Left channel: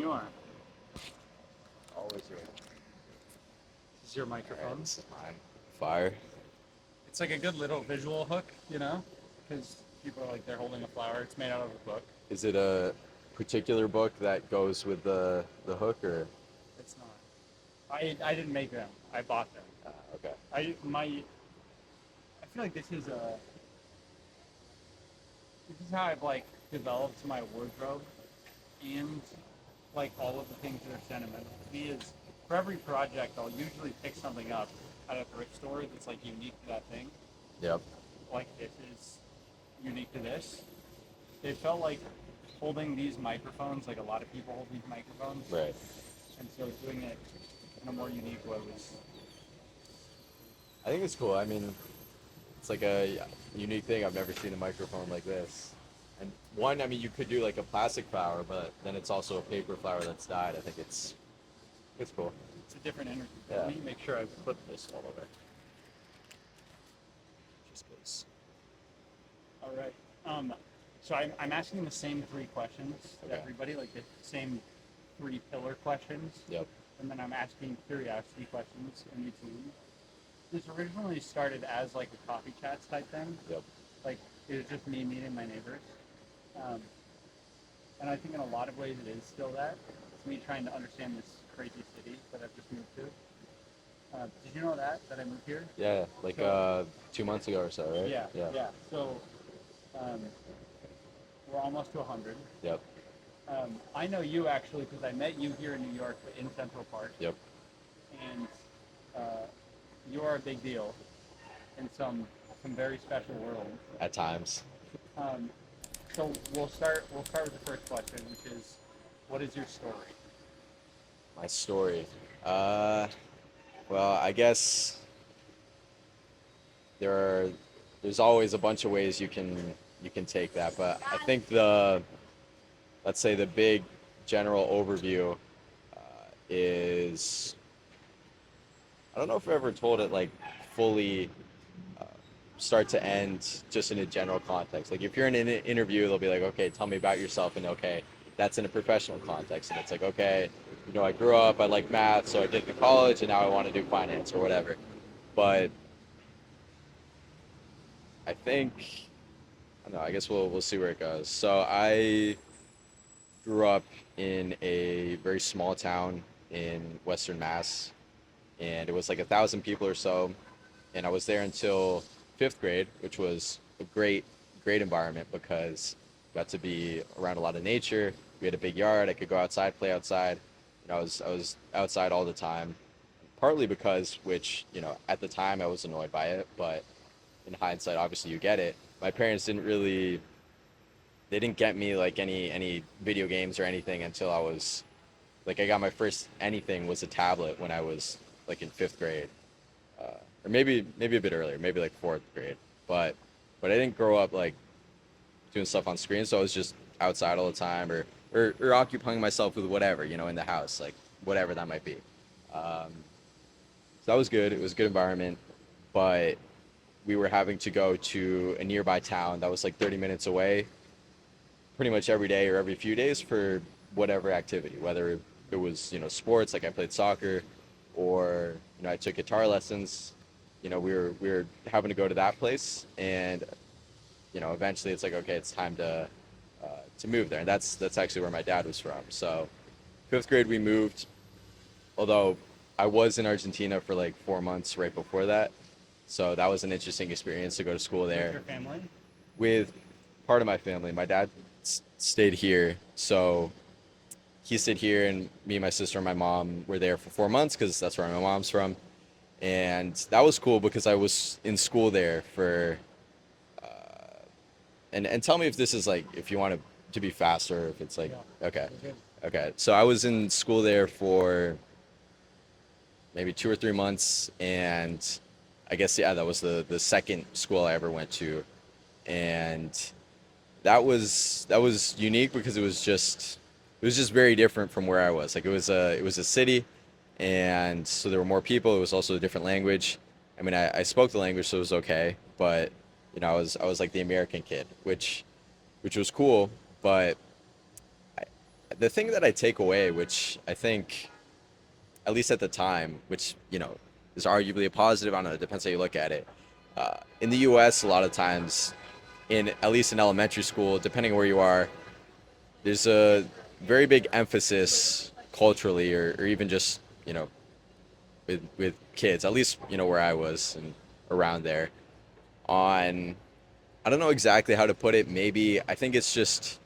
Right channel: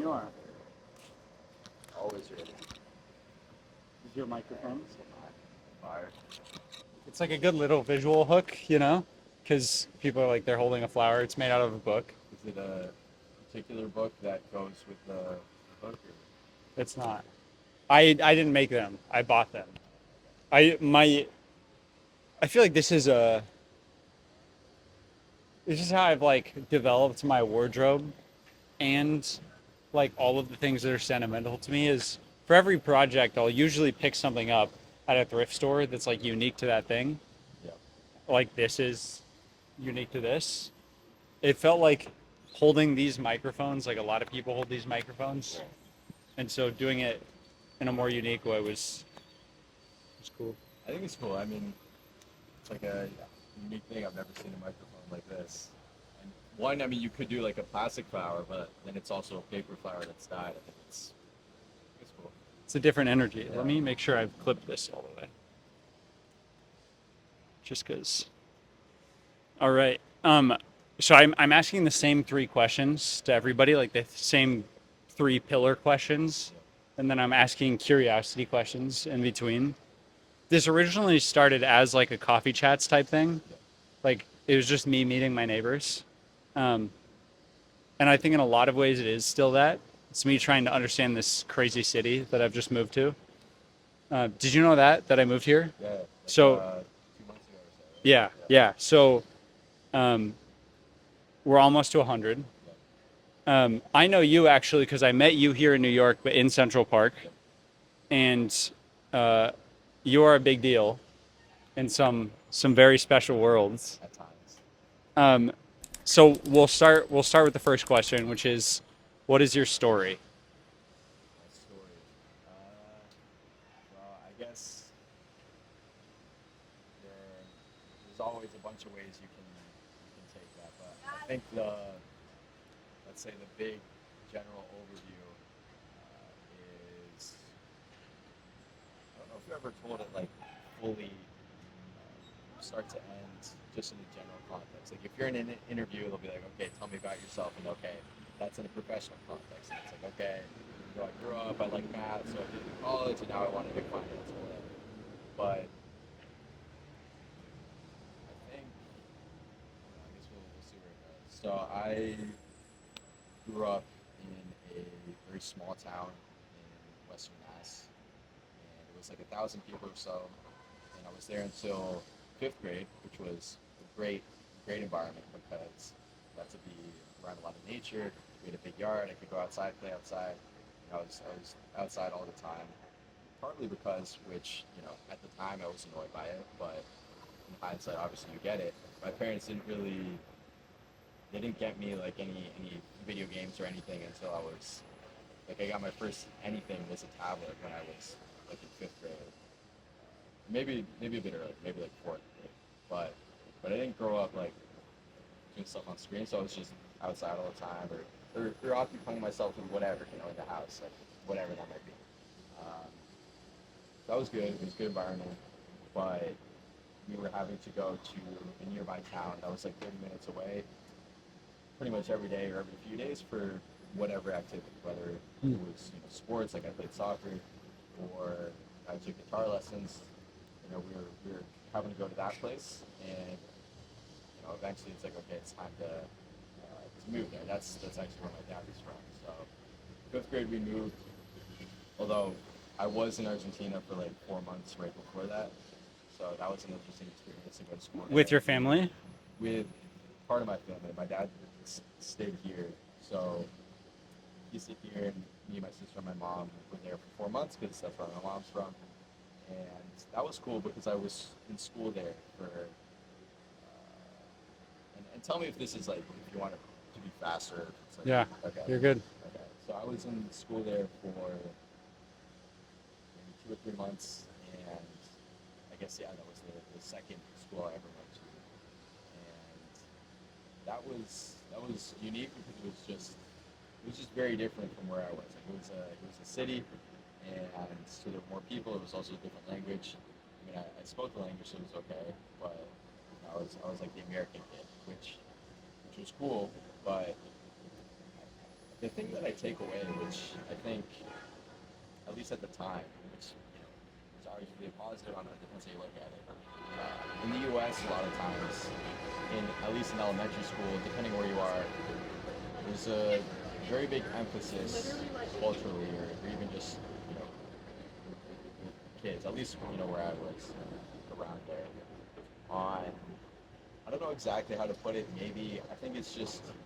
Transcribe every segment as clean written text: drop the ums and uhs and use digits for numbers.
You are. Always ready. This is your microphone. Fire. It's like a good little visual hook, you know, because people are like they're holding a flower. It's made out of a book. Is it a particular book that goes with the hook or? It's not. I didn't make them. I bought them. Okay. I feel like this is how I've like developed my wardrobe and like all of the things that are sentimental to me is for every project I'll usually pick something up at a thrift store that's like unique to that thing. Yep. Like this is unique to this. It felt like holding these microphones, like a lot of people hold these microphones, Right. and so doing it in a more unique way was cool. I think it's cool. I mean, it's like a unique thing. I've never seen a microphone like this. And one, I mean, you could do like a plastic flower, but then it's also a paper flower that's dyed. I think it's cool. It's a different energy. Yeah. Let me make sure I've clipped this all the way. Just because. All right. So I'm asking the same three questions to everybody, like the same three pillar questions, Yep. and then I'm asking curiosity questions in between. This originally started as like a coffee chats type thing. Yep. Like it was just me meeting my neighbors, um, and I think in a lot of ways it is still that. It's me trying to understand this crazy city that I've just moved to. Did you know that I moved here? Yeah. Like So 2 months ago or so, right? yeah, Yeah. yeah. So um, we're almost to 100. Yep. I know you actually because I met you here in New York, but in Central Park, Yep. and uh, you are a big deal in some very special worlds. At times. Um, so we'll start with the first question, which is, what is your story? My story. Uh, well, I guess there are there's always a bunch of ways you can take that, but I think let's say the big general overview is I don't know if I ever told it like fully start to end just in a general context. Like if you're in an interview, they'll be like, okay, tell me about yourself, and okay, that's in a professional context, and it's like, okay, I grew up, I like math, so I did it in college, and now I want to do finance or whatever. But I think I don't know. I guess we'll see where it goes. So I grew up in a very small town in Western Mass, and it was like 1,000 people or so. And I was there until fifth grade, which was a great environment because I got to be around a lot of nature. We had a big yard. I could go outside, play outside. I was outside all the time, partly because, which at the time I was annoyed by it, but in hindsight, obviously you get it. My parents they didn't get me like any video games or anything until I was like I got my first anything was a tablet when I was like in fifth grade, or maybe a bit earlier, maybe like fourth grade. But I didn't grow up like doing stuff on screen, so I was just outside all the time or occupying myself with whatever in the house, like whatever that might be. So that was good. It was a good environment, but we were having to go to a nearby town that was like 30 minutes away pretty much every day or every few days for whatever activity, whether it was sports like I played soccer, or I took guitar lessons. We were having to go to that place, and eventually it's like okay, it's time to move there, and that's actually where my dad was from. So fifth grade we moved, although I was in Argentina for like 4 months right before that, so that was an interesting experience to go to school With there your family? with part of my family. My dad stayed here, so he stayed here, and me, my sister, and my mom were there for 4 months because that's where my mom's from, and that was cool because I was in school there for. And tell me if this is like if you want to be faster, if it's like Yeah, okay, you're good. okay. So I was in school there for maybe 2 or 3 months, and I guess yeah, that was the second school I ever went to, and that was unique because it was just very different from where I was. Like it was a city, and so there were more people. It was also a different language. I mean, I spoke the language, so it was okay. But I was like the American kid, which was cool. But the thing that I take away, which I think, at least at the time, which is arguably a positive. I don't know. It depends how you look at it. In the U.S., a lot of times, in at least in elementary school, depending where you are, there's a very big emphasis culturally, or even just with kids, at least where I was and around there, on I don't know exactly how to put it. Maybe I think it's just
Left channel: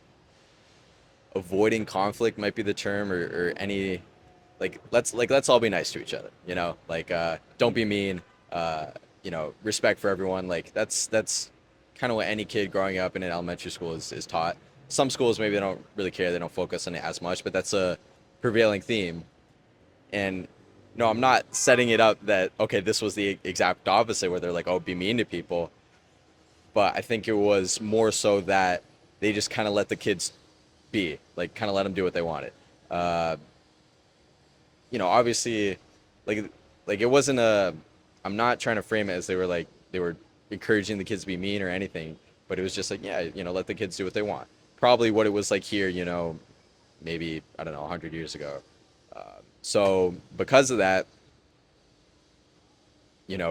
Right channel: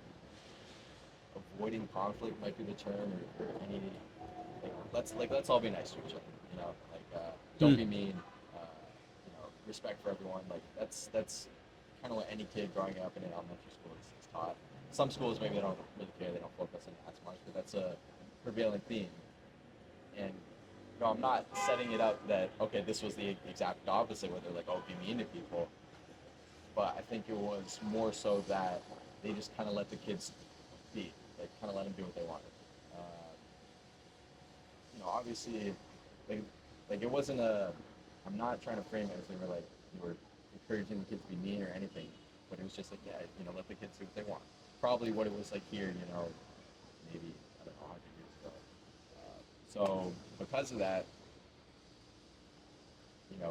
avoiding conflict might be the term, or any let's all be nice to each other. Don't Hmm. be mean. Respect for everyone. Like that's kind of what any kid growing up in an elementary school is taught. Some schools maybe they don't really care. They don't focus on it as much, but that's a prevailing theme. And no, I'm not setting it up that okay, this was the exact opposite where they're like, oh, be mean to people. But I think it was more so that they just kind of let the kids be, like, kind of let them do what they wanted. Uh, Obviously, like, it wasn't a. I'm not trying to frame it as they were encouraging the kids to be mean or anything, but it was just like, yeah, let the kids do what they want. Probably what it was like here, maybe I don't know, 100 years ago. Uh, so because of that,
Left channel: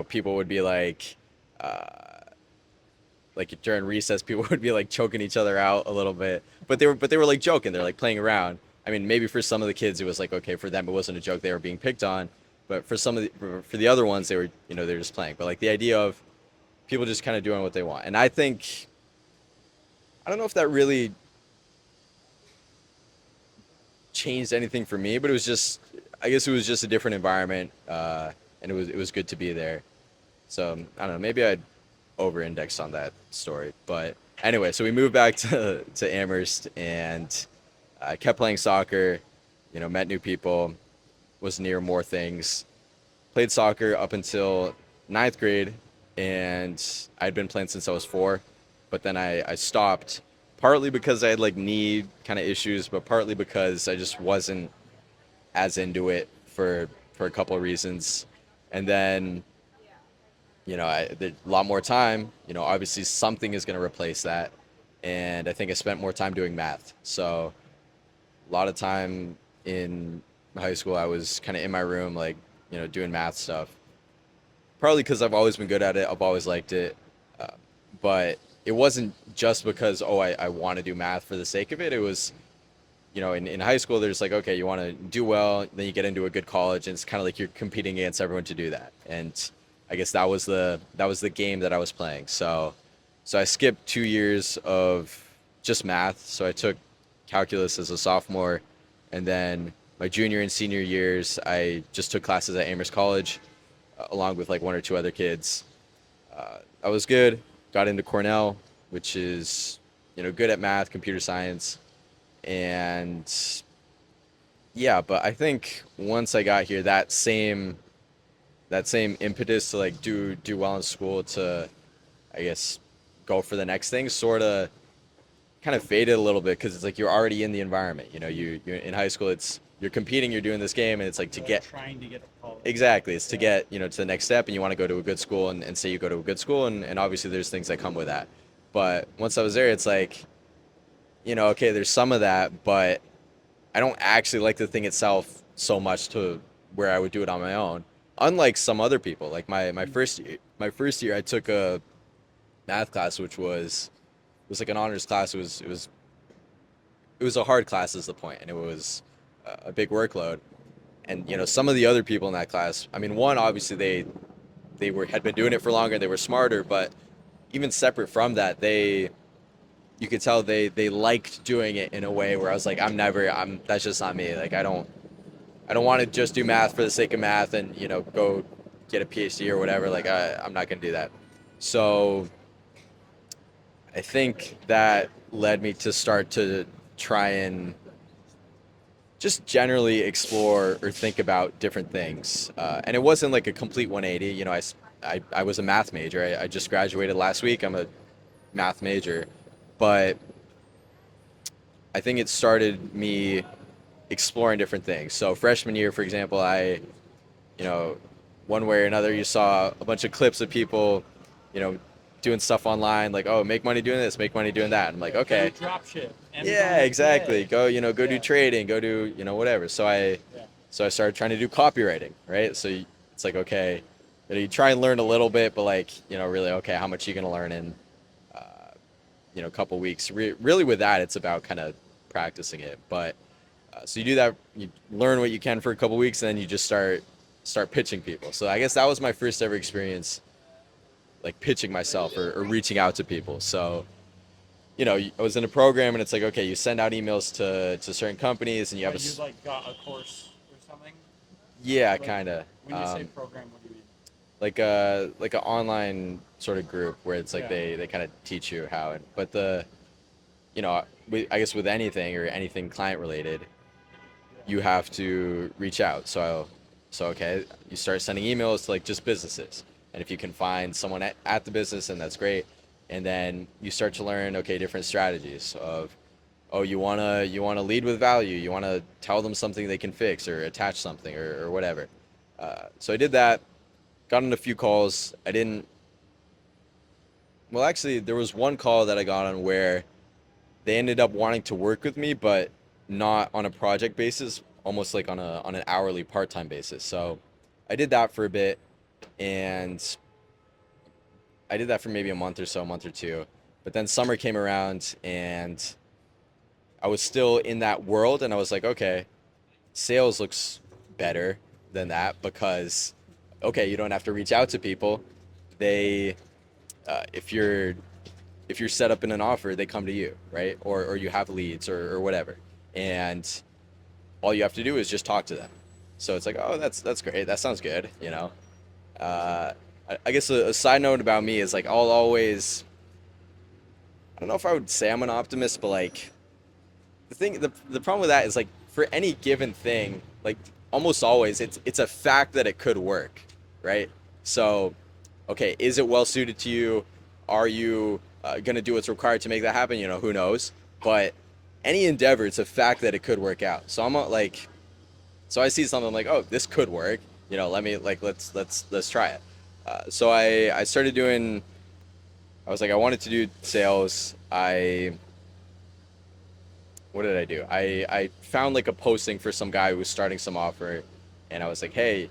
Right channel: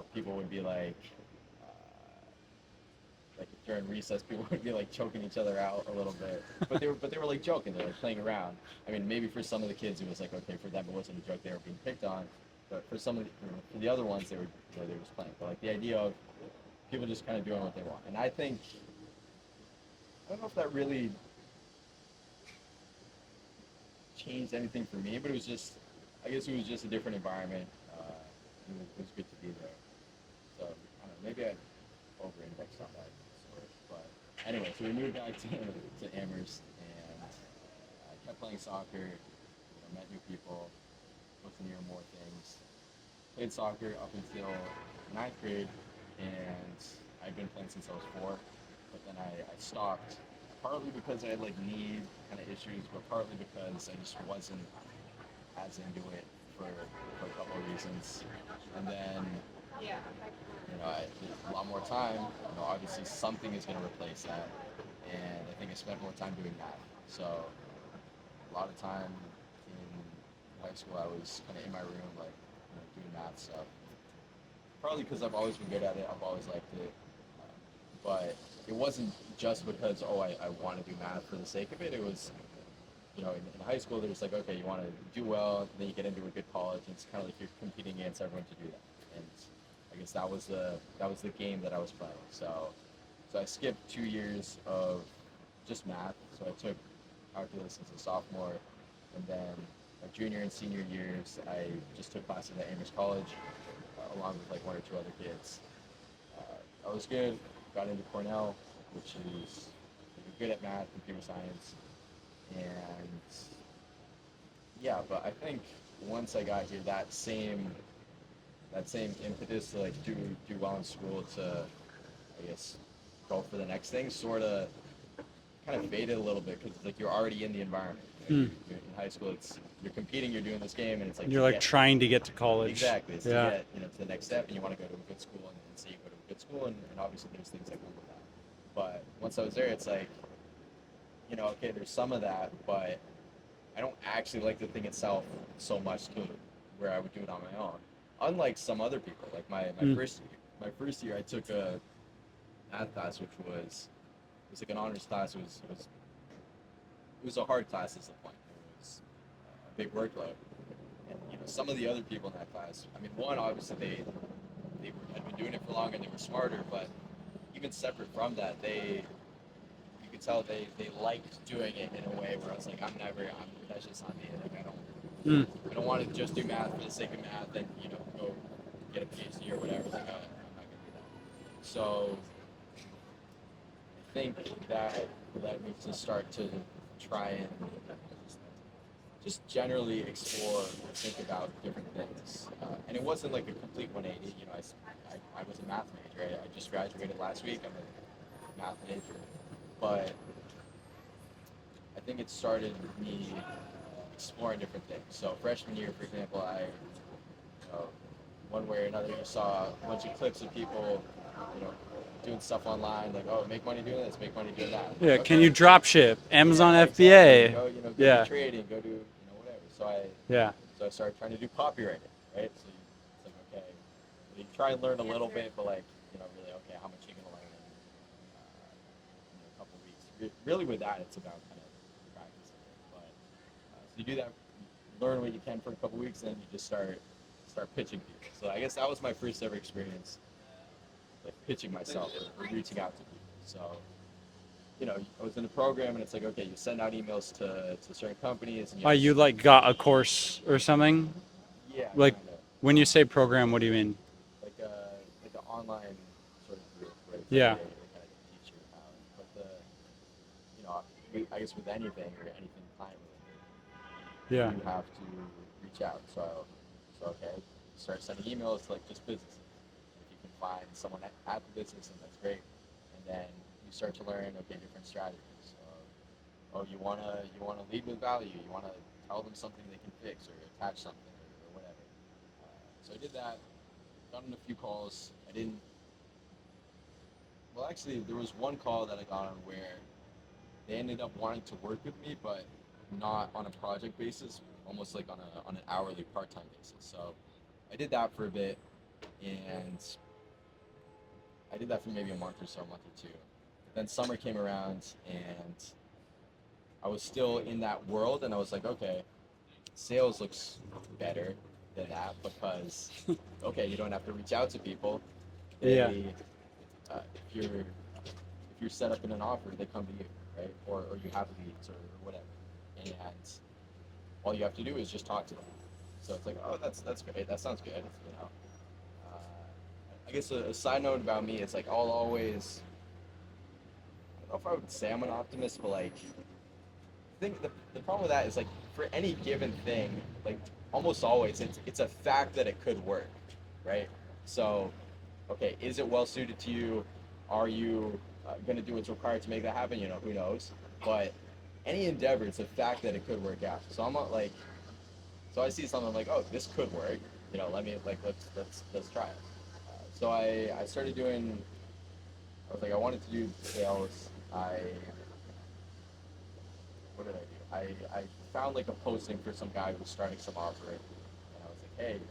people would be uh, like during recess, people would be like choking each other out a little bit, but they were like joking. They're like playing around. I mean, maybe for some of the kids, it was like okay, for them it wasn't a joke. They were being picked on, but for the other ones, they were they're just playing. But like the idea of people just kind of doing what they want, and I think I don't know if that really changed anything for me, but it was just I guess it was just a different environment, and it was good to be there. So I don't know. Maybe I'd over-indexed on that story, but anyway, so we moved back to Amherst, and I kept playing soccer. Met new people, was near more things. Played soccer up until ninth grade, and I'd been playing since I was 4, but then I stopped, partly because I had like knee kind of issues, but partly because I just wasn't as into it for a couple of reasons. And then a lot more time. Obviously something is going to replace that, and I think I spent more time doing math. So a lot of time in high school, I was kind of in my room, like doing math stuff. Probably because I've always been good at it. I've always liked it, uh, but it wasn't just because I want to do math for the sake of it. It was in high school, there's like, okay, you want to do well, then you get into a good college, and it's kind of like you're competing against everyone to do that. And I guess that was the game that I was playing. So I skipped 2 years of just math. So I took calculus as a sophomore, and then my junior and senior years, I just took classes at Amherst College, along with like one or two other kids. I was good. Got into Cornell, which is good at math, computer science, and yeah, but I think once I got here, that same impetus to like do well in school, to I guess go for the next thing, sort of kind of faded a little bit, because it's like you're already in the environment. Hmm. You're in high school. You're competing, you're doing this game, and it's like to You're like get trying to get to college. exactly, it's to Yeah. get to the next step, and you want to go to a good school, and say you go to a good school, and obviously there's things that come with that. But once I was there, it's like okay, there's some of that, but I don't actually like the thing itself so much to where I would do it on my own. Unlike some other people, like Hmm. my first year, I took a math class, which was like an honors class. It was a hard class, is the point, and it was a big workload. And some of the other people in that class, I mean, one, obviously they had been doing it for longer, they were smarter, but even separate from that, you could tell they liked doing it in a way where I was like, I'm that's just not me. Like Hmm. I don't want to just do math for the sake of math and go get a PhD or whatever. Like I'm not gonna do that. So I think that led me to start to try and just generally explore or think about different things. And it wasn't like a complete 180. I was a math major. I just graduated last week. I'm a math major, but I think it started me exploring different things. So freshman year, for example, you know, one way or another, you saw a bunch of clips of people, you know, doing stuff online, like, oh, make money doing this, make money doing that. I'm like, Yeah. Can you okay, drop ship? Amazon yeah, exactly. FBA. Go, go do Yeah. trading, go do, whatever. Yeah. So I started trying to do copywriting, right? So it's like, okay, you try and learn a little bit, but like, really, okay, how much are you gonna learn in, uh, a couple weeks? Really, with that, it's about kind of practicing it. But so you do that, you learn what you can for a couple weeks, and then you just start pitching people. So I guess that was my first ever experience, like pitching myself or reaching out to people. So I was in a program, and it's like, okay, you send out emails to certain companies, and you have You like got a course or something? yeah, Like kind of, when you say program, what do you mean? like an online sort of group where it's like Yeah. they kind of teach you how. But I guess with anything or anything client related, Yeah. you have to reach out. So okay, you start sending emails to like just businesses, and if you can find someone at the business, and that's great. And then you start to learn, okay, different strategies of, oh, you wanna lead with value, you wanna tell them something they can fix or attach something or whatever. So I did that, got on a few calls. I didn't. Well, actually, there was one call that I got on where they ended up wanting to work with me, but not on a project basis, almost like on an hourly part-time basis. So I did that for a bit, and I did that for maybe a month or so, a month or two. But then summer came around, and I was still in that world, and I was like, okay, sales looks better than that because, okay, you don't have to reach out to people. Yeah. They, if you're set up in an offer, they come to you, right? Or you have leads or whatever, and all you have to do is just talk to them. So it's like, oh, that's great. That sounds good. Uh, I guess a side note about me is like I'll always. I don't know if I would say I'm an optimist, but like the problem with that is like for any given thing, like almost always it's a fact that it could work, right? So, okay, is it well suited to you? Are you gonna do what's required to make that happen? Who knows? But any endeavor, it's a fact that it could work out. So I'm not like, so I see something, I'm like, oh, this could work. Let me like let's try it. So I started doing. I was like, I wanted to do sales. What did I do? I found like a posting for some guy who was starting some offer, and I was like, hey,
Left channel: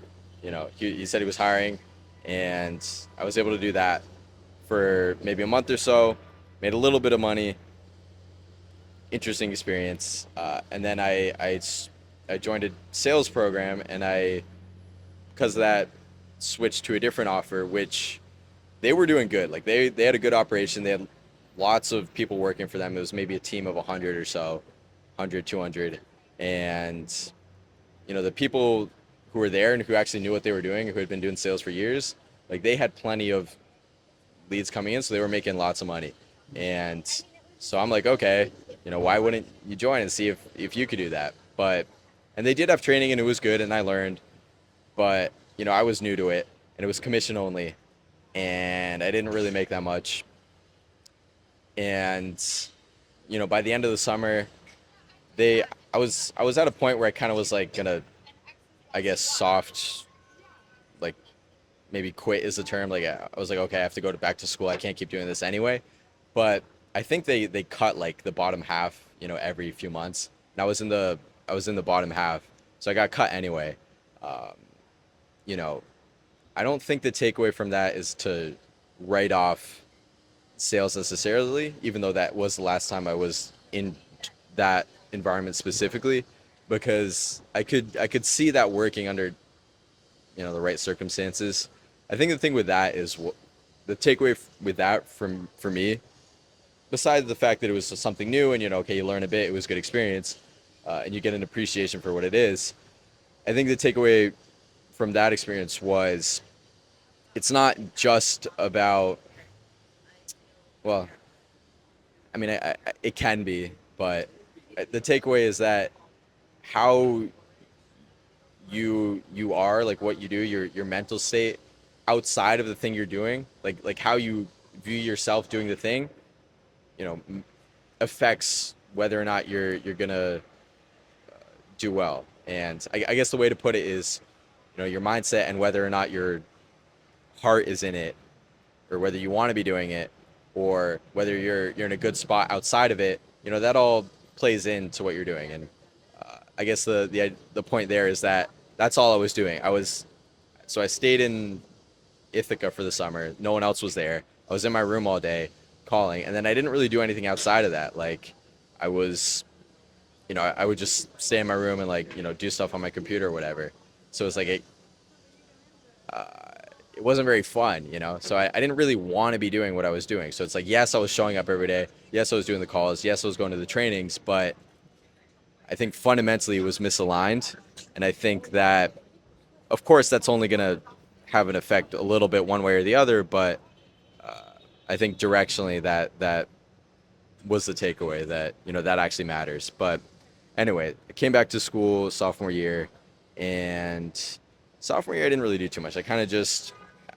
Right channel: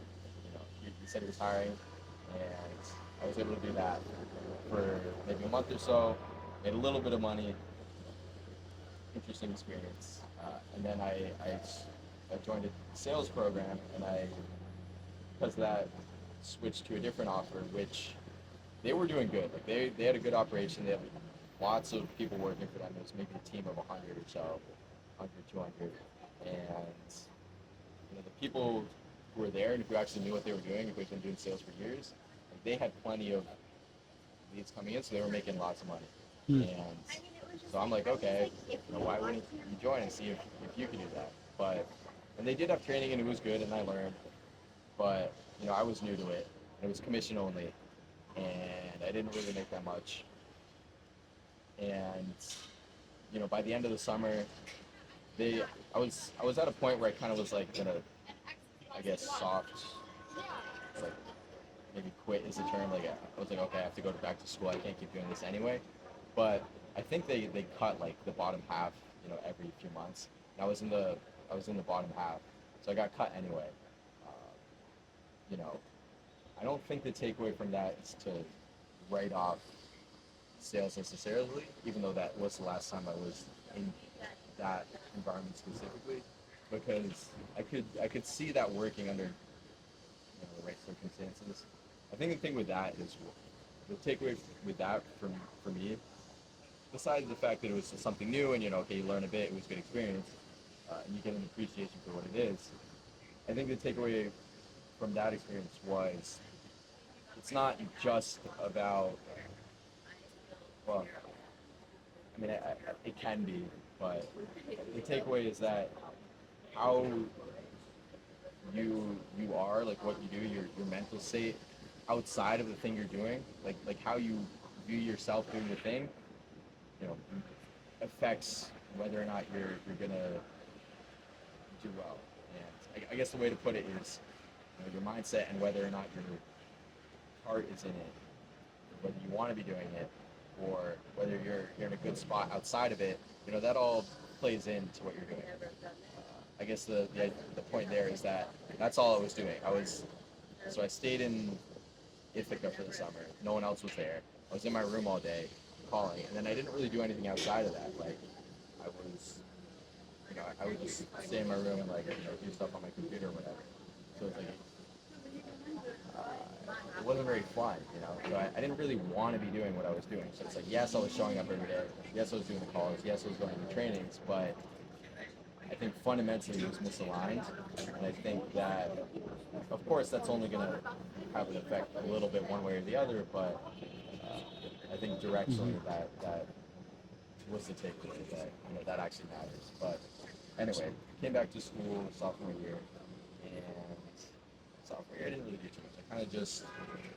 he said he was hiring, and I was able to do that for maybe a month or so, made a little bit of money, interesting experience, and then I joined a sales program, and because of that, switched to a different offer, which they were doing good. Like they had a good operation. They had lots of people working for them. It was maybe a team of 100 or so, 100, 200. And, the people who were there and who actually knew what they were doing, who had been doing sales for years, like they had plenty of leads coming in. So they were making lots of money. Hmm. And so I'm like, okay, why wouldn't you join and see if you could do that? And they did have training, and it was good, and I learned, but, I was new to it, and it was commission only, and I didn't really make that much. And by the end of the summer, they I was at a point where I kind of was like gonna, I guess, soft, like maybe quit is the term. Like I was like, okay, I have to go back to school. I can't keep doing this anyway. But I think they cut like the bottom half, every few months, and I was in the bottom half, so I got cut anyway. Um, you know, I don't think the takeaway from that is to write off sales necessarily, even though that was the last time I was in that environment specifically, because I could see that working under the right circumstances. I think the thing with that is the takeaway with that from for me, besides the fact that it was something new and okay, you learn a bit, it was a good experience, and you get an appreciation for what it is. I think the takeaway from that experience was it's not just about, well, I mean, it can be, but the takeaway is that how you are, like what you do, your mental state outside of the thing you're doing, like how you view yourself doing the thing, you know, affects whether or not you're gonna do well. And I guess the way to put it is, your mindset and whether or not your heart is in it, or whether you want to be doing it, or whether you're in a good spot outside of it, that all plays into what you're doing. And I guess the point there is that that's all I was doing. I stayed in Ithaca for the summer. No one else was there. I was in my room all day calling, and then I didn't really do anything outside of that. Like, I was, I would just stay in my room and like, do stuff on my computer or whatever. So it's like it wasn't very fun, So I didn't really want to be doing what I was doing. So it's like, yes, I was showing up every day. Yes, I was doing the calls. Yes, I was going to the trainings, but I think fundamentally it was misaligned. And I think that, of course, that's only going to have an effect a little bit one way or the other, but I think Mm-hmm. directionally that was the takeaway, that that actually matters. But anyway, I came back to school sophomore year, and sophomore year I didn't really do too much. I kind of just,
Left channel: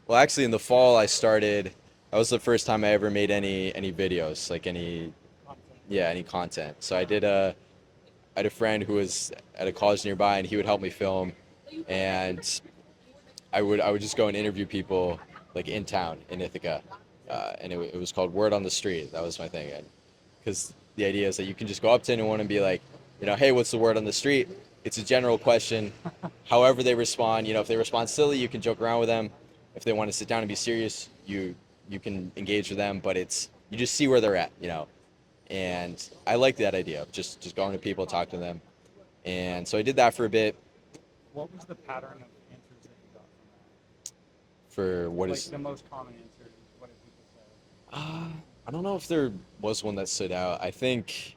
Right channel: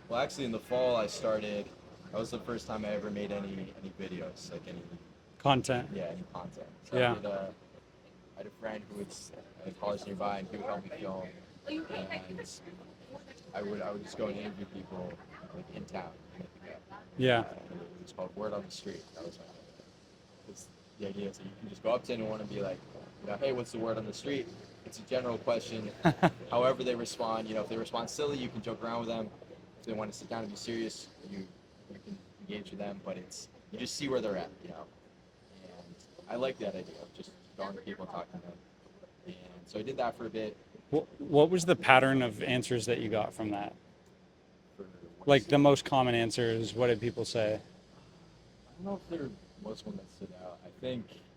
well, actually in the fall I started. That was the first time I ever made any videos, like any, Content. yeah, any content. So Yeah. I had a friend who was at a college nearby, and he would help me film, and I would just go and interview people like in town in Ithaca, Yeah. and it was called Word on the Street. That was my thing, because the idea is that you can just go up to anyone and be like, hey, what's the word on the street? It's a general question. However they respond, if they respond silly, you can joke around with them. If they want to sit down and be serious, you can engage with them. But you just see where they're at. And I like that idea of just going to people, talk to them. And so I did that for a bit. What was the pattern of answers that you got from that? For what Like is, the most common answers, what did people say? I don't know if there was one that stood out. I think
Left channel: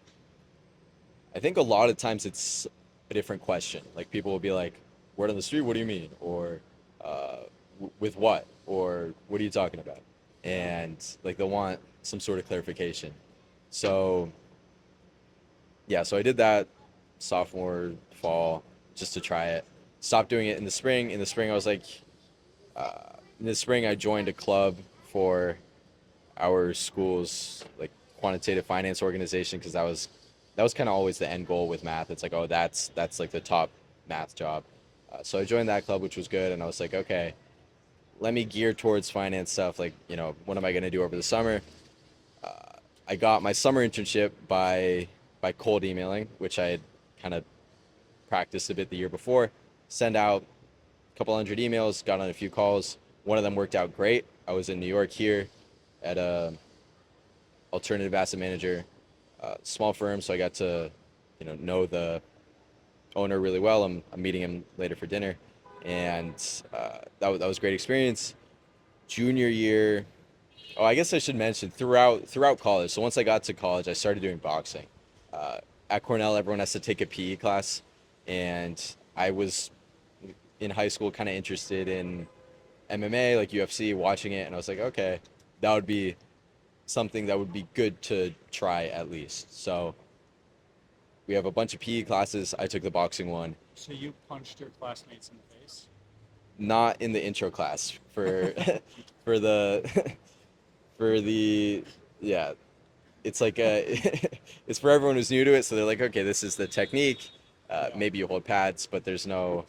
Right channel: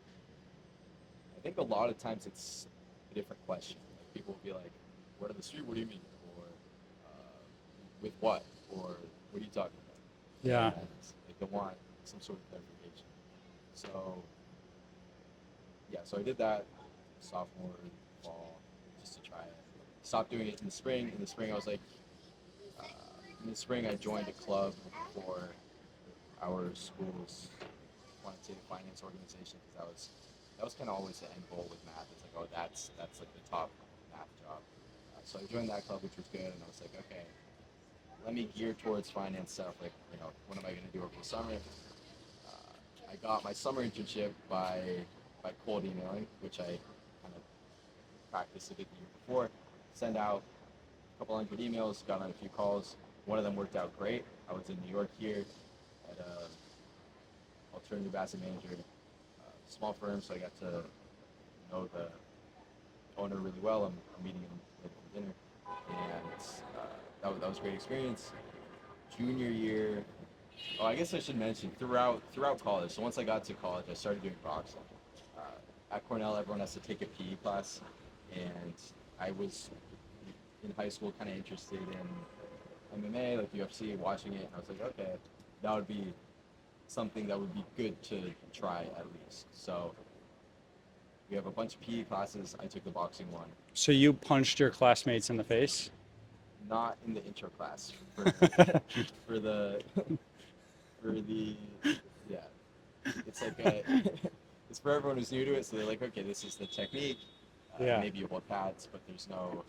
a lot of times it's a different question. Like, people will be like, "Word on the street? What do you mean?" Or with what? Or what are you talking about? Yeah. And like, they'll want some sort of clarification. So yeah, so I did that sophomore fall just to try it. Stopped doing it in the spring. In the spring, I was like, uh, in the spring I joined a club for our school's like quantitative finance organization, because that was kind of always the end goal with math. It's like, oh, that's like the top math job. So I joined that club, which was good, and I was like, okay, let me gear towards finance stuff. Like, what am I gonna do over the summer? Uh, I got my summer internship by cold emailing, which I had kind of practiced a bit the year before. Send out a couple hundred emails, got on a few calls. One of them worked out great. I was in New York here at a alternative asset manager, small firm, so I got to, know the owner really well. I'm meeting him later for dinner, and that was a great experience. Junior year, oh, I guess I should mention throughout college. So once I got to college, I started doing boxing. Uh, at Cornell, everyone has to take a PE class, and I was in high school kind of interested in MMA, like UFC, watching it, and I was like, okay, that would be something that would be good to try at least. So we have a bunch of PE classes. I took the boxing one, So you punched your classmates in the face? not in the intro class for for the for the yeah. It's like it's for everyone who's new to it. So they're like, okay, this is the technique. Yeah. Maybe you hold pads, but there's no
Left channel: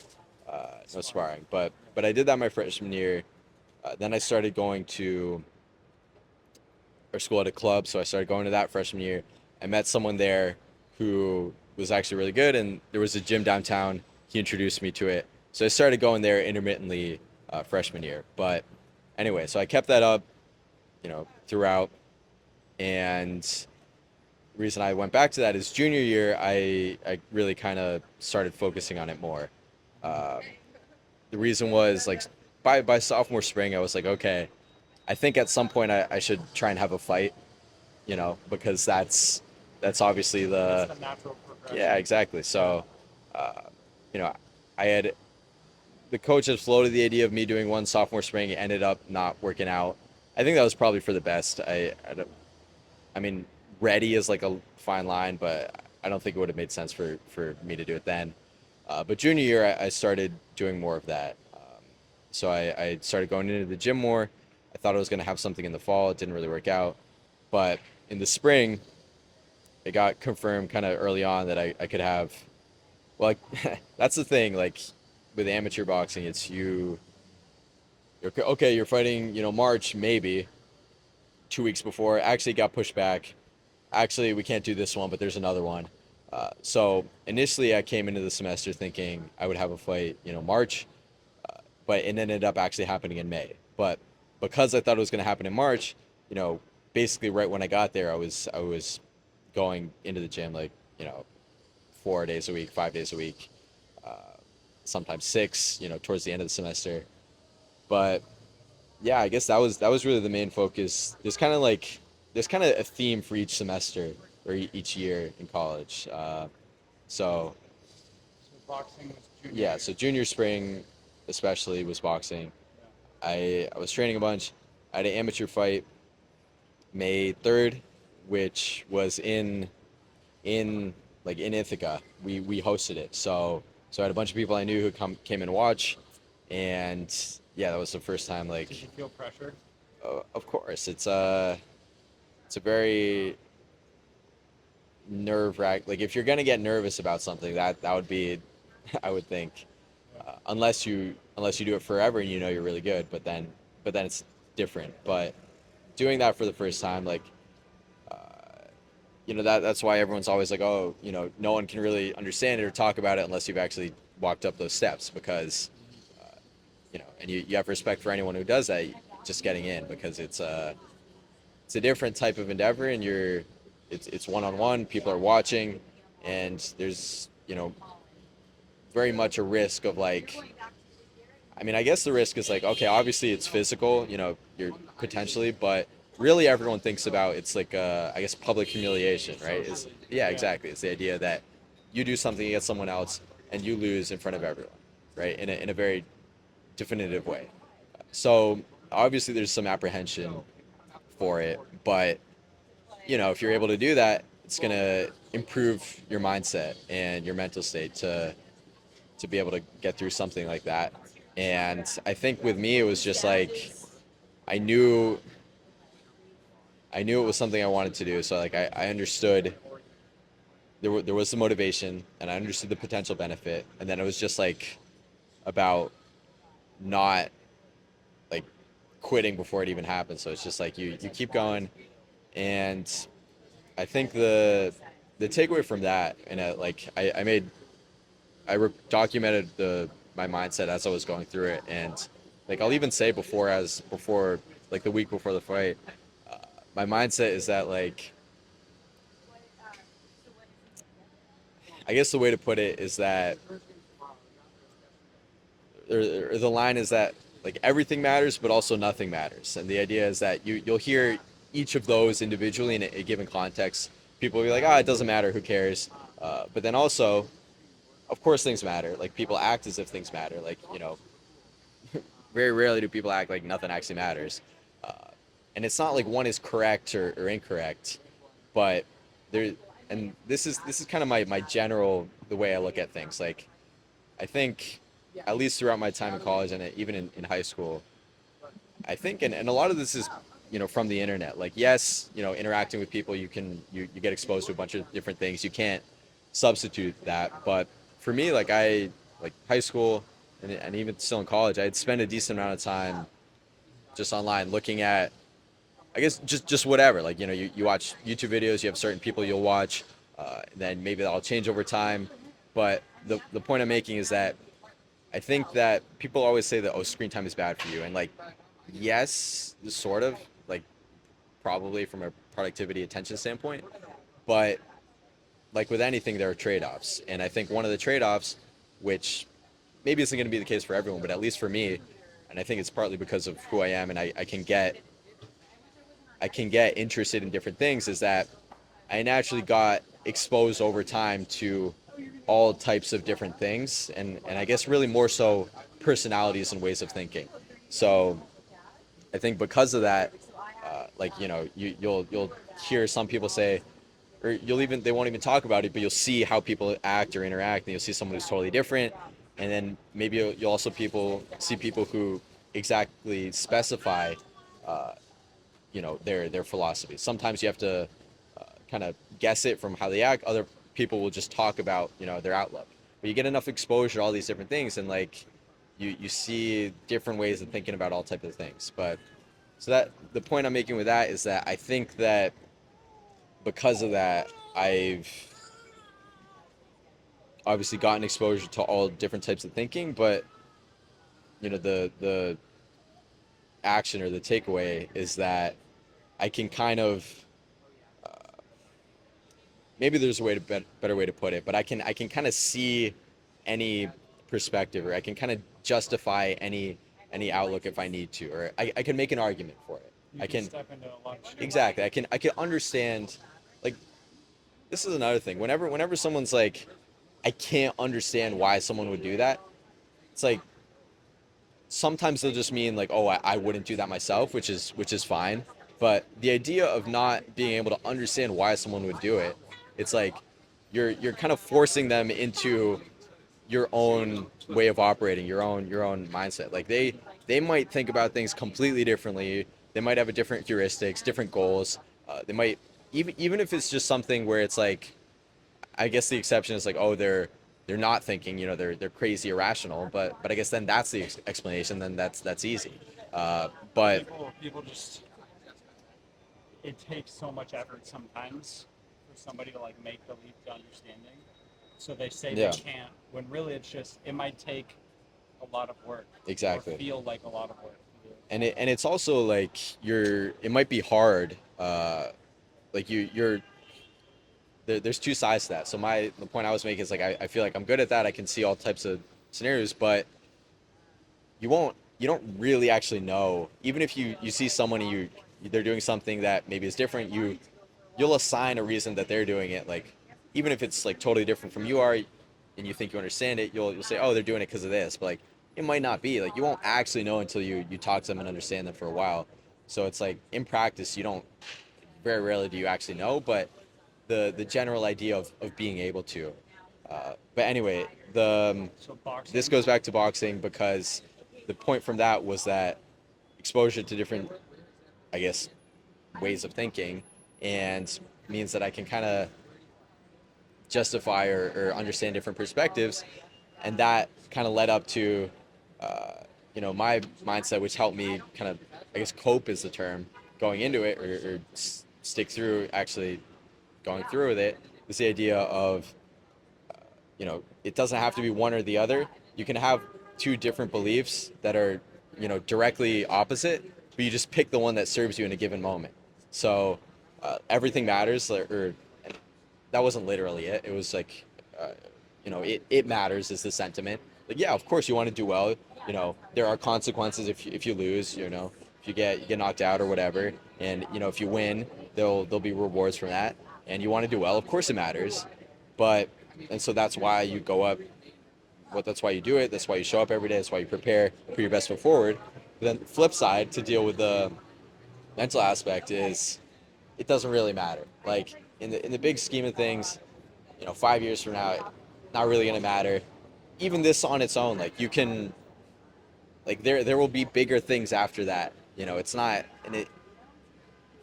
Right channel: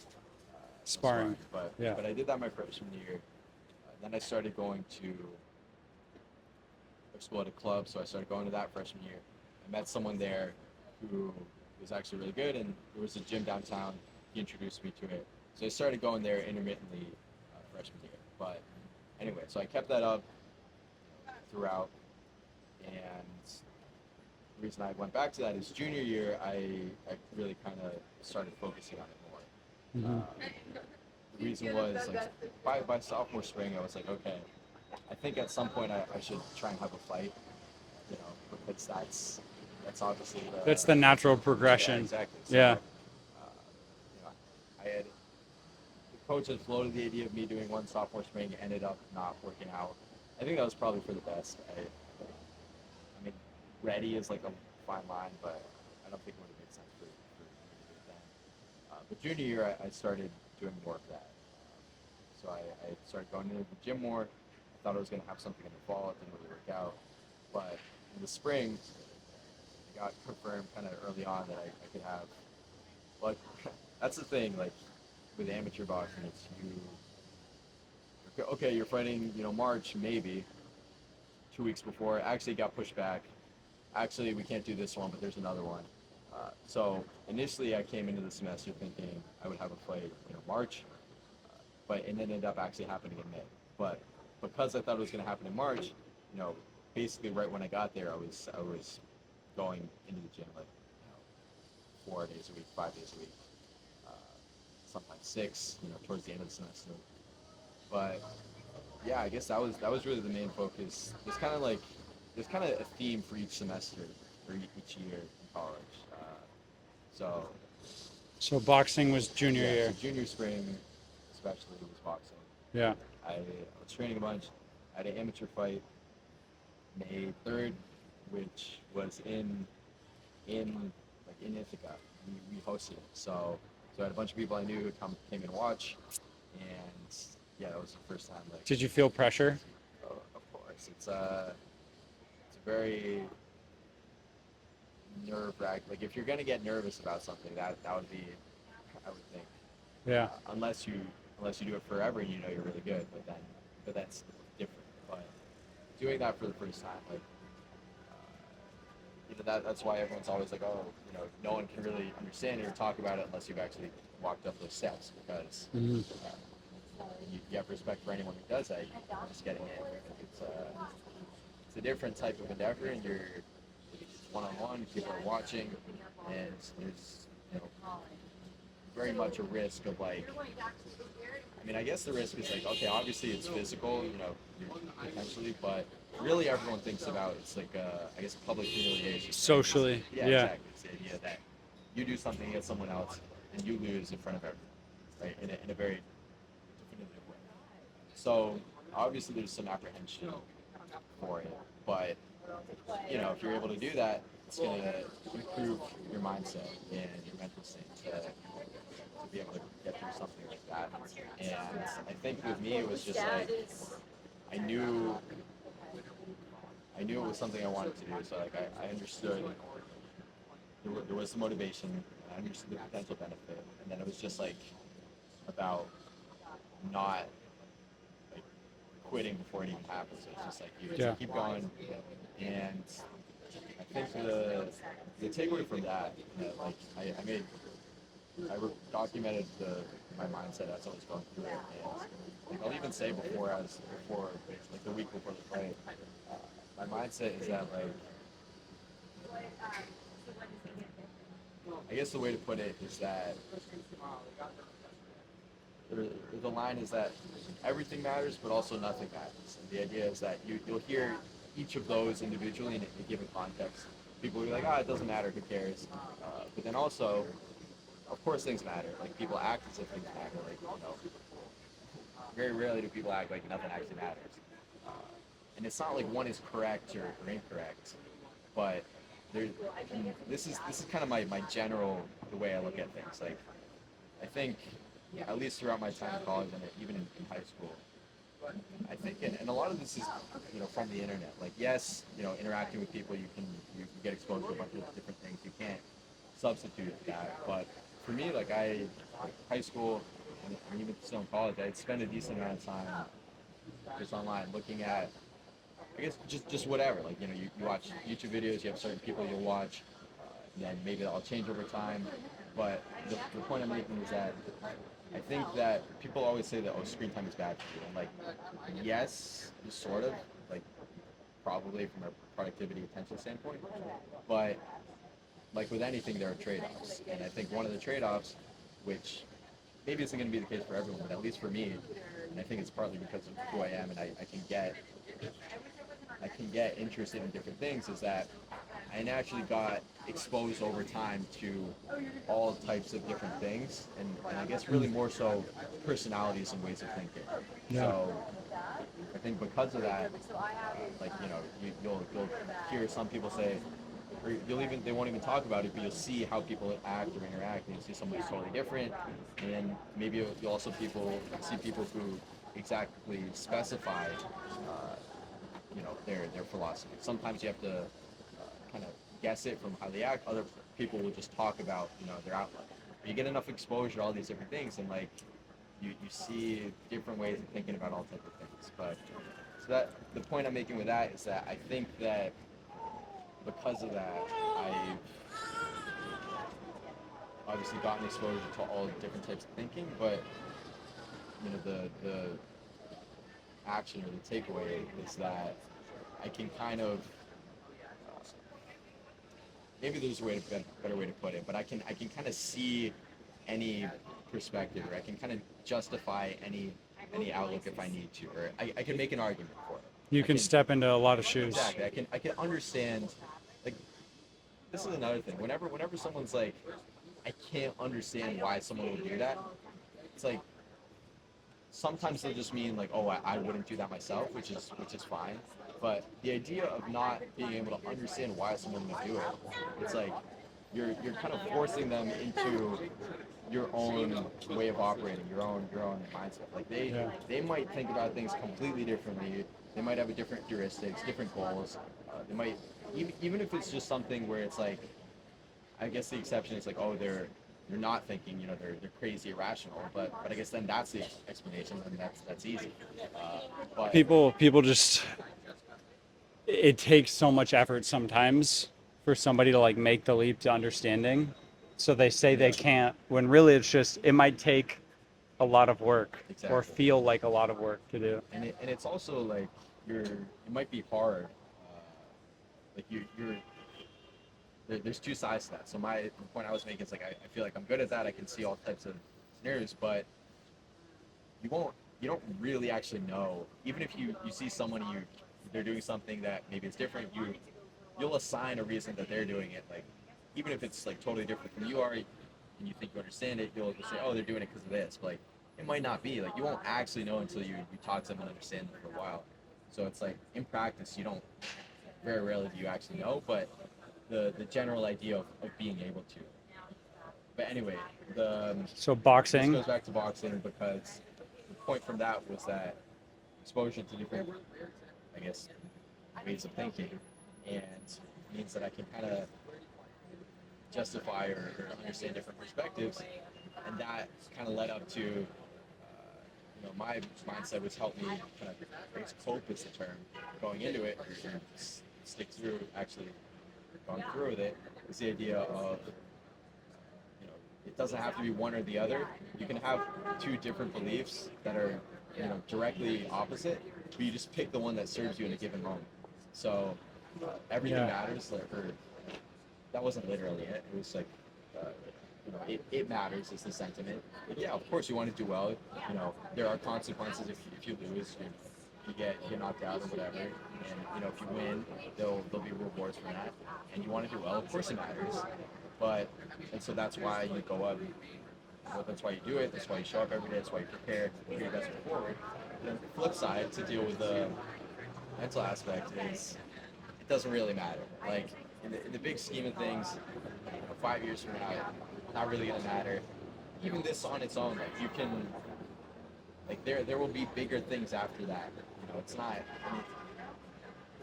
Sparring. sparring. But Yeah. but I did that my freshman year. Then I started going to our school at a club, so I started going to that freshman year. I met someone there who was actually really good, and there was a gym downtown. He introduced me to it, so I started going there intermittently freshman year. But anyway, so I kept that up, throughout. And the reason I went back to that is junior year, I really kind of started focusing on it more. Hmm. Uh, the reason was like by sophomore spring, I was like, okay, I think at some point I should try and have a fight, because that's obviously That's the, the natural yeah, progression. exactly. Yeah. So, uh, you know, I had the coach had floated the idea of me doing one sophomore spring. It ended up not working out. I think that was probably for the best. I mean, ready is like a fine line, but I don't think it would have made sense for me to do it then. But junior year, I started doing more of that. So I started going into the gym more. I thought I was going to have something in the fall. It didn't really work out. But in the spring, it got confirmed kind of early on that I could have. Well, like, that's the thing. Like, with amateur boxing, it's you're okay. You're fighting, March maybe. 2 weeks before. Actually, got pushed back. Actually, we can't do this one, but there's another one. So initially, I came into the semester thinking I would have a fight, March, but it ended up actually happening in May. But because I thought it was going to happen in March, you know, basically right when I got there, I was going into the gym like 4 days a week, 5 days a week, uh, sometimes six, towards the end of the semester. But yeah, I guess that was really the main focus. There's kind of a theme for each semester or each year in college. So So boxing was junior yeah, so year. junior spring especially was boxing. Yeah. I was training a bunch. I had an amateur fight May 3rd, which was in in Ithaca. We hosted it. So I had a bunch of people I knew who came and watch, and yeah, that was the first time Did you feel pressure? of course it's a very nerve wrack. Like if you're gonna get nervous about something, that would be, I would think, Yeah. unless you do it forever and you're really good, but then it's different. But doing that for the first time, like uh, that's why everyone's always like, oh, no one can really understand it or talk about it unless you've actually walked up those steps because Hmm. and you have respect for anyone who does that just getting in because it's a different type of endeavor and it's one-on-one, people are watching, and there's very much a risk of like, I mean, I guess the risk is like, okay, obviously it's physical, you're potentially, but really everyone thinks about it's like I guess public humiliation, right? Socially. Yeah, Yeah. exactly. It's the idea that you do something against someone else and you lose in front of everyone, right? In a very definitive way. So obviously there's some apprehension for it, but if you're able to do that, it's gonna improve your mindset and your mental state to be able to get through something like that. And I think with me, it was just like I knew I knew it was something I wanted to do. So like I understood there was the motivation and I understood the potential benefit, and then it was just like about not like quitting before it even happened. So it's just like you Yeah. keep going, and I think the takeaway from that, and like documented my mindset as I was going through it, and like I'll even say before like the week before the fight, uh, my mindset is that like I guess the way to put it is that or the line is that like everything matters, but also nothing matters, and the idea is that you'll hear each of those individually in a given context. People will be like, ah, it doesn't matter, who cares? But then also, of course, things matter. Like people act as if things matter. Like very rarely do people act like nothing actually matters. Uh, and it's not like one is correct or incorrect, but there, and this is kind of my general the way I look at things. Like I think, at least throughout my time in college and even in high school, I think, and a lot of this is from the internet. Like yes, interacting with people, you get exposed to a bunch of different things. You can't substitute that, but for me, like high school and even still in college, I'd spend a decent amount of time just online looking at, I guess, just whatever. Like you watch YouTube videos, you have certain people you'll watch, then maybe that'll change over time. But the point I'm making is that I think that people always say that, oh, screen time is bad for you, and like yes, sort of, like probably from a productivity attention standpoint, but like with anything there are trade-offs, and I think one of the trade-offs, which maybe isn't going to be the case for everyone, but at least for me, and I think it's partly because of who I am, and I can get interested in different things, is that I naturally got exposed over time to all types of different things, and I guess really Mm. more so personalities and ways of thinking. Yeah. So I think because of that, like you'll hear some people say, or they won't even talk about it, but you'll see how people act or interact, and you'll see someone who's totally different, and then maybe you'll also see people who exactly specify, uh, their philosophy. Sometimes you have to kind of guess it from how they act. Other people will just talk about their outlook. But you get enough exposure to all these different things, and like you see different ways of thinking about all types of things. But So that the point I'm making with that is that I think that because of that, I've obviously gotten exposure to all different types of thinking, but the action or the takeaway is that I can kind of maybe there's a way to better way to put it, but I can kind of see any perspective, or I can kind of justify any outlook if I need to, or I can make an argument for it. You I can can step into a lot of shoes. exactly. I can understand. Like, this is another thing. Whenever someone's like, I can't understand why someone would do that. It's like sometimes they'll just mean like, oh, I wouldn't do that myself, which is fine. But the idea of not being able to understand why someone would do it, it's like you're kind of forcing them into your own way of operating, your own mindset. Like Yeah. they might think about things completely differently. They might have a different heuristics, different goals. They might even if it's just something where it's like, I guess the exception is like, oh, they're not thinking, they're crazy irrational. But I guess then that's the explanation. Then that's easy. But People just, it takes so much effort sometimes for somebody to like make the leap to understanding. So they say they yeah, can't when really it's just it might take a lot of work or exactly. feel like a lot of work to do. And it's also like it might be hard. Like there's two sides to that. So the point I was making is like I feel like I'm good at that. I can see all types of scenarios, but you don't really actually know. Even if you see someone and they're doing something that maybe is different, you'll assign a reason that they're doing it. Like, even if it's like totally different from you are, and you think you understand it, you'll say, oh, they're doing it because of this. But like, it might not be. Like, you won't actually know until you talk to them and understand them for a while. So it's like in practice, you don't, very rarely do you actually know, but the general idea of being able to. But anyway, So this boxing, goes back to boxing because the point from that was that exposure to different, I guess, ways of thinking, and means that I can kind of justify or understand different perspectives, and that kind of led up to, my mindset, which helped me kind of, I guess, cope is the term, going into it, or stick through actually going through with it. Is the idea of, it doesn't have to be one or the other. You can have two different beliefs that are, directly opposite, but you just pick the one that serves you in a given moment. So everything yeah. matters, or that wasn't literally it. It was like, it matters is the sentiment. Like, yeah, of course you want to do well. There are consequences if you lose. If you get knocked out or whatever, and if you win, there'll be rewards from that. And you want to do well. Of course it matters, but and so that's why you go up. Well, that's why you do it. That's why you show up every day. That's why you prepare for your best foot forward. But then the flip side, to deal with the mental aspect, is it doesn't really matter. Like, in the big scheme of things, 5 years from now, not really gonna matter. Even this on its own, like, you can, like, there will be bigger things after that. It's not, and it,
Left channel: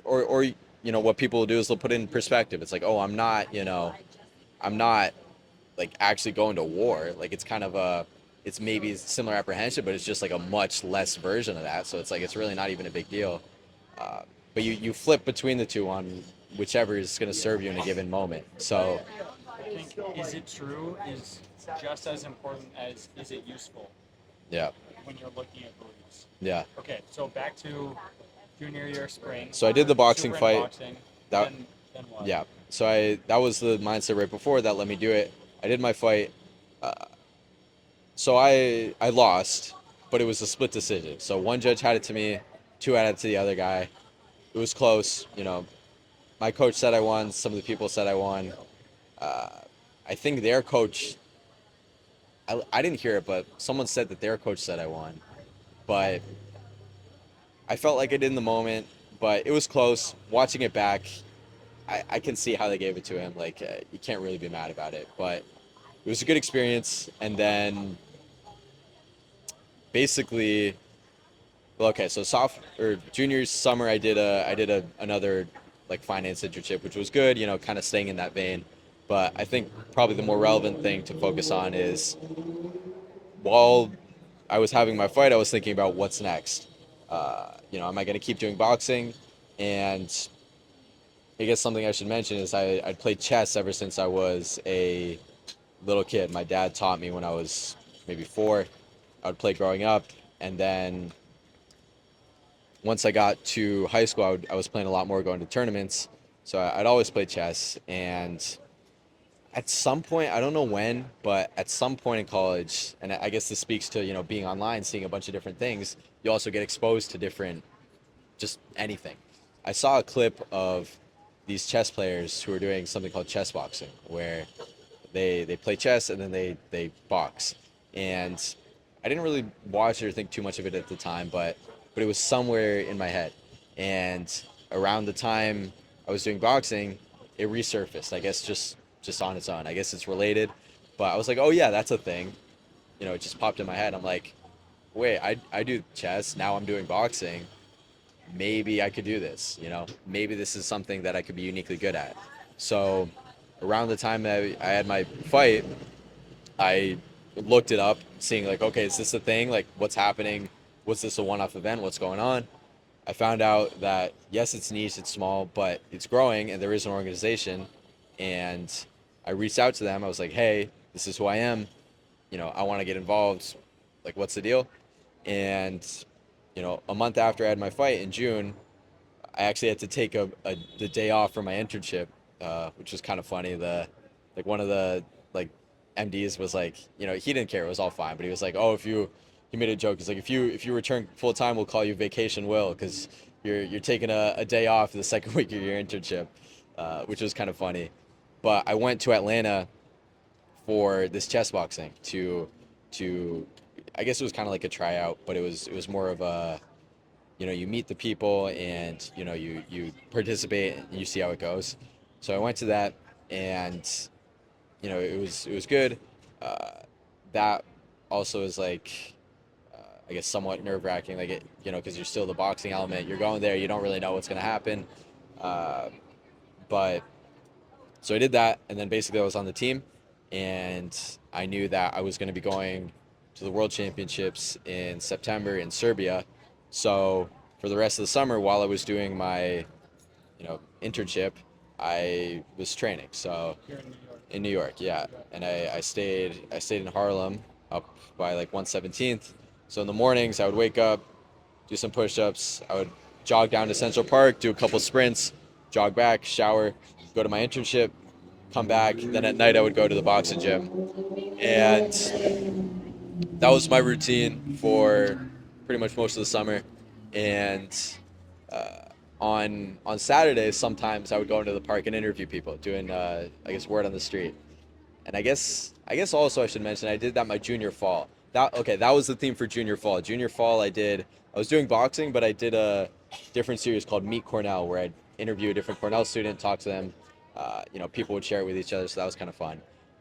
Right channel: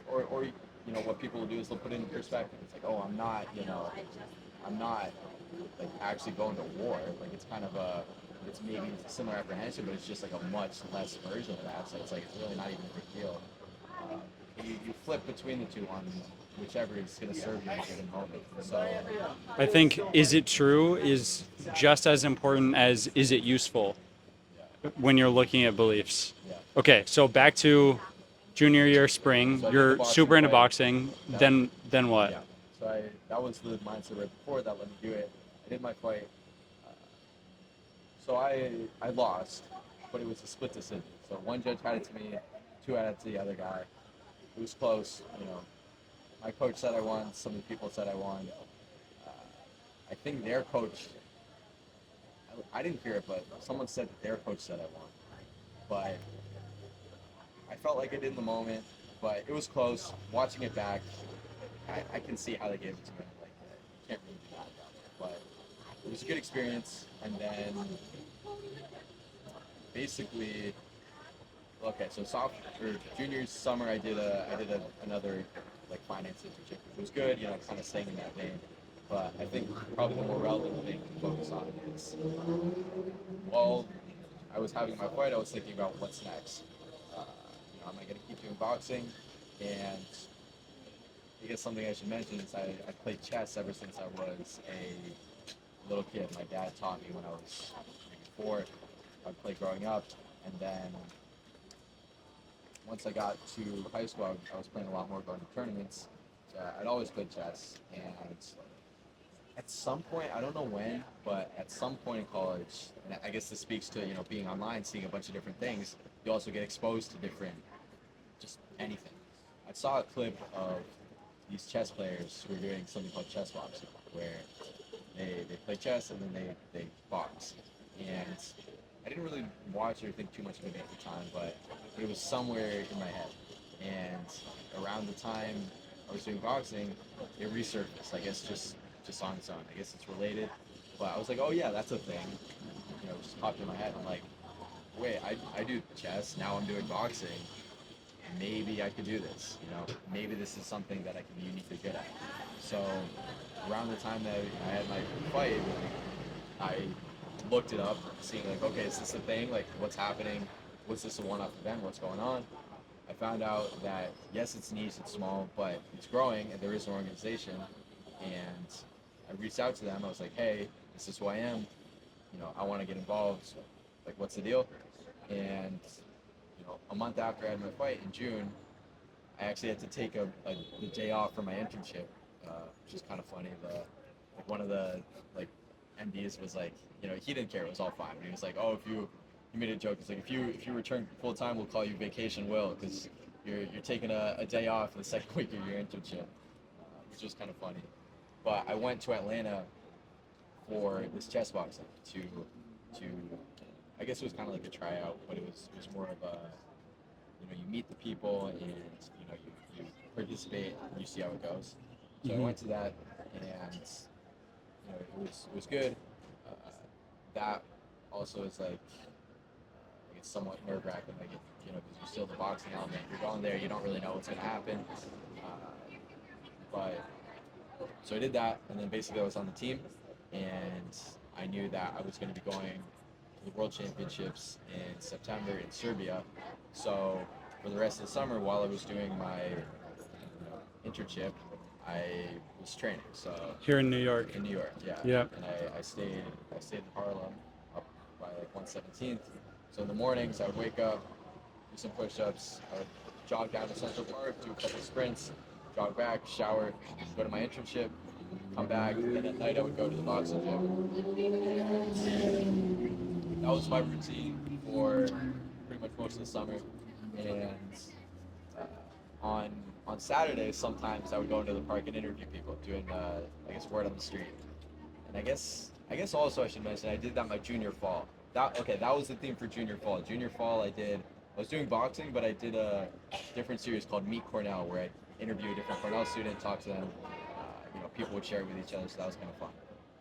or what people will do is they'll put it in perspective. It's like, oh, I'm not like actually going to war. Like, it's kind of it's maybe similar apprehension, but it's just like a much less version of that. So it's like it's really not even a big deal. Uh, but you flip between the two on whichever is going to serve you in a given moment. So I think is it true is just as important as is it useful yeah, when you're looking at beliefs. yeah. Okay, so back to junior year spring, So I did the you're boxing super into fight. boxing. That Then what? yeah. So that was the mindset right before that let me do it. I did my fight. Uh, so I lost, but it was a split decision. So one judge had it to me, two had it to the other guy. It was close. My coach said I won. Some of the people said I won. Uh, I think their coach. I didn't hear it, but someone said that their coach said I won. But I felt like I did in the moment. But it was close. Watching it back, I can see how they gave it to him. Like, you can't really be mad about it. But it was a good experience. And then basically, well, okay, so junior summer, I did another like finance internship, which was good. Kind of staying in that vein. But I think probably the more relevant thing to focus on is, while I was having my fight, I was thinking about what's next. am I going to keep doing boxing? And I guess something I should mention is I'd played chess ever since I was a little kid. My dad taught me when I was maybe 4. I would play growing up, and then once I got to high school, I was playing a lot more, going to tournaments. So I'd always play chess, and at some point, I don't know when, but at some point in college, and I guess this speaks to being online, seeing a bunch of different things. You also get exposed to different, just anything. I saw a clip of these chess players who are doing something called chess boxing, where they play chess and then they box. And I didn't really watch it or think too much of it at the time, but it was somewhere in my head. And around the time I was doing boxing, it resurfaced. I guess just on its own. I guess it's related, but I was like, oh yeah, that's a thing. It just popped in my head. I'm like, wait, I do chess. Now I'm doing boxing. Maybe I could do this. Maybe this is something that I could be uniquely good at. So around the time that I had my fight, I looked it up, seeing like, okay, is this a thing? Like, what's happening? Was this a one-off event? What's going on? I found out that yes, it's niche, it's small, but it's growing, and there is an organization. And I reached out to them. I was like, hey, this is who I am. I want to get involved. Like, what's the deal? And a month after I had my fight in June, I actually had to take the day off from my internship, which was kind of funny. One of the like MDs was like, he didn't care, it was all fine, but he was like, oh, he made a joke. He's like, if you return full time, we'll call you Vacation Will, because you're taking a day off the second week of your internship, which was kind of funny. But I went to Atlanta for this chess boxing to I guess it was kind of like a tryout, but it was more of a you meet the people, and you participate and you see how it goes. So I Hmm. went to that, and it was good. uh, that also is like, I guess somewhat nerve wracking, like because you're still the boxing element, you're going there, you don't really know what's going to happen. uh, but so I did that, and then basically I was on the team, and I knew that I was going to be going to the World Championships in September in Serbia. So for the rest of the summer, while I was doing my internship, I was training. So Here in New York. in New York, yeah, Yeah. and I stayed in Harlem, up by like 117th. So in the mornings, I would wake up, do some push-ups. I would jog down to Central Park, do a couple sprints, jog back, shower, go to my internship, come back. Then at night, I would go to the boxing gym, and that was my routine for pretty much most of the summer. And uh, on Saturdays, sometimes I would go into the park and interview people, doing I guess word on the street. And I guess also I should mention I did that my junior fall. That was the theme for junior fall. Junior fall, I was doing boxing, but I did a different series called Meet Cornell, where I'd interview a different Cornell student, talk to them. People would share it with each other, so that was kind of fun.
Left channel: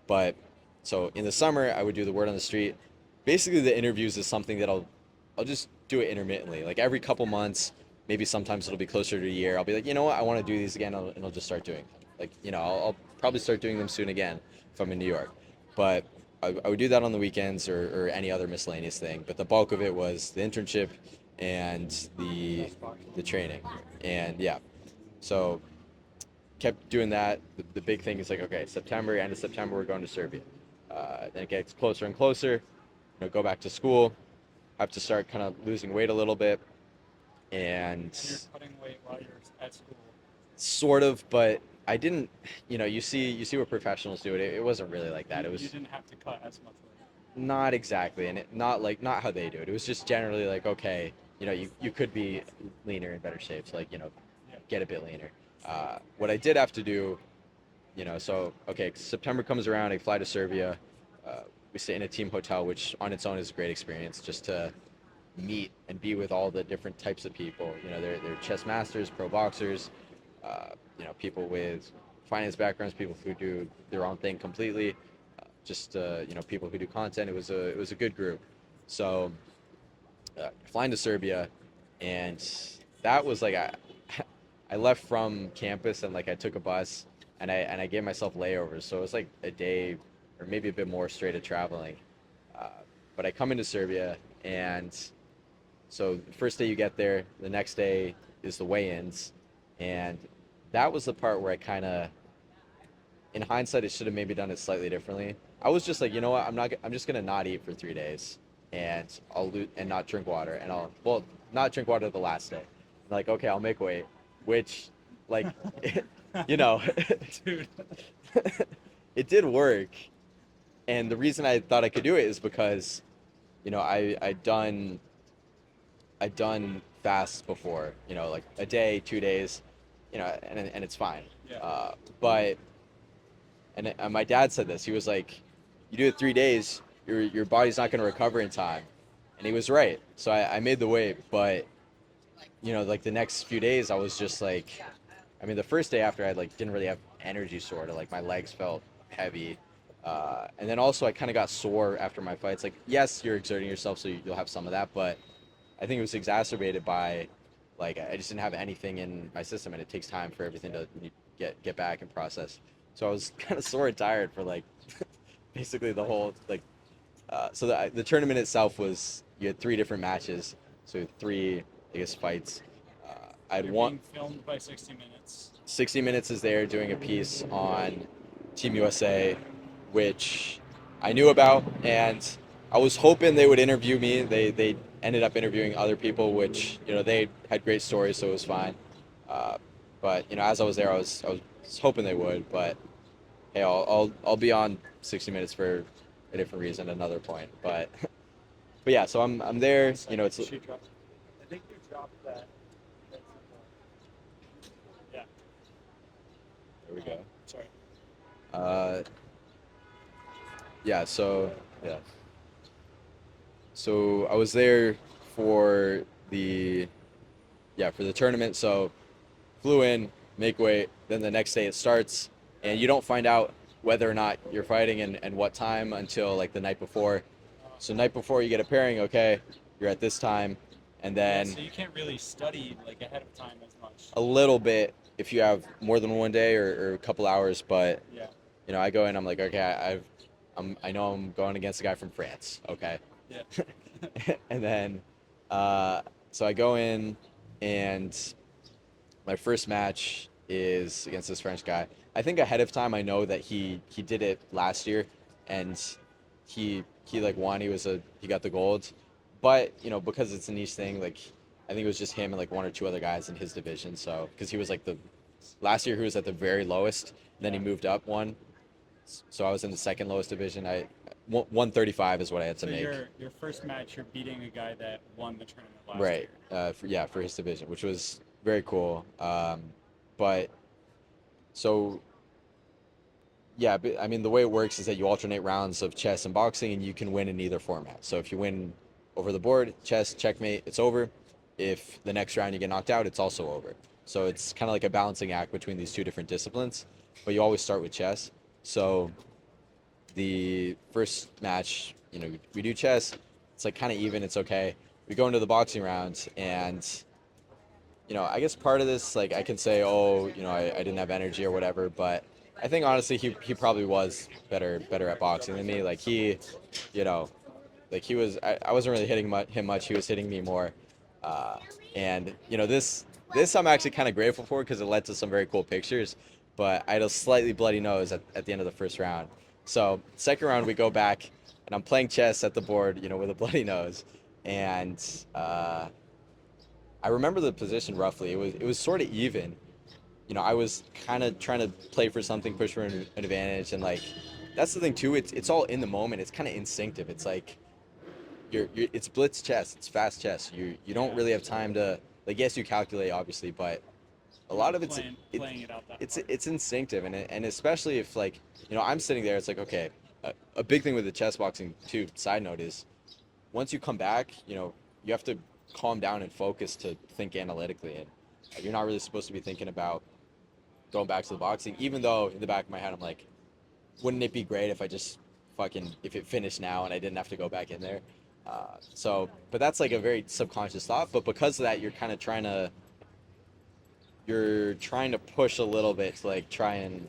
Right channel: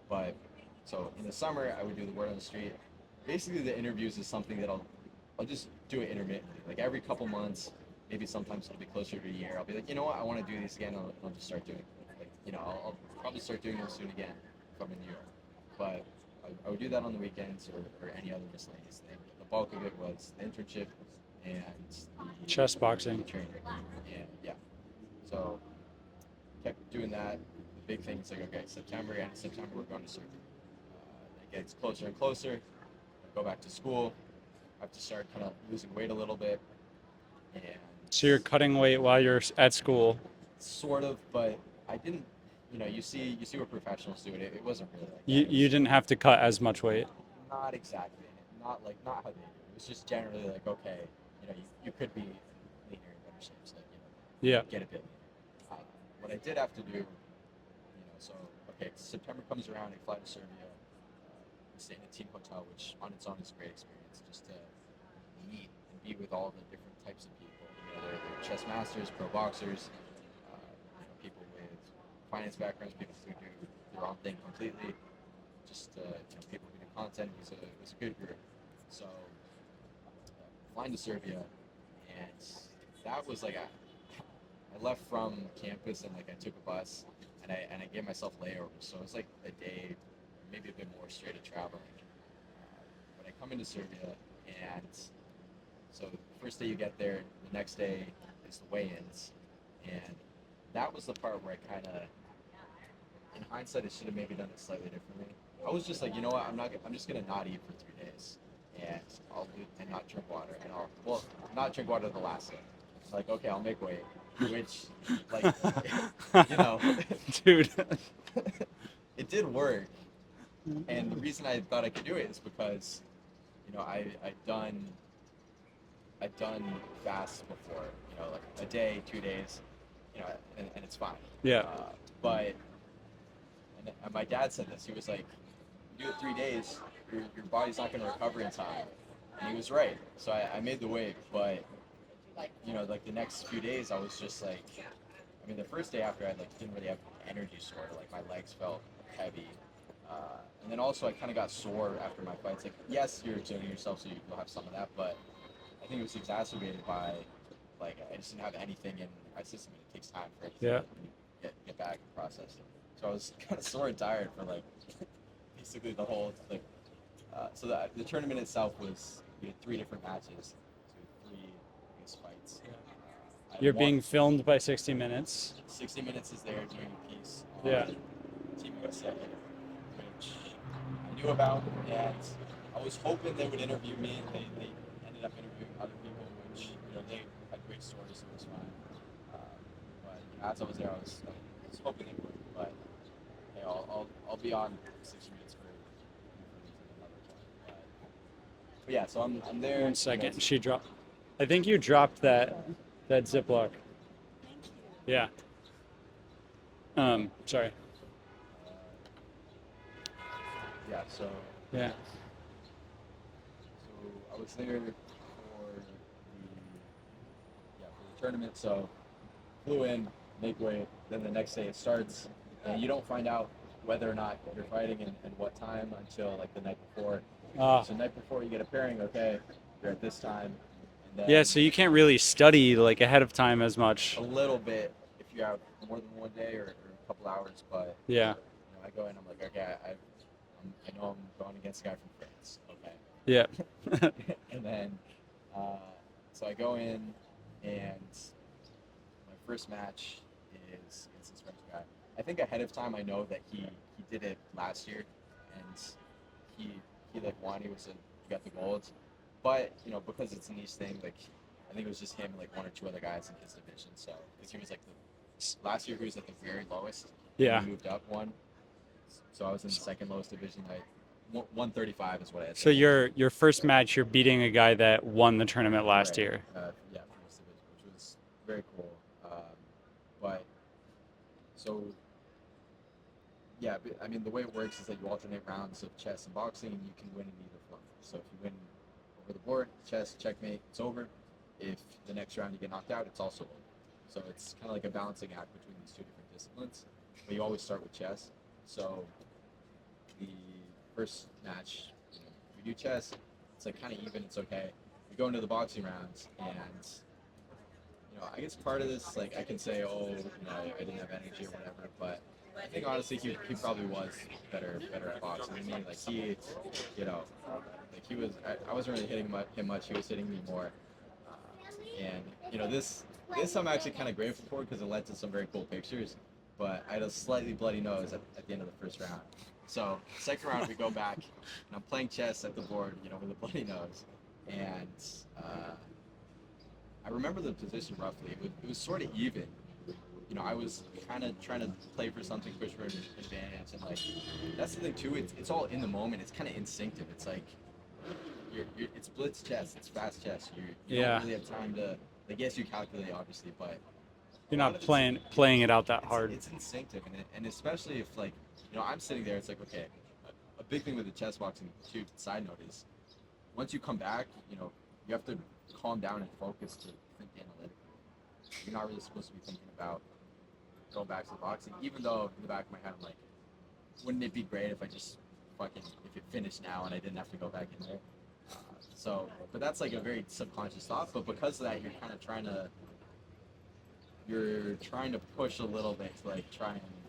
But so in the summer, I would do the word on the street. Basically, the interviews is something that I'll just do it intermittently, like every couple months. Maybe sometimes it'll be closer to a year. I'll be like, you know what, I want to do these again, and I'll just start doing them. Like, I'll probably start doing them soon again if I'm in New York. But I would do that on the weekends, or any other miscellaneous thing. But the bulk of it was the internship and the Chess boxing. the training. And yeah, so kept doing that. The big thing is like, okay, September, end of September, we're going to Serbia. Then it gets closer and closer. Go back to school. I have to start kind of losing weight a little bit, and So you're cutting weight while you're at school. sort of, but I didn't. You see what professionals do. It wasn't really like that. You It you was didn't have to cut as much weight. not exactly, and not how they do it. It was just generally like, okay, you could be leaner, in better shape, so like Yeah. get a bit leaner. What I did have to do, so okay, September comes around, I fly to Serbia. We stay in a team hotel, which on its own is a great experience, just to meet and be with all the different types of people. They're chess masters, pro boxers, people with finance backgrounds, people who do their own thing completely, just people who do content. It was a good group. So flying to Serbia, and that was like I left from campus, and like I took a bus, and I gave myself layovers, so it was like a day or maybe a bit more straight of traveling. Uh, but I come into Serbia, and So the first day you get there, the next day is the weigh-ins, and that was the part where I kind of, in hindsight, I should have maybe done it slightly differently. I was just like, you know what, I'm just gonna not eat for 3 days, and and not drink water, and well, not drink water the last day. Like, okay, I'll make weight, which, like, you know, Dude. it did work, and the reason I thought I could do it is because, I'd done fasts before, like a day, 2 days, and it's fine. Yeah. But my dad said this. He was like, "You do it 3 days, your body's not going to recover in time," and he was right. So I made the weight, but like the next few days, I was just like, I mean, the first day after I like didn't really have energy, sort of like my legs felt heavy. And then also I kind of got sore after my fights. Like, yes, you're exerting yourself, so you'll have some of that, but I think it was exacerbated by, like, I just didn't have anything in my system, and it takes time for everything Yeah. to get back and process. So I was kind of sore and tired for like basically the whole like. So the tournament itself was, you had 3 different matches, so three, I guess, fights. I had You're one. being filmed by 60 Minutes. 60 Minutes is there doing a piece Yeah. on Team USA, which I knew about, and I was hoping they would interview me. They ended up interviewing other people, which they had great stories, so it was fine. Uh, but as I was there, I was hoping they would. But hey, I'll be on 60 Minutes for a different reason, another point. But yeah, so I'm there. One second. It's She dropped. I think you dropped that Ziploc. Yeah. Sorry. uh, yeah. So Yeah. yeah. So I was there for the for the tournament. So flew in, make weight, then the next day it starts, and you don't find out whether or not you're fighting and what time until like the night before. Uh, So night before you get a pairing, okay, you're at this time, and yeah, then so you can't really study like ahead of time as a much. little bit if you have more than one day or a couple hours. But Yeah. I go in, I'm like, okay, I know I'm going against a guy from France, okay. Yeah. And then so I go in, and my first match is against this French guy. I think ahead of time I know that he did it last year, and he like won. He got the gold, but because it's a niche thing, like I think it was just him and like one or two other guys in his division. So because he was like the last year he was at the very lowest, and Yeah. he moved up one. So I was in the second lowest division. 135 is what I had to So make. your first match, you're beating a guy that won the tournament last Right. year. For his division, which was very cool. But so yeah, but, I mean, the way it works is that you alternate rounds of chess and boxing, and you can win in either format. So if you win over the board, chess, checkmate, it's over. If the next round you get knocked out, it's also over. So it's kind of like a balancing act between these two different disciplines, but you always start with chess. So the first match, we do chess. It's like kind of even. It's okay. We go into the boxing round, and I guess part of this, like, I can say, oh, I didn't have energy or whatever, but I think honestly he probably was better at boxing than me. Like you know, like I wasn't really hitting him much. He was hitting me more, uh, and this I'm actually kind of grateful for because it led to some very cool pictures. But I had a slightly bloody nose at the end of the first round. So second round we go back, and I'm playing chess at the board, with a bloody nose, and I remember the position roughly. It was sort of even. I was kind of trying to play for something, push for an advantage, and like that's the thing too. It's all in the moment. It's kind of instinctive. It's like it's blitz chess. It's fast chess. You don't Yeah. really have time to, like, yes, you calculate obviously, but a You're lot not of it's playing it out that it's hard. it's instinctive, and especially if, like, I'm sitting there. It's like, okay, a big thing with the chess boxing too. Side note is, once you come back, you have to calm down and focus to think analytically, and you're not really supposed to be thinking about going back to the boxing. Even though in the back of my head, I'm like, wouldn't it be great if I just if it finished now and I didn't have to go back in there? But that's like a very subconscious thought. But because of that, you're trying to push a little bit to like try and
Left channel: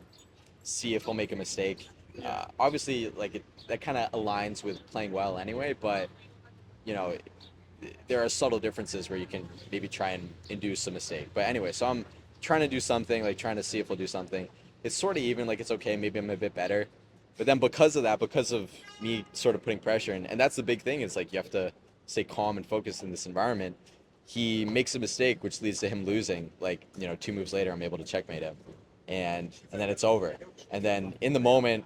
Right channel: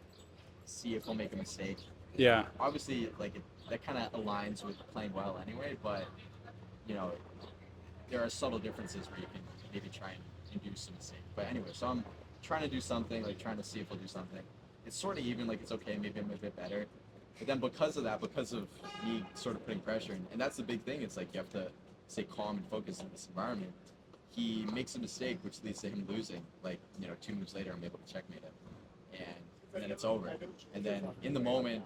see if he'll make a mistake. Yeah. Obviously, like that kind of aligns with playing well anyway. But you know, there are subtle differences where you can maybe try and induce a mistake. But anyway, so I'm trying to do something, like trying to see if we'll do something. It's sort of even, like it's okay, maybe I'm a bit better. But then because of that, because of me sort of putting pressure in, and that's the big thing, is like you have to stay calm and focused in this environment. He makes a mistake, which leads to him losing. Like, 2 moves later, I'm able to checkmate him, and then it's over. And then in the moment,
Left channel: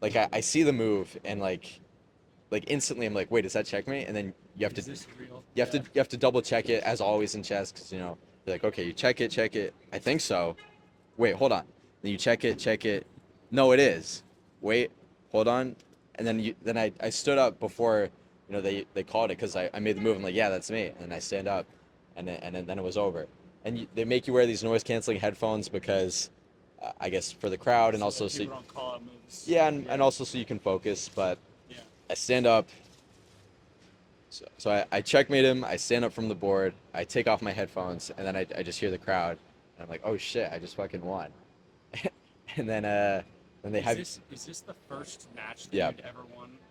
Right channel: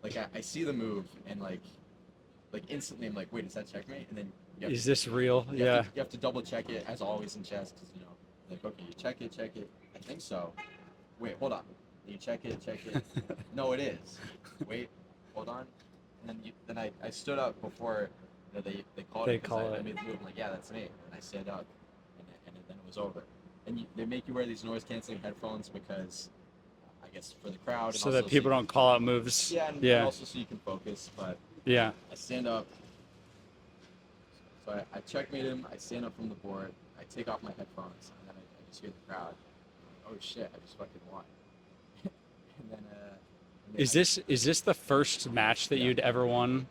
like I see the move, and like instantly I'm like, wait, is that checkmate? And then Is this real? you have Yeah. to you have to double check it, as always in chess, because you're like, okay, you check it. I think so. Wait, hold on. Then you check it. No, it is. Wait, hold on. And then I stood up before they called it, They because call I it. made the move. I'm like, yeah, that's me. And then I stand up, and then it was over. And they make you wear these noise canceling headphones because I guess for the crowd, and So also that people don't call out moves. yeah, and Yeah. also so you can focus. But Yeah. I stand up. So I checkmate him. I stand up from the board. I take off my headphones, and then I just hear the crowd. And I'm like, oh shit, I just fucking won. And then they Is had this the first match that yeah you'd ever won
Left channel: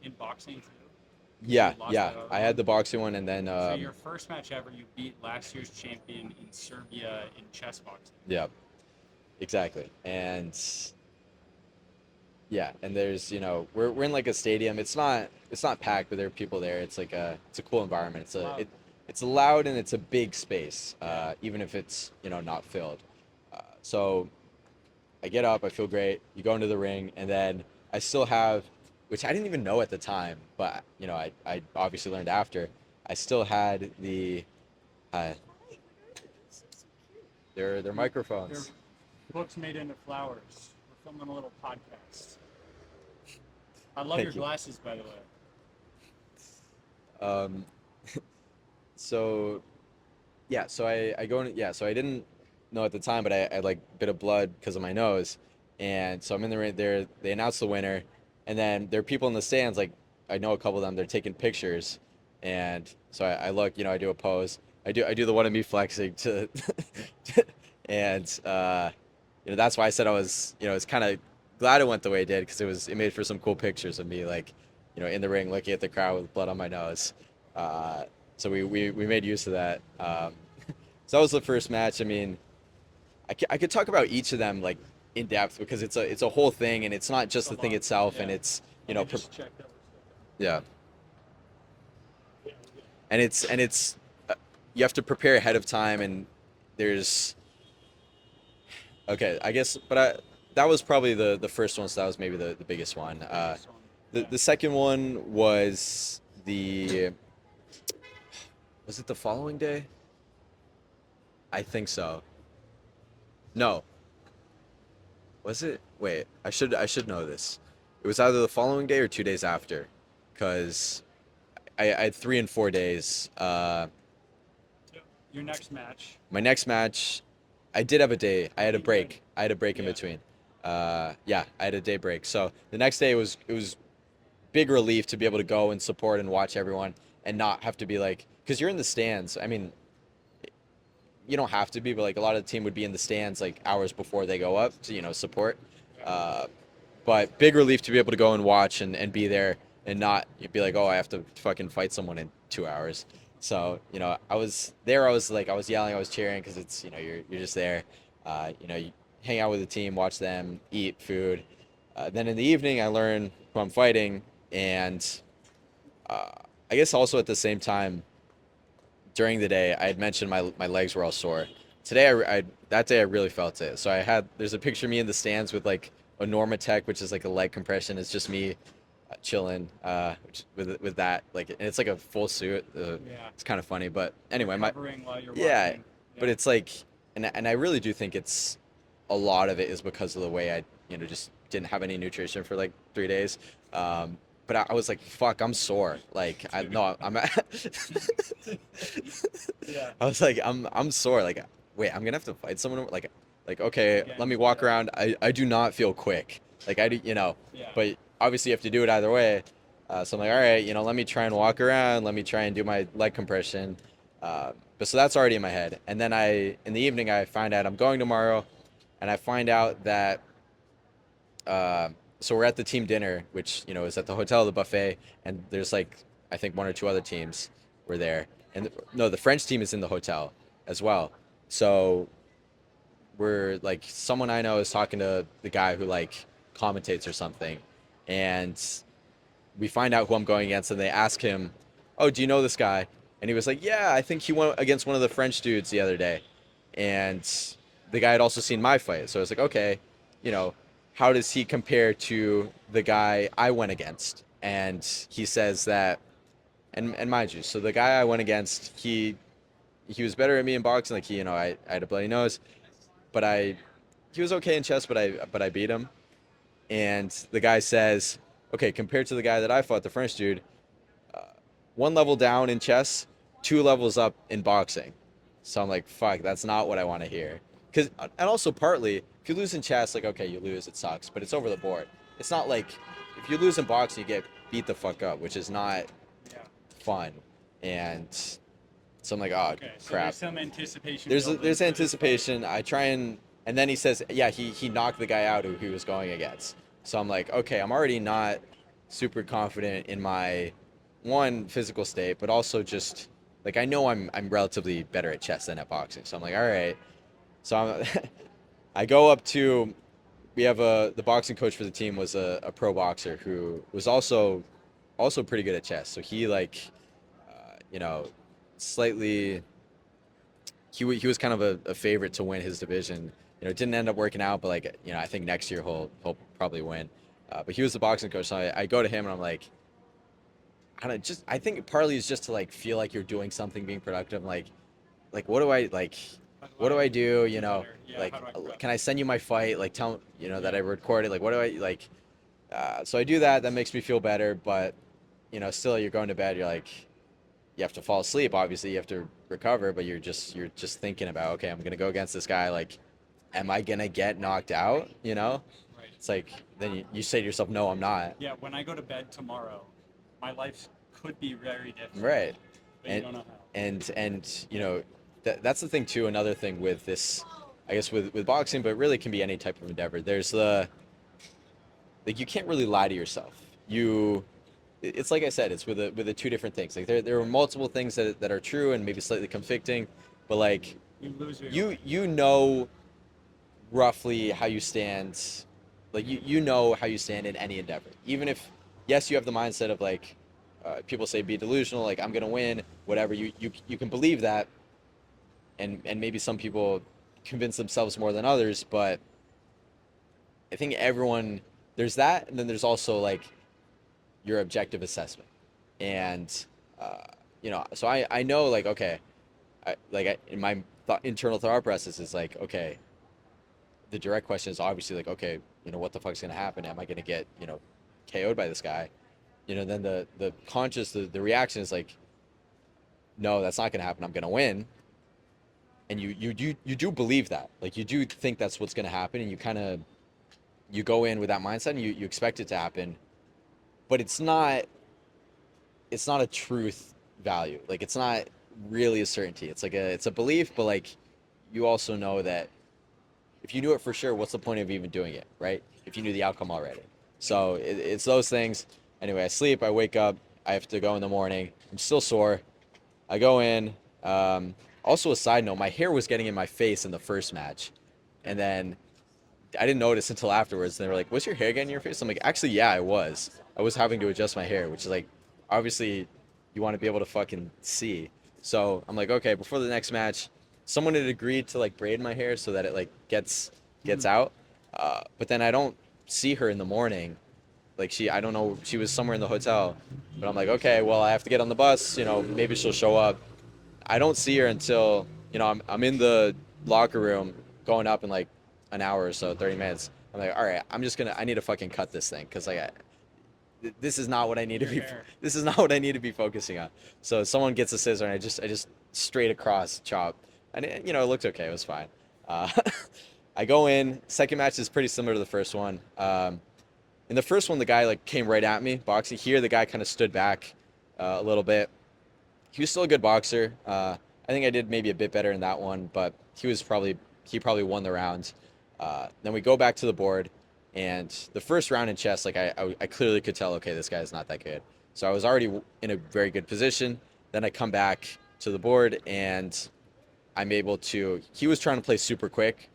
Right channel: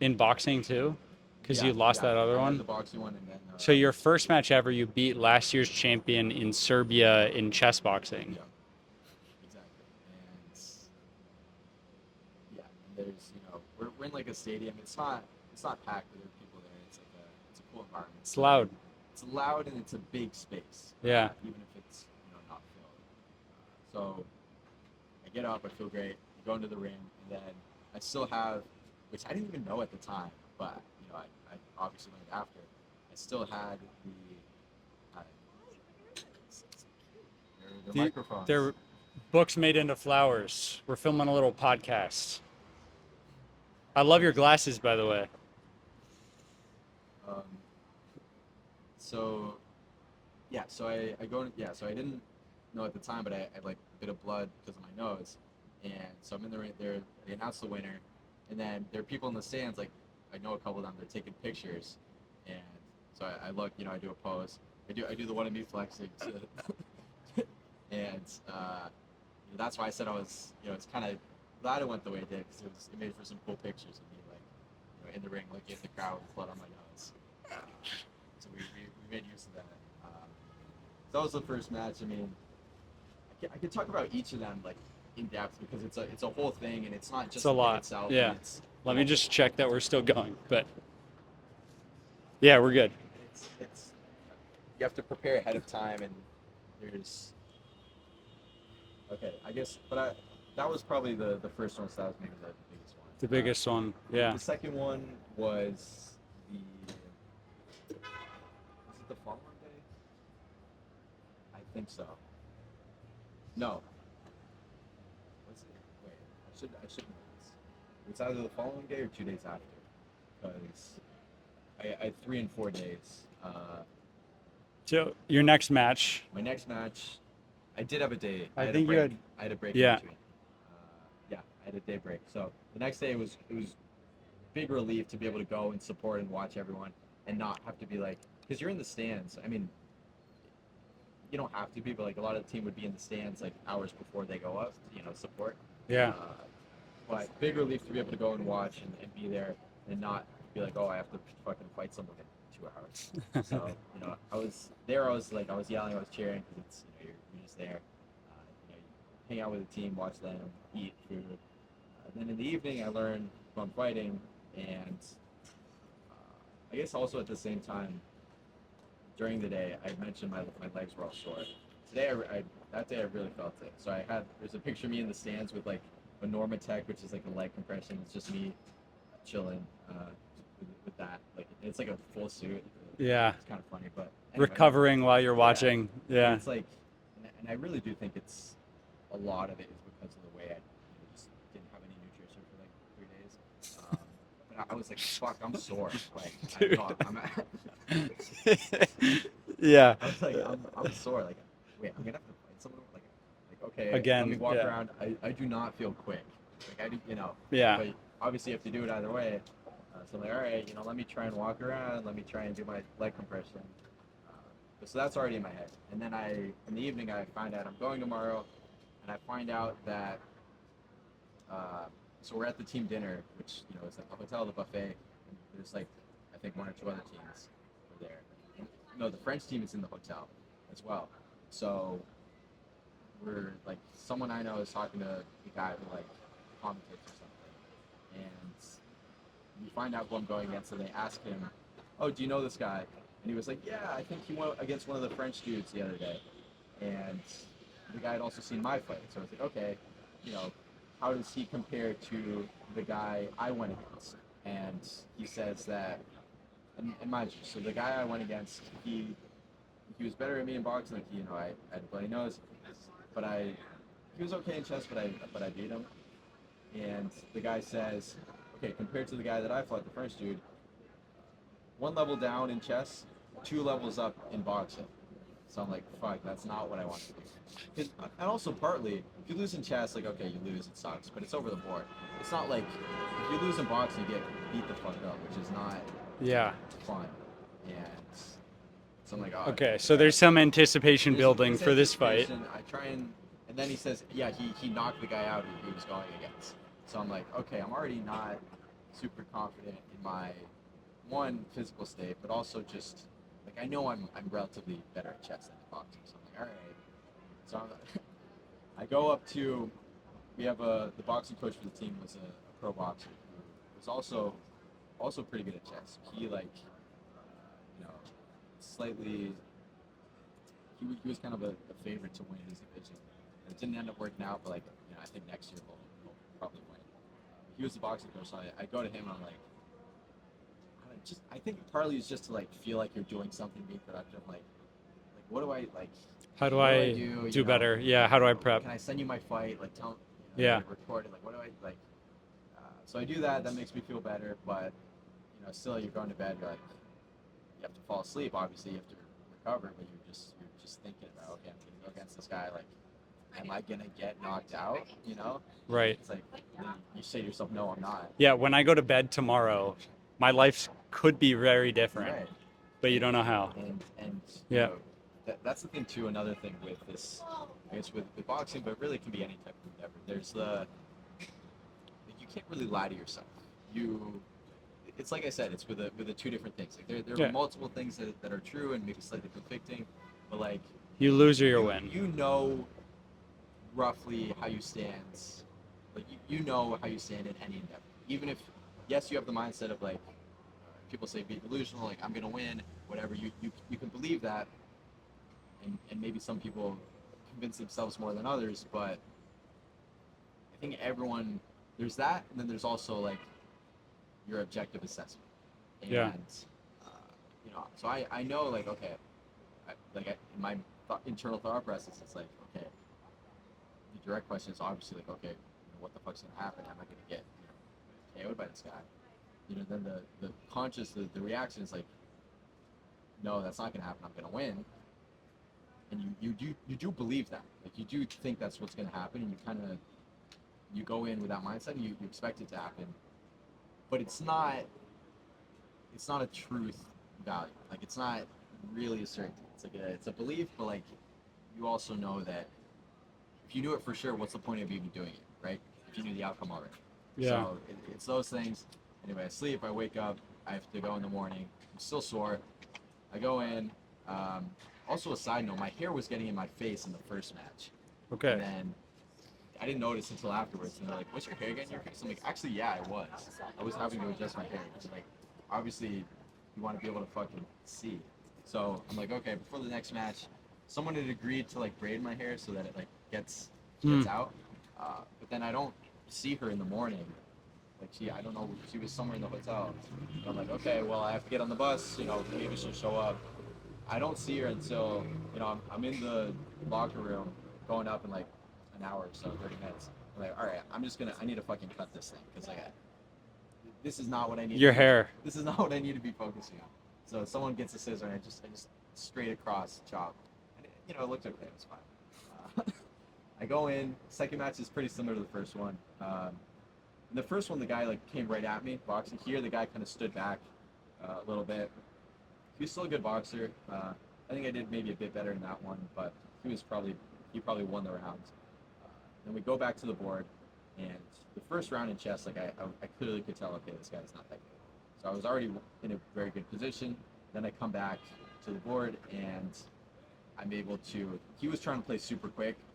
in boxing too? Because yeah you lost yeah. that other I had one. the boxing one, and then So your first match ever, you beat last year's champion in Serbia in chess boxing. yeah, exactly. And yeah, and there's we're in like a stadium. It's not packed, but there are people there. It's a cool environment. It's loud. It's loud, and it's a big space. Yeah. Even if it's not filled. So I get up, I feel great. You go into the ring, and then I still have, which I didn't even know at the time, but I obviously learned after. I still had the, uh, their The, microphones. they're books made into flowers. We're filming a little podcast. I love your Thank you. glasses, by the way. Um, so yeah, so I go in, yeah, so I didn't know at the time, but I like bit of blood because of my nose, and so I'm in the ring there. They announce the winner, and then there are people in the stands. Like, I know a couple of them. They're taking pictures, and so I look. I do a pose. I do the one of me flexing to, and that's why I said I was kind of glad it went the way it did, because it made for some cool pictures of me, like in the ring looking at the crowd with blood on my nose. Uh, so we made use of that. So that was the first match. I mean, I could talk about each of them like in depth, because it's a whole thing, and it's not It's just a the thing lot. itself, and Yeah. it's Let me just check that we're still going. yeah, But yeah, we're good. and it's you have to prepare ahead of time, and there's okay, I guess, but that was probably the first one, so that was maybe the biggest one. The biggest one. The Yeah. the second one was it the following day? I think so. No, was it? Wait, I should know this. It was either the following day or 2 days after, because I had 3 and 4 days. So your next match, My next match, I did have a day. I I had a think you had, break. I had a break in yeah. between. Yeah, I had a day break. So the next day it was big relief to be able to go and support and watch everyone, and not have to be like, because you're in the stands. I mean, you don't have to be, but like a lot of the team would be in the stands like hours before they go up to support. Yeah. Uh, but big relief to be able to go and watch, and be there, and not you'd be like, oh, I have to fucking fight someone in 2 hours. So I was there. I was like, I was yelling, I was cheering, because it's you're just there. You hang out with the team, watch them eat food. Then in the evening, I learn who I'm fighting, and uh, I guess also at the same time during the day, I had mentioned my legs were all sore. Today, that day I really felt it. So there's a picture of me in the stands with like a Normatec, which is like a leg compression. It's just me chilling with that, like, and it's like a full suit. Yeah. It's kind of funny, but anyway, Recovering while you're yeah, watching. but Yeah. it's like, and I really do think it's a lot of it is because of the way I just didn't have any nutrition for like 3 days. But I was like, fuck, I'm sore. Like, no, I'm Yeah. I was like, I'm sore. Like, wait, I'm gonna have to fight someone. Like, okay, let me Again. walk Yeah. around. I do not feel quick. Like I do, Yeah. but obviously you have to do it either way. So I'm like, all right, let me try and walk around. Let me try and do my leg compression. But so that's already in my head. And then in the evening, I find out I'm going tomorrow, and I find out that uh, so we're at the team dinner, which is at the hotel, the buffet, and there's like I think one or two other teams, were there, and no, the French team is in the hotel as well. So we're like, someone I know is talking to the guy who like commentates or something, and we find out who I'm going against, and they ask him, "Oh, do you know this guy?" And he was like, "Yeah, I think he went against one of the French dudes the other day." And the guy had also seen my fight, so I was like, "Okay, you know, how does he compare to the guy I went against?" And he says that, and mind you, so the guy I went against, he was better at me in boxing. Like I had a bloody nose, but he was okay in chess, but I beat him. And the guy says, "Okay, compared to the guy that I fought, the French dude, uh, one level down in chess, two levels up in boxing." So I'm like, fuck, that's not what I want to hear. Because, and also partly, if you lose in chess, like, okay, you lose, it sucks, but it's over the board. It's not like if you lose in boxing, you get beat the fuck up, which is not Yeah. fun. And so I'm like, oh, Okay, so crap. there's some anticipation building There's for this fight. anticipation. I try and then he says, yeah, he knocked the guy out who he was going against. So I'm like, okay, I'm already not super confident in my one physical state, but also just like I know I'm relatively better at chess than at boxing. So I'm like, all right. So I go up to we have the boxing coach for the team was a pro boxer who was also pretty good at chess. So he like you know slightly he was kind of a favorite to win his division. It didn't end up working out, but like I think next year he'll probably win. But he was the boxing coach, so I go to him and I'm like, I think partly is just to like feel like you're doing something, being productive. Like How do what do I I do? do better? Yeah, Like how do I prep? can I send you my fight? Like tell that I Yeah. recorded. Like what do I like? So I do that. That makes me feel better, but still you're going to bed. You're like you have to fall asleep. Obviously, you have to recover, but you're just thinking about, okay, I'm gonna go against this guy. Like, am I gonna get knocked out? Right. It's like then you say to yourself, no, I'm not. Yeah, when I go to bed tomorrow, my life could be very different, Right. but you And don't know how. and Yeah. that's the thing too. Another thing with this, I guess with boxing, but really can be any type of endeavor. There's the like you can't really lie to yourself. It's like I said, it's with the two different things. Like there are Yeah. multiple things that are true and maybe slightly conflicting, but like You lose or you you win. you know roughly how you stand, like you know how you stand in any endeavor. Even if yes, you have the mindset of like people say be delusional, like I'm gonna win, whatever. You can believe that, and maybe some people convince themselves more than others, but I think everyone there's that, and then there's also like your objective assessment. Yeah. And so I know like okay, in my internal thought process is like okay, the direct question is obviously like okay, what the fuck's gonna happen? Am I gonna get KO'd by this guy? Then the conscious the reaction is like no, that's not gonna happen. I'm gonna win. And you do believe that, like you do think that's what's gonna happen, and you go in with that mindset and you expect it to happen, but it's not a truth value. Like it's not really a certainty. It's a belief, but like you also know that if you knew it for sure, what's the point of even doing it, right? If you knew the outcome already. Yeah. So it's those things. Anyway, I sleep, I wake up, I have to go in the morning. I'm still sore. I go in. Also, a side note, my hair was getting in my face in the first match, and Okay. then I didn't notice until afterwards. They were like, "Was your hair getting in your face?" I'm like, "Actually, yeah, I was. I was having to adjust my hair, which is like, obviously, you want to be able to fucking see." So I'm like, okay, before the next match, someone had agreed to like braid my hair so that it like Hmm. gets out. But then I don't see her in the morning. Like I don't know, she was somewhere in the hotel. But I'm like, okay, well, I have to get on the bus. Maybe she'll show up. I don't see her until I'm in the locker room going up in like an hour or so, 30 minutes. I'm like, all right, I need to fucking cut this thing because like this is not what I need to Your be. hair. This is not what I need to be focusing on. So someone gets a scissor and I just straight across chop, and it looked okay. It was fine. Uh, I go in. Second match is pretty similar to the first one. In the first one, the guy like came right at me boxing. Here, the guy kind of stood back a little bit. He was still a good boxer. I think I did maybe a bit better in that one, but he probably won the round. Then we go back to the board, and the first round in chess, like I clearly could tell, okay, this guy's not that good. So I was already in a very good position, Then I come back to the board and I'm able to. He was trying to play super quick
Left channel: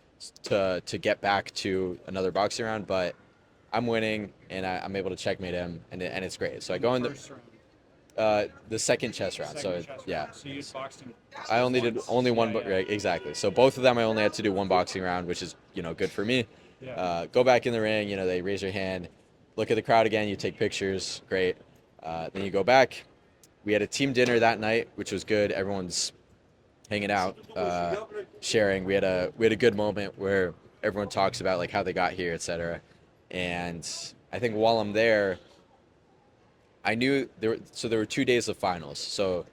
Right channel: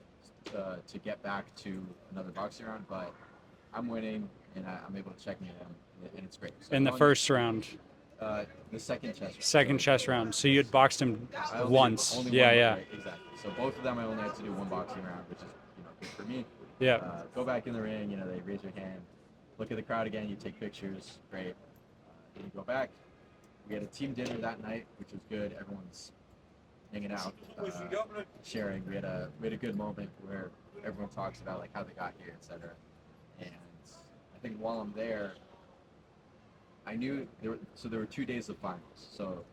to get back to another boxing round, but I'm winning and I'm able to checkmate him, and it's great. So I In the go in first round, the second chess round. second So chess yeah, round. So you had boxed him I only did once. only Yeah, one. yeah, Right, exactly. So both of them, I only had to do one boxing round, which is good for me. yeah. Go back in the ring. They raise your hand, look at the crowd again. You take pictures. Great. Then you go back. We had a team dinner that night, which was good. Everyone's hanging out, sharing. We had a good moment where everyone talks about like how they got here, etc. And I think while I'm there, I knew there were 2 days of finals. So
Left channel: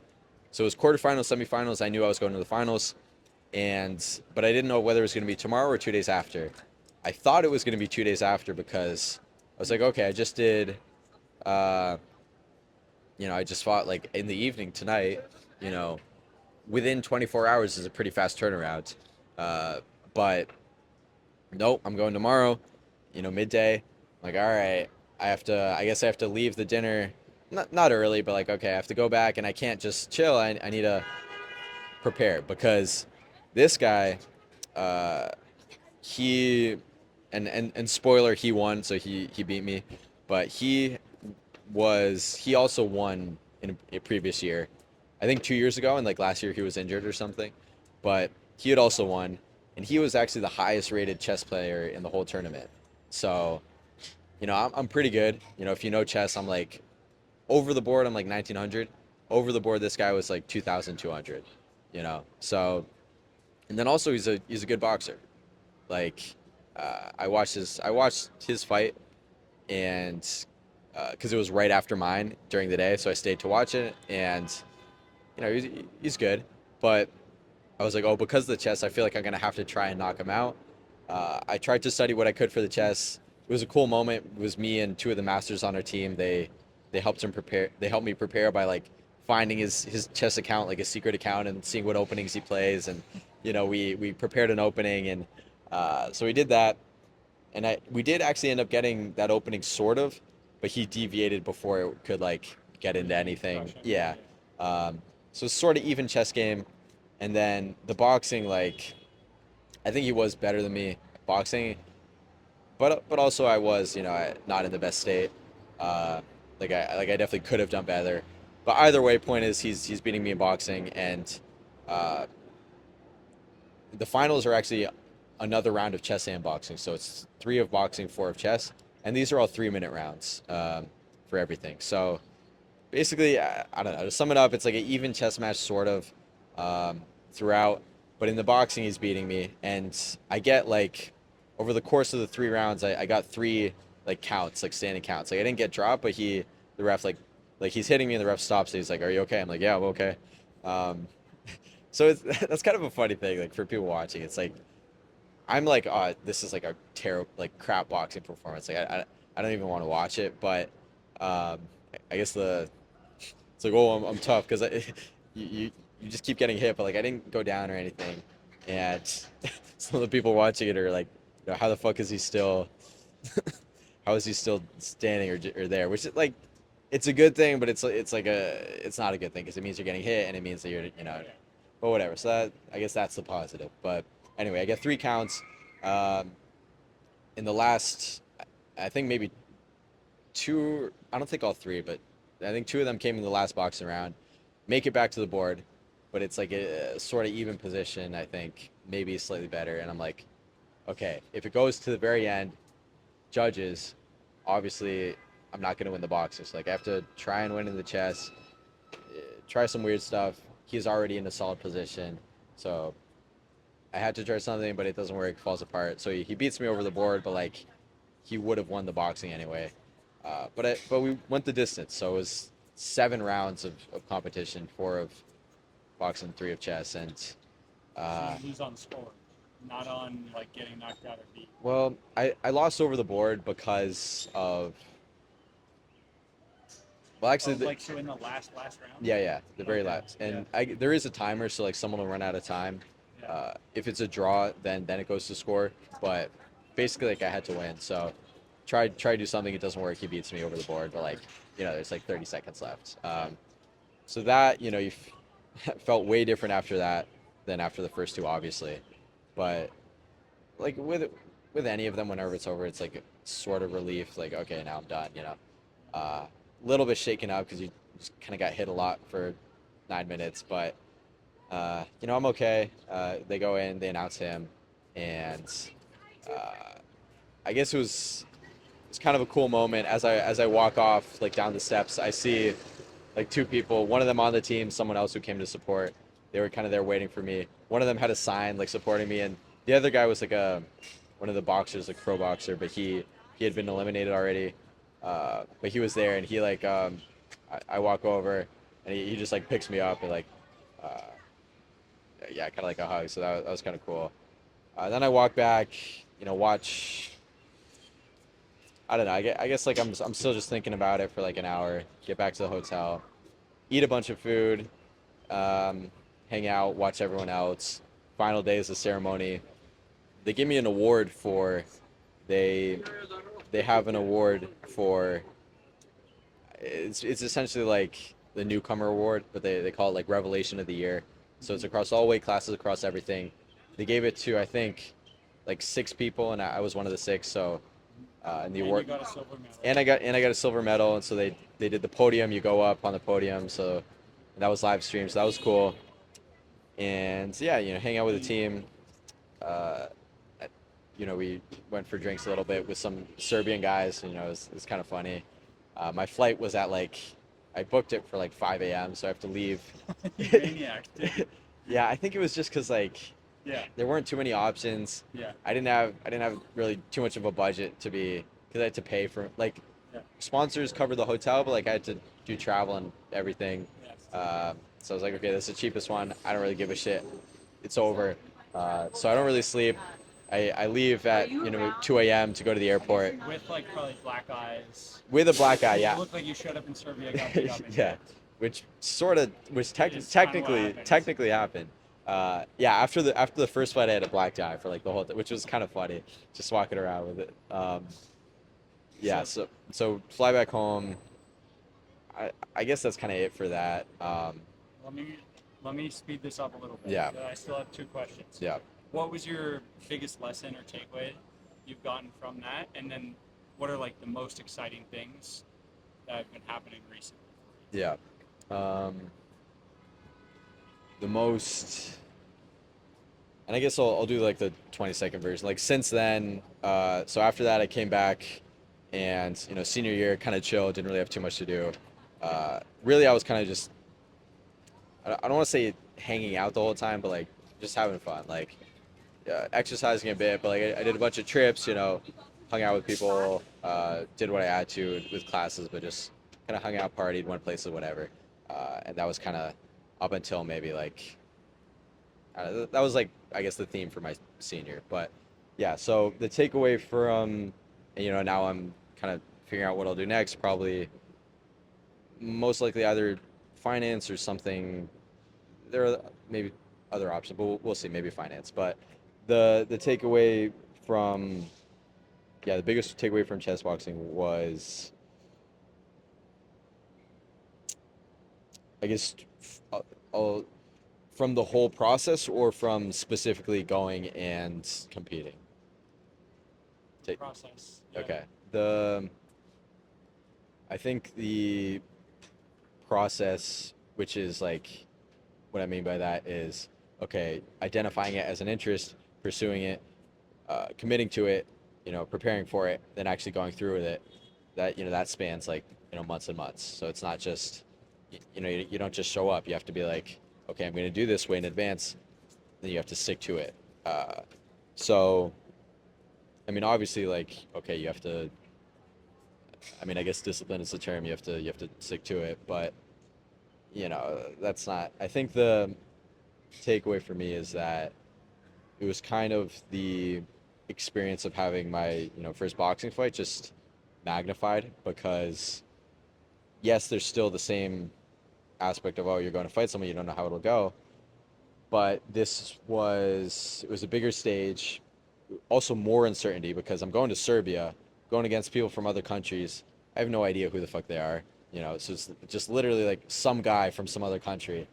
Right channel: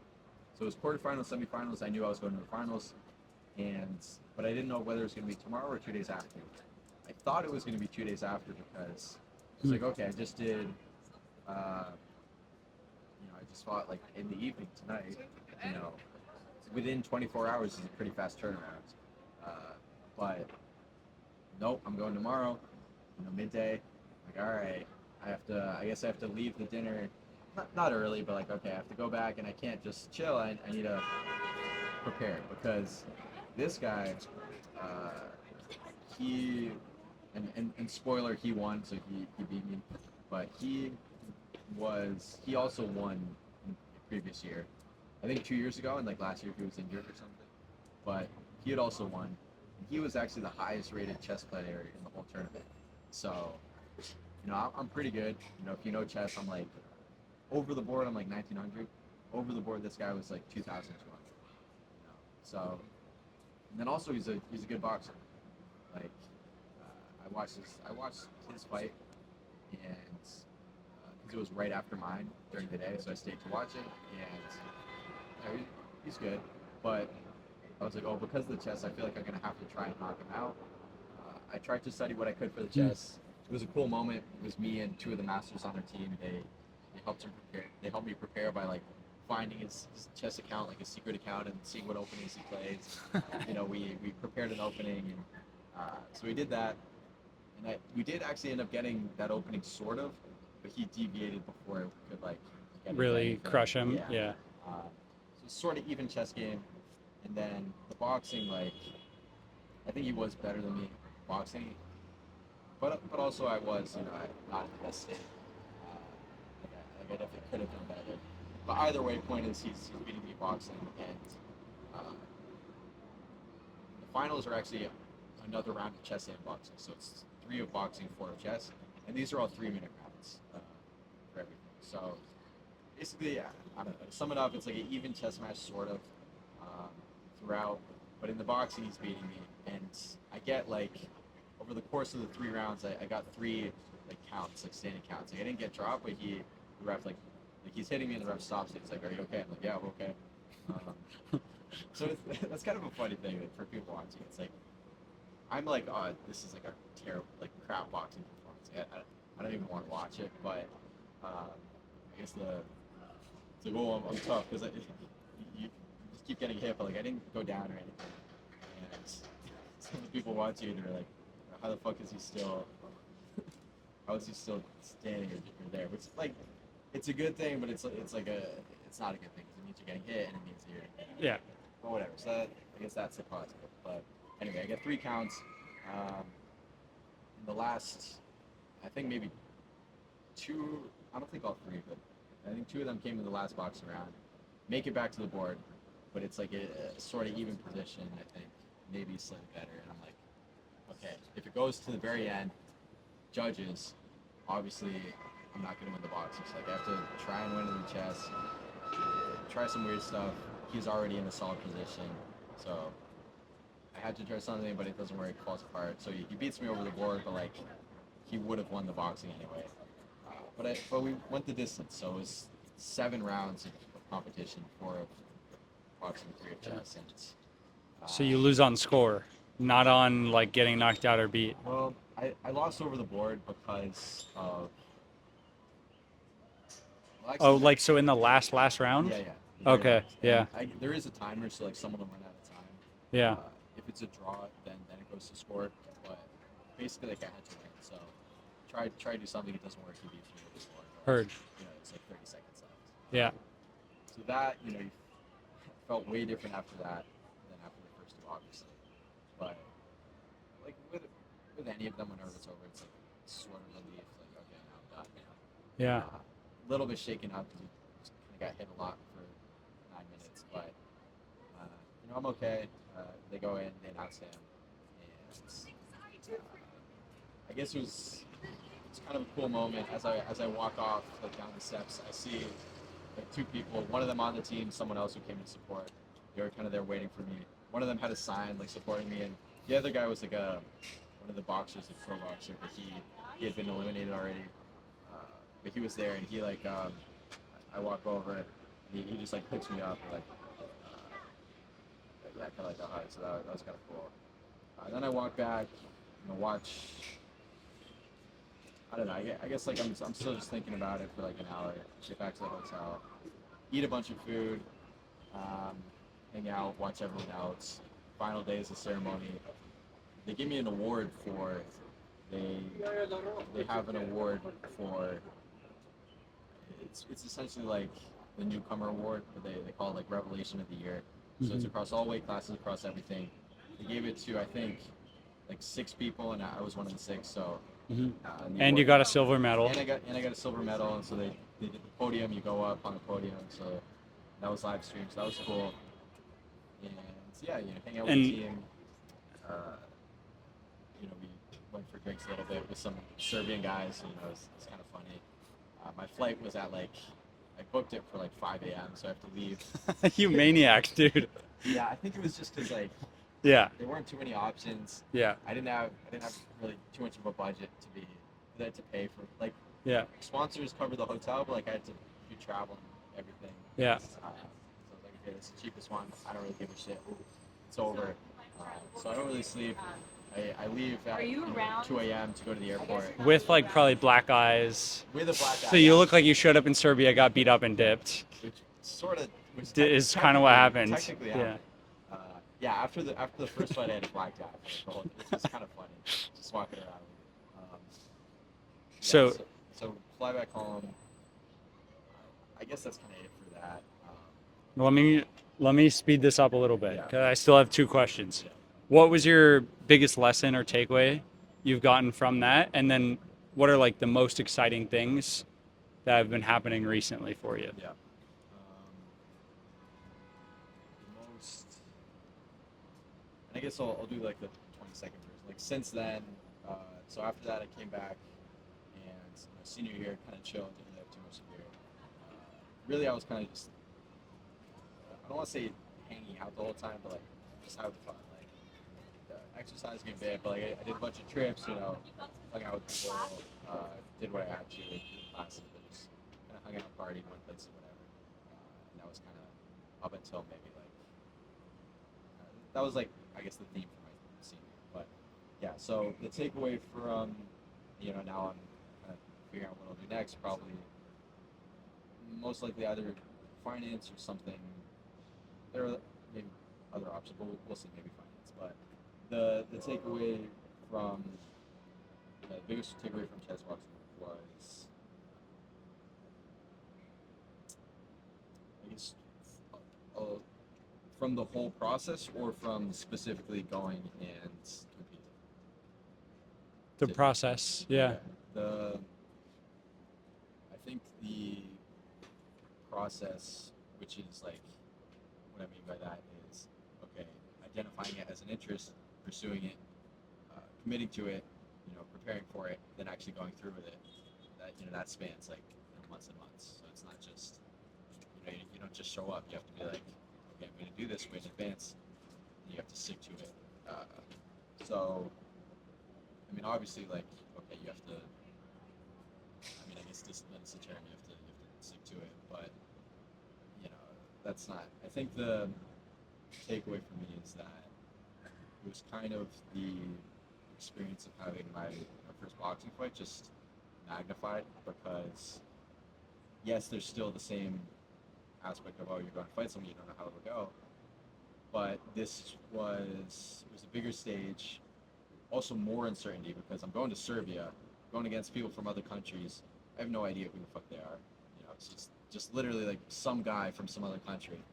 it was quarterfinals, semifinals. I knew I was going to the finals, but I didn't know whether it was going to be tomorrow or 2 days after. I thought it was going to be 2 days after because I was Hmm. like, okay, I just did, uh, I just fought like in the evening tonight. You know, within 24 hours is a pretty fast turnaround. Uh, but nope, I'm going tomorrow. Midday. I'm like, all right, I guess I have to leave the dinner, not early, but like, okay, I have to go back and I can't just chill. I need to prepare because this guy, uh, he, and spoiler, he won, so he beat me, but he also won in a previous year. I think 2 years ago, and like last year he was injured or something, but he had also won, and he was actually the highest rated chess player in the whole tournament. So, I'm pretty good. If you know chess, I'm like over the board. I'm like 1900. Over the board, this guy was like 2200. So, and then also he's a good boxer. Like, I watched his fight, and because it was right after mine during the day, so I stayed to watch it, and he's good, but I was like, oh, because of the chess, I feel like I'm gonna have to try and knock him out. I tried to study what I could for the Hmm. chess. It was a cool moment. It was me and two of the masters on our team. They helped him prepare. They helped me prepare by like finding his chess account, like his secret account, and seeing what openings he plays. And we prepared an opening, and so we did that. And we did actually end up getting that opening sort of, but he deviated before it could like get into Really anything. crush him. Yeah. Yeah. Um, so it's sort of even chess game, and then the boxing, like I think he was better than me boxing, but also I was not in the best state. Uh, I definitely could have done better. But either way, point is he's beating me in boxing, and uh, the finals are actually another round of chess and boxing. So it's three of boxing, four of chess, and these are all 3 minute rounds for everything. So basically, I don't know. To sum it up, it's like an even chess match sort of throughout. But in the boxing, he's beating me, and I get like over the course of the 3 rounds, I got three like counts, like standing counts. Like I didn't get dropped, but the ref like he's hitting me, and the ref stops. And he's like, "Are you okay?" I'm like, "Yeah, I'm okay." Um, so that's kind of a funny thing, like for people watching. It's like I'm like, this is like a terrible, like crap boxing performance. Like I don't even want to watch it. But um, I guess it's like, oh, I'm tough because you just keep getting hit. But like I didn't go down or anything, and some of the people watching it are like, how the fuck is he still? How is he still standing or there? Which is like, it's a good thing, but it's not a good thing because it means you're getting hit and it means that you're. Yeah. But whatever. So I guess that's the positive. But anyway, I get three counts. Um, in the last, I think maybe two. I don't think all three, but I think two of them came in the last boxing round. Make it back to the board, but it's like a sort of even position. I think maybe slightly better, and I'm like, okay, if it goes to the very end, judges, obviously, I'm not gonna win the boxing. So like I have to try and win in the chess, try some weird stuff. He's already in a solid position, so I had to try something, but it doesn't work. Falls apart. So he beats me over the board, but like he would have won the boxing anyway. But we went the distance, so it was 7 rounds of competition, four of boxing, three of chess, and So uh, you lose on score, not on like getting knocked out or beat. well, I lost over the board because of well, Oh, actually, like so in the last round? yeah, the very Okay. last, Yeah. and there is a timer, so like someone will run out of time. Yeah. If it's a draw, then it goes to score, but basically like I had to win, so try to do something, it doesn't work, he beats me over the board, but like Heard. there's like 30 seconds left. Yeah. so that you felt way different after that than after the first two, obviously. But like with any of them, whenever it's over, it's like sort of relief. Like, okay, now I'm done. Yeah. A little bit shaken up because you just kind of got hit a lot for 9 minutes, but I'm okay. They go in, they announce him, and uh, I guess it's kind of a cool moment as I walk off like down the steps. I see like two people, one of them on the team, someone else who came to support. They were kind of there waiting for me. One of them had a sign like supporting me, and the other guy was like a one of the boxers, a pro boxer, but he had been eliminated already. But he was there, and he like I walk over, and he just like picks me up and like uh, yeah, kind of like a hug. So that was kind of cool. Then I walk back, watch. I don't know. I guess like I'm still just thinking about it for like an hour. Get back to the hotel, eat a bunch of food, um, hang out, watch everyone else. Final day is the ceremony. They give me an award for they they have an award for it's essentially like the newcomer award, but they call it like Revelation of the Year. So it's Hmm. across all weight classes, across everything. They gave it to I think like six people, and I was one of the six. So Hmm. in the And you award, got a silver medal. and I got a silver medal, and so they did the podium. You go up on the podium, so that was live streamed. So that was cool. And yeah, hang out with the And team. Uh, we went for drinks a little bit with some Serbian guys. It was kind of funny. My flight was at like, I booked it for like 5 a.m. So I have to leave. you maniac, dude. Yeah, I think it was just because like Yeah. there weren't too many options. Yeah. I didn't have really too much of a budget because I had to pay for like Yeah. sponsors covered the hotel, but like I had to do travel and everything. Yeah. So I was like, okay, this is the cheapest one. I don't really give a shit. It's over. So I don't really sleep. I leave at 2 a.m. to go to the airport With like probably black eyes. with a black So eye. you Yeah, look like you showed up in Serbia, got beat up, and yeah, dipped. which Is kind of what happened. technically Yeah. happened. Yeah, after the first flight, I had a black eye for like the whole, which was kind of funny, just walking around with it. Yeah, So so fly back home. I guess that's kind of it for that. let me let me speed this up a little bit Yeah, because I still have two questions. yeah, What was your biggest lesson or takeaway you've gotten from that? And then what are like the most exciting things that have been happening recently for you? yeah. Um, the most, and I guess I'll do like the 20-second version. Like since then, so after that, I came back, and senior year kind of chill, didn't really have too much to do. Really, I was kind of just, I don't want to say hanging out the whole time, but like just having fun, like exercising a bit. But like I did a bunch of trips, hung out with people, did what I had to with classes, but just kind of hung out, partied, went places, whatever. And that was kind of up until maybe like that was like I guess the theme for my senior. But yeah, so the takeaway from now I'm kind of figuring out what I'll do next. Probably most likely either finance or something. There are maybe other options, but we'll see. Maybe finance. But the takeaway from yeah, the biggest takeaway from chess boxing was I guess uh, uh, from the whole process or from specifically going and competing. The Take- process. Yeah. Okay. I think the process, which is like what I mean by that is okay, identifying it as an interest, pursuing it, committing to it, preparing for it, then actually going through with it. That spans like months and months. So it's not just you don't just show up. You have to be like, okay, I'm going to do this way in advance. Then you have to stick to it. So I mean, obviously, like okay, you have to. I mean, I guess discipline is the term. You have to stick to it, but that's not. I think the takeaway for me is that it was kind of the experience of having my first boxing fight just magnified because yes, there's still the same aspect of oh you're going to fight someone you don't know how it'll go, but it was a bigger stage, also more uncertainty because I'm going to Serbia, going against people from other countries. I have no idea who the fuck they are. So it's just literally like some guy from some other country.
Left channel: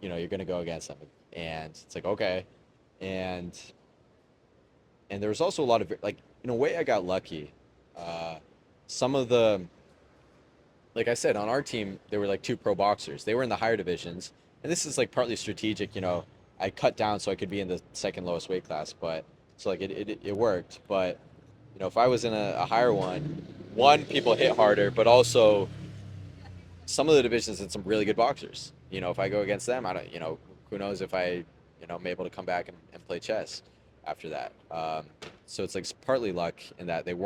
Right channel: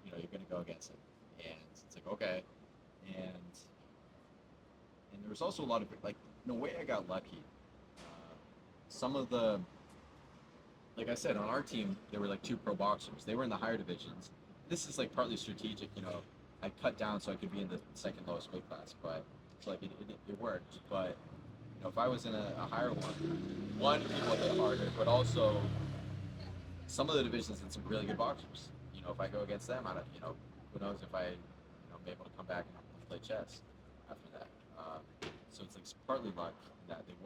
You're gonna go against them, and it's like okay, and there was also a lot of like in a way I got lucky. Uh, some of the like I said on our team there were like two pro boxers. They were in the higher divisions, and this is like partly strategic. I cut down so I could be in the second lowest weight class, but so like it worked. But if I was in a higher one, people hit harder, but also some of the divisions had some really good boxers. If I go against them, I don't, who knows if I'm able to come back and play chess after that. So it's like partly luck in that there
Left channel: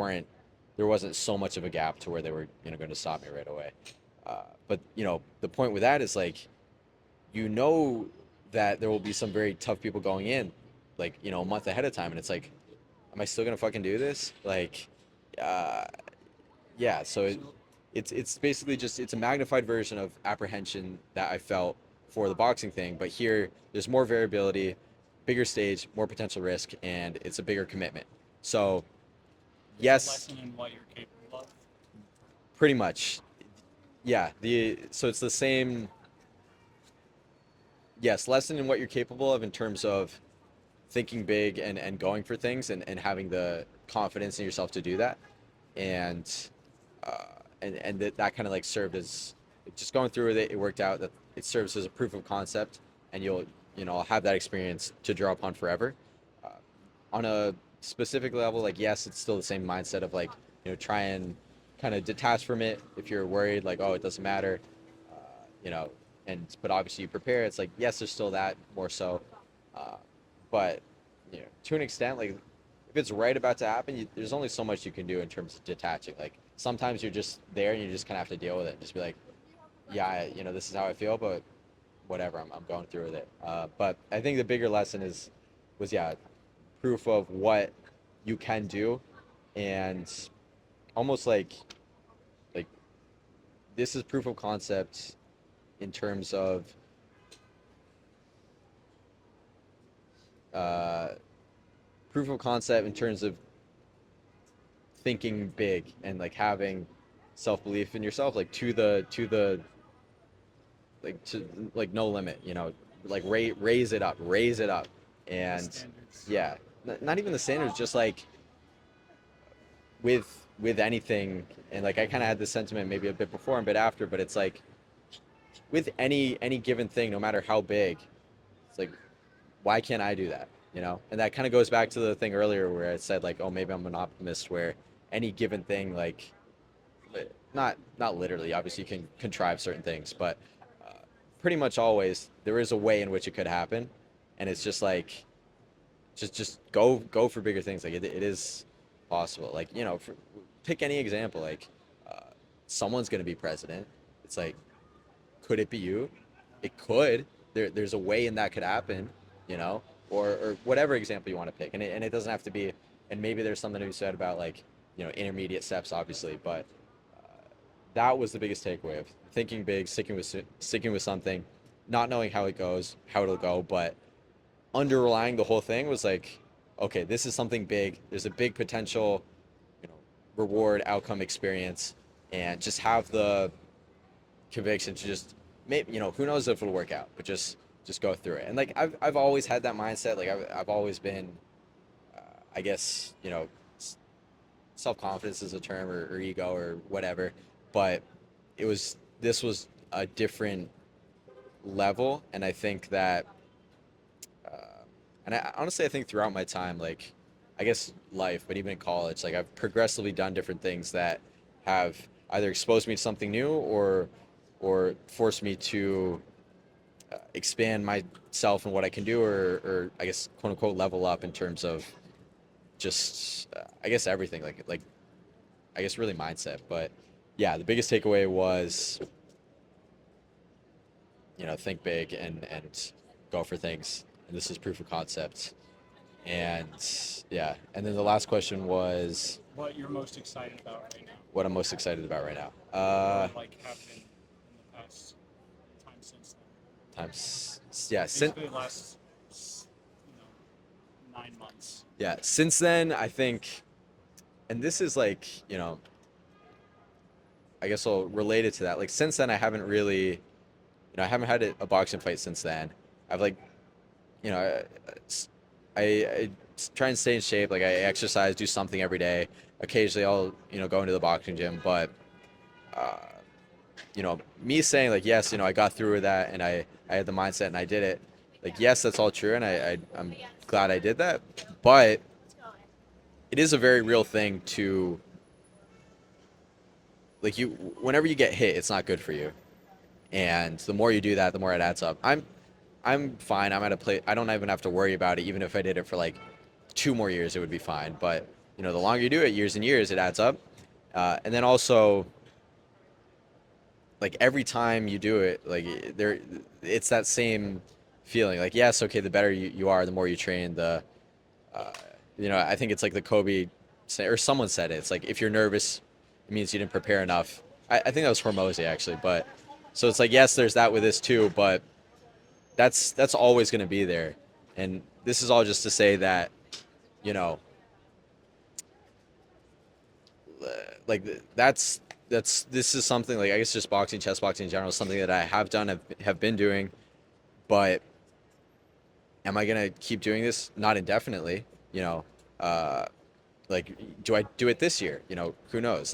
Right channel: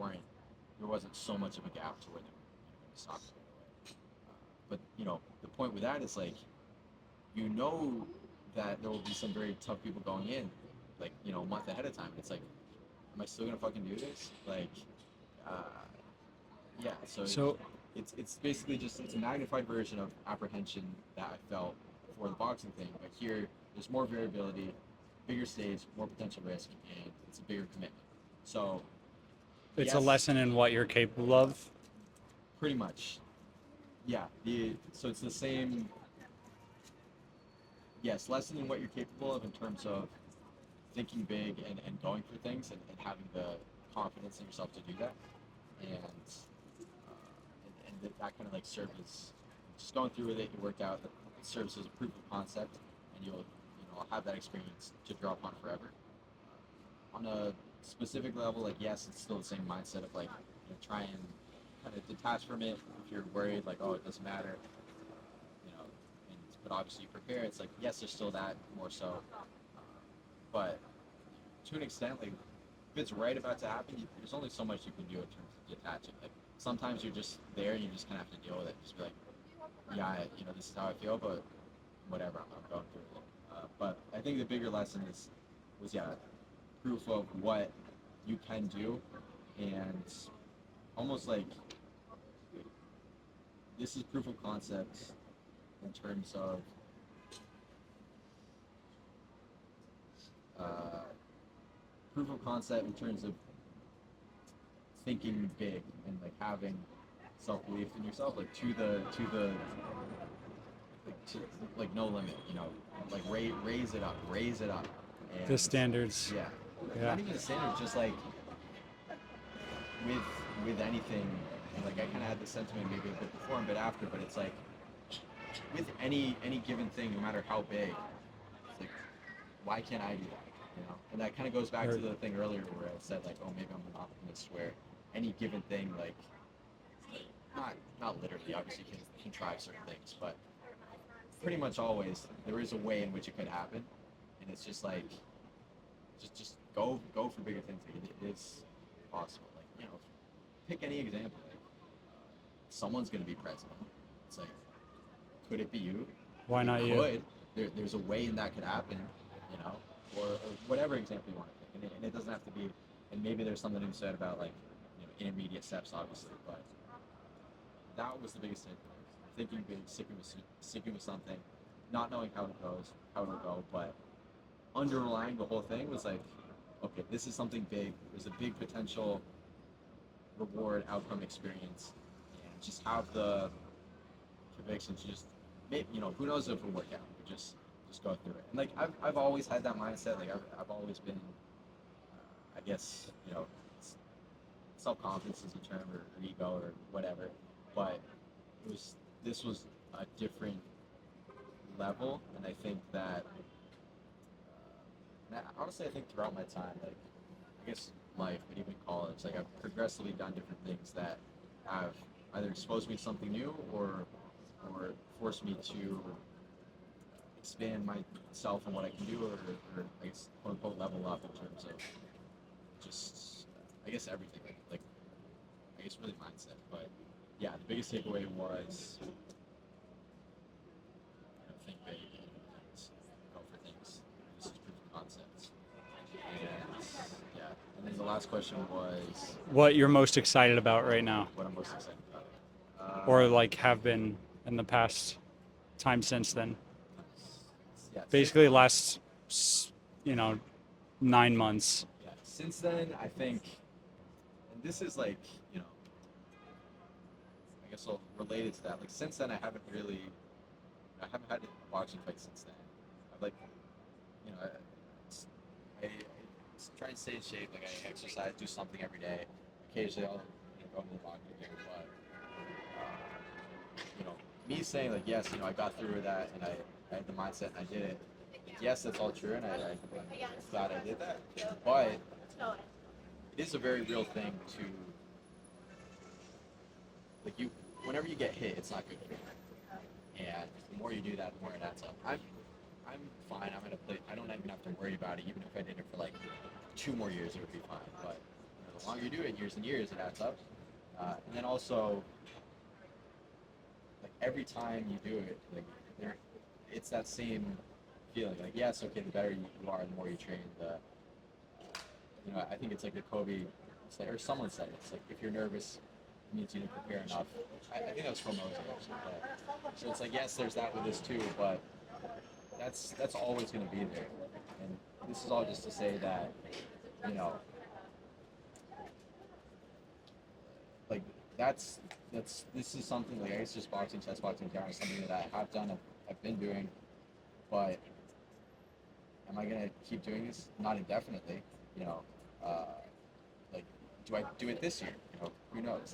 wasn't so much of a gap to where they were, going to stop me right away. But the point with that is like, you know that there will be some very tough people going in, like, a month ahead of time. And it's like, am I still going to fucking do this? Like, uh, yeah, so So it's basically just it's a magnified version of apprehension that I felt for the boxing thing, but here there's more variability, bigger stage, more potential risk, and it's a bigger commitment. So it's a yes, lesson in what you're capable of. pretty much, yeah. So it's the same. Yes, lesson in what you're capable of in terms of thinking big and going for things and having the confidence in yourself to do that, and uh, that kind of like served as just going through with it. It worked out that it serves as a proof of concept, and I'll have that experience to draw upon forever. Uh, on a specific level, like yes, it's still the same mindset of like try and kind of detach from it if you're worried, like oh it doesn't matter, uh, you know, but obviously you prepare. It's like yes, there's still that more so, uh, but to an extent, like if it's right about to happen, there's only so much you can do in terms of detaching. Like sometimes you're just there and you just kind of have to deal with it. Just be like, yeah, this is how I feel, but whatever, I'm going through with it. But I think the bigger lesson was yeah, proof of what you can do, and almost like this is proof of concept in terms of uh, proof of concept in terms of thinking big and like having self belief in yourself, like to the like to like no limit, like raise it up, The and standards. yeah, Yeah. not even the standards, just like with anything, and like I kind of had this sentiment maybe a bit before and a bit after, but it's like with any given thing, no matter how big, it's like why can't I do that? And that kind of goes back to Or the thing earlier where I said like, oh, maybe I'm an optimist, where any given thing, like not literally, obviously you can contrive certain things, but uh, pretty much always there is a way in which it could happen, and it's just like just go for bigger things. Like it is possible. Like pick any example. Like uh, someone's gonna be president. It's like, could it be you? why It not you? could. There's a way in that could happen, or whatever example you want to pick. And it doesn't have to be. And maybe there's something to be said about like intermediate steps, obviously, but that was the biggest takeaway of thinking big, sticking with something, not knowing how it goes, how it'll go, but underlying the whole thing was like, okay, this is something big. There's a big potential, you know, reward, outcome, experience, and just have the conviction to just maybe who knows if it'll work out, but just go through it. And like I've always had that mindset. Like I've always been, I guess self confidence is a term, or ego or whatever, but this was a different level, and I think that, uh, and honestly I think throughout my time, like I guess life, but even in college, like I've progressively done different things that have either exposed me to something new or forced me to expand myself and what I can do, or I guess quote unquote level up in terms of just I guess everything, like I guess really mindset. But yeah, the biggest takeaway was think big and go for things. And this is proof of concept. And yeah, and then the last question was What you're most excited about right now, what I'm most excited about right now. or like have been in the past time since then. Yeah, Basically, last s- you know 9 months. since then I think, and this is like I guess I'll relate it to that. Like since then, I haven't really, I haven't had a boxing fight since then. I've like, you know, I try and stay in shape. Like I exercise, do something every day. Occasionally, I'll go into the boxing gym, but uh, me saying like yes, I got through with that, and I had the mindset and I did it. Like yes, that's all true, and I'm glad I did that. But it is a very real thing to like you whenever you get hit, it's not good for you. And the more you do that, the more it adds up. I'm fine. I'm at a place I don't even have to worry about it. Even if I did it for like 2 more years, it would be fine. But the longer you do it, years and years, it adds up. And then also, like every time you do it, like it's that same feeling. Like yes, okay, the better you are, the more you train. Uh, I think it's like the Kobe, or someone said it. It's like if you're nervous, it means you didn't prepare enough. I think that was Hormozy actually, but so it's like yes, there's that with this too, but that's always going to be there. And this is all just to say that you know like that's this is something like I guess just boxing, chess boxing in general, is something that I have done, have been doing, but am I gonna keep doing this? Not indefinitely, you know. Uh, like, do I do it this year? Who knows?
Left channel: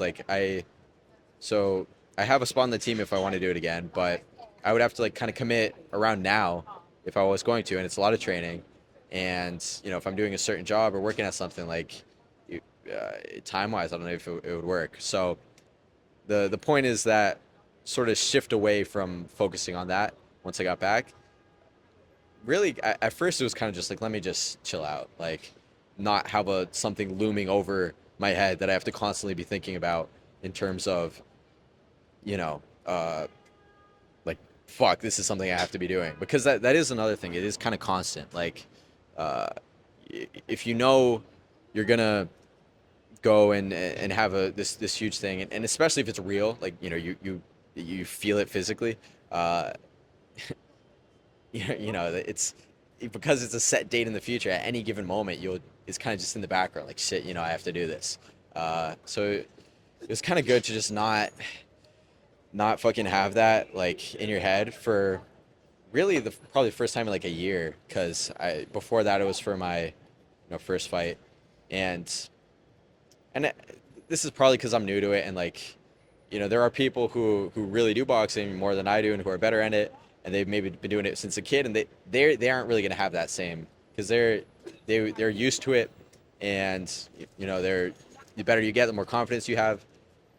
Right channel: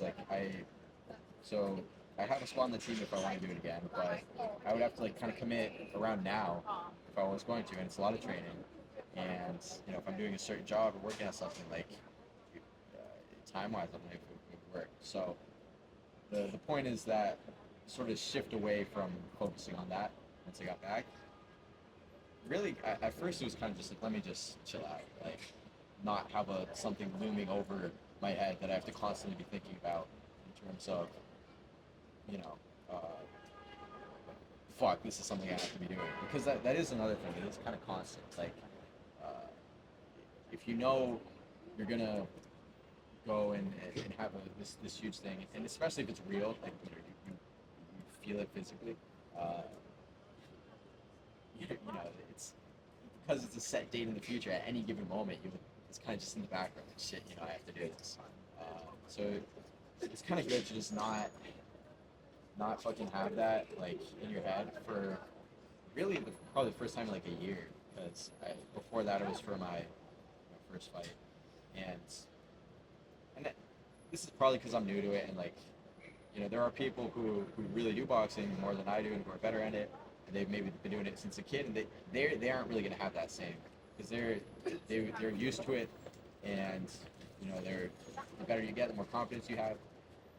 So I have a spot on the team if I want to do it again, but I would have to like kind of commit around now if I was going to, and it's a lot of training, and if I'm doing a certain job or working at something like time wise, I don't know if it would work. So the point is that sort of shift away from focusing on that once I got back. Really, at first it was kind of just like let me just chill out, like not have something looming over my head that I have to constantly be thinking about in terms of you know uh, like fuck, this is something I have to be doing, because that is another thing. It is kind of constant. Like uh, if you're gonna go and have this huge thing, and especially if it's real, like you feel it physically. Uh, it's because it's a set date in the future. At any given moment, it's kind of just in the background, like shit. I have to do this. So it was kind of good to just not fucking have that like in your head for really the probably the first time in like a year, because I before that it was for my first fight, and and this is probably because I'm new to it, and like there are people who really do boxing more than I do and who are better at it, and they've maybe been doing it since a kid, and they aren't really gonna have that same, because they're used to it, and they're the better you get, the more confidence you have.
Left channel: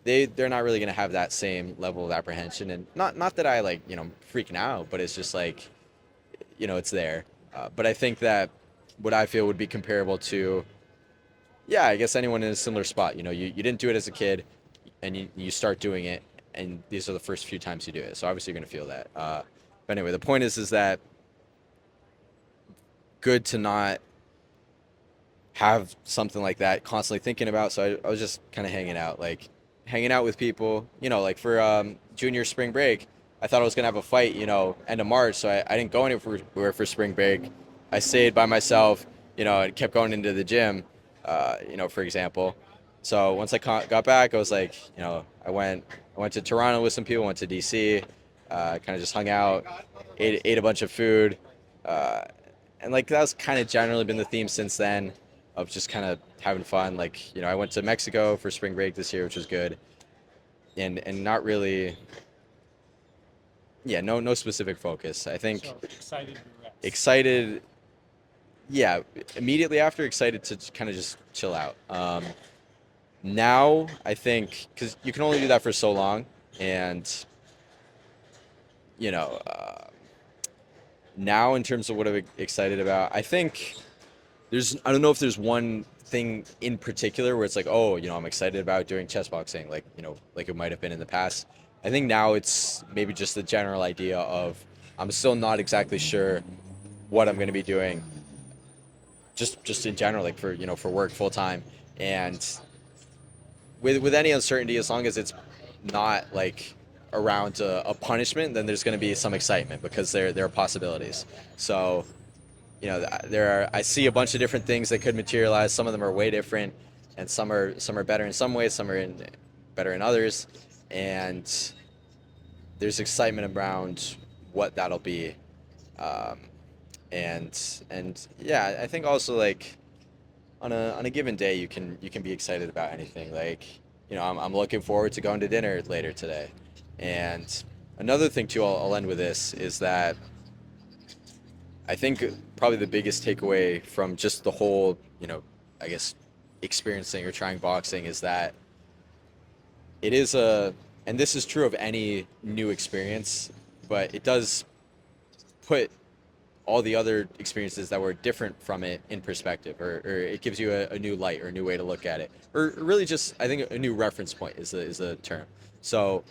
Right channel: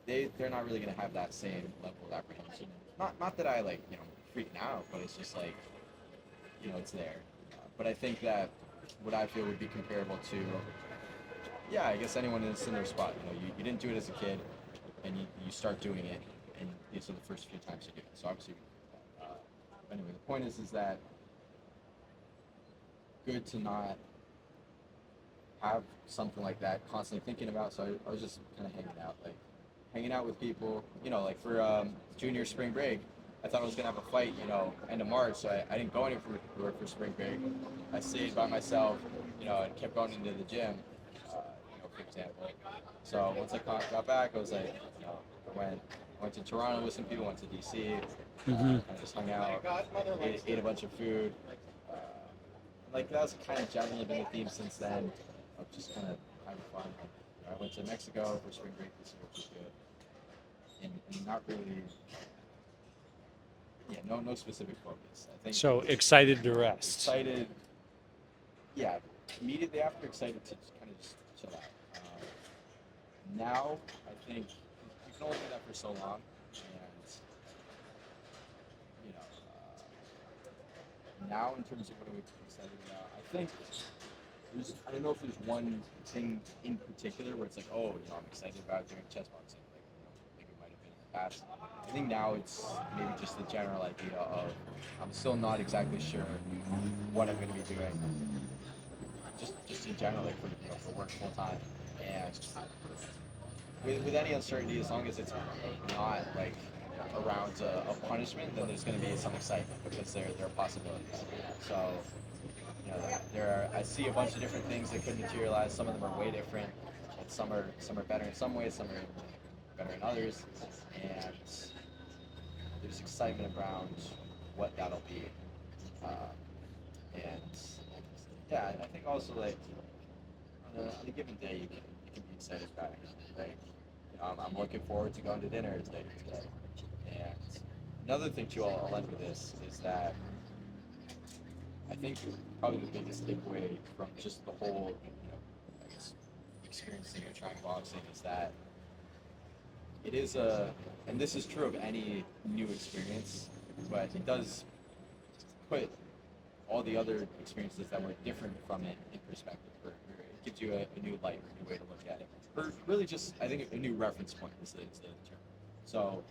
They're not really gonna have that same level of apprehension, and not that I like freaking out, but it's just like it's there. But I think that what I feel would be comparable to, yeah, I guess anyone in a similar spot. You didn't do it as a kid, and you start doing it, and these are the first few times you do it. So obviously you're gonna feel that. But anyway, the point is that good to not have something like that constantly thinking about. So I was just kind of hanging out with people. Like for junior spring break, I thought I was gonna have a fight, end of March. So I didn't go anywhere for spring break. I stayed by myself, and kept going into the gym, for example. So once I got back, I was like, I went to Toronto with some people, went to DC, Hmm. kind of just hung out, ate a bunch of food, uh, and like that's kind of generally been the theme since then, of just kind of having fun. Like I went to Mexico for spring break this year, which was good, and not really, yeah, no specific focus. I think So excited to rest. excited, yeah, immediately after excited to kind of just chill out. Now I think because you can only do that for so long, and you know. Now in terms of what I'm excited about, I think I don't know if there's one thing in particular where it's like, oh, I'm excited about doing chess boxing, like like it might have been in the past. I think now it's maybe just the general idea of I'm still not exactly sure what I'm going to be doing, just in general, like for work full time, and with any uncertainty, as long as it's not like around a punishment, then there's going to be some excitement because there are possibilities. So I see a bunch of different things that could materialize. Some of them are way different, and some are better in some ways, some are better in others. and there's excitement around what that'll be. Um, and yeah, I think also like on a given day you can be excited about anything. Like, I'm looking forward to going to dinner later today. And another thing too, I'll end with this, is that I think probably the biggest takeaway from just the whole, I guess, experiencing or trying boxing is that it is and this is true of any new experience, but it does put all the other experiences that were different from it in perspective, or it gives you a new light or a new way to look at it, or really just, I think, a new reference point is the term. So,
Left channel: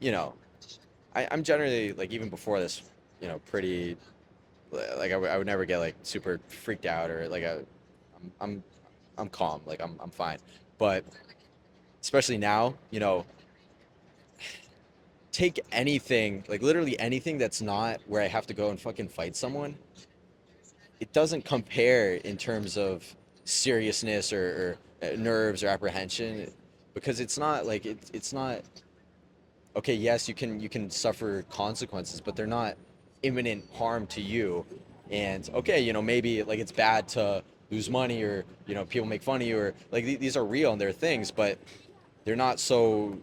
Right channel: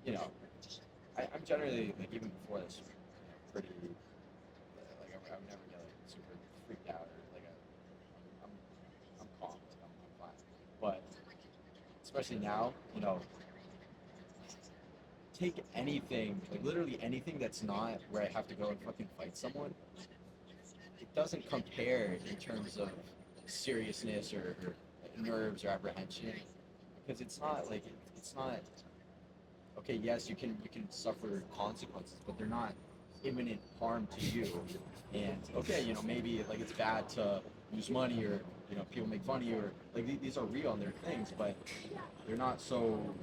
you know, I'm generally, like, even before this, pretty, like, I would never get like super freaked out, or like I'm I'm calm, like I'm fine. But especially now, take anything, like literally anything that's not where I have to go and fucking fight someone, it doesn't compare in terms of seriousness, or nerves or apprehension, because it's not like it's not, okay, yes, you can suffer consequences, but they're not imminent harm to you. And okay, maybe like it's bad to lose money, or people make fun of you, or like these are real and they're things, but they're not so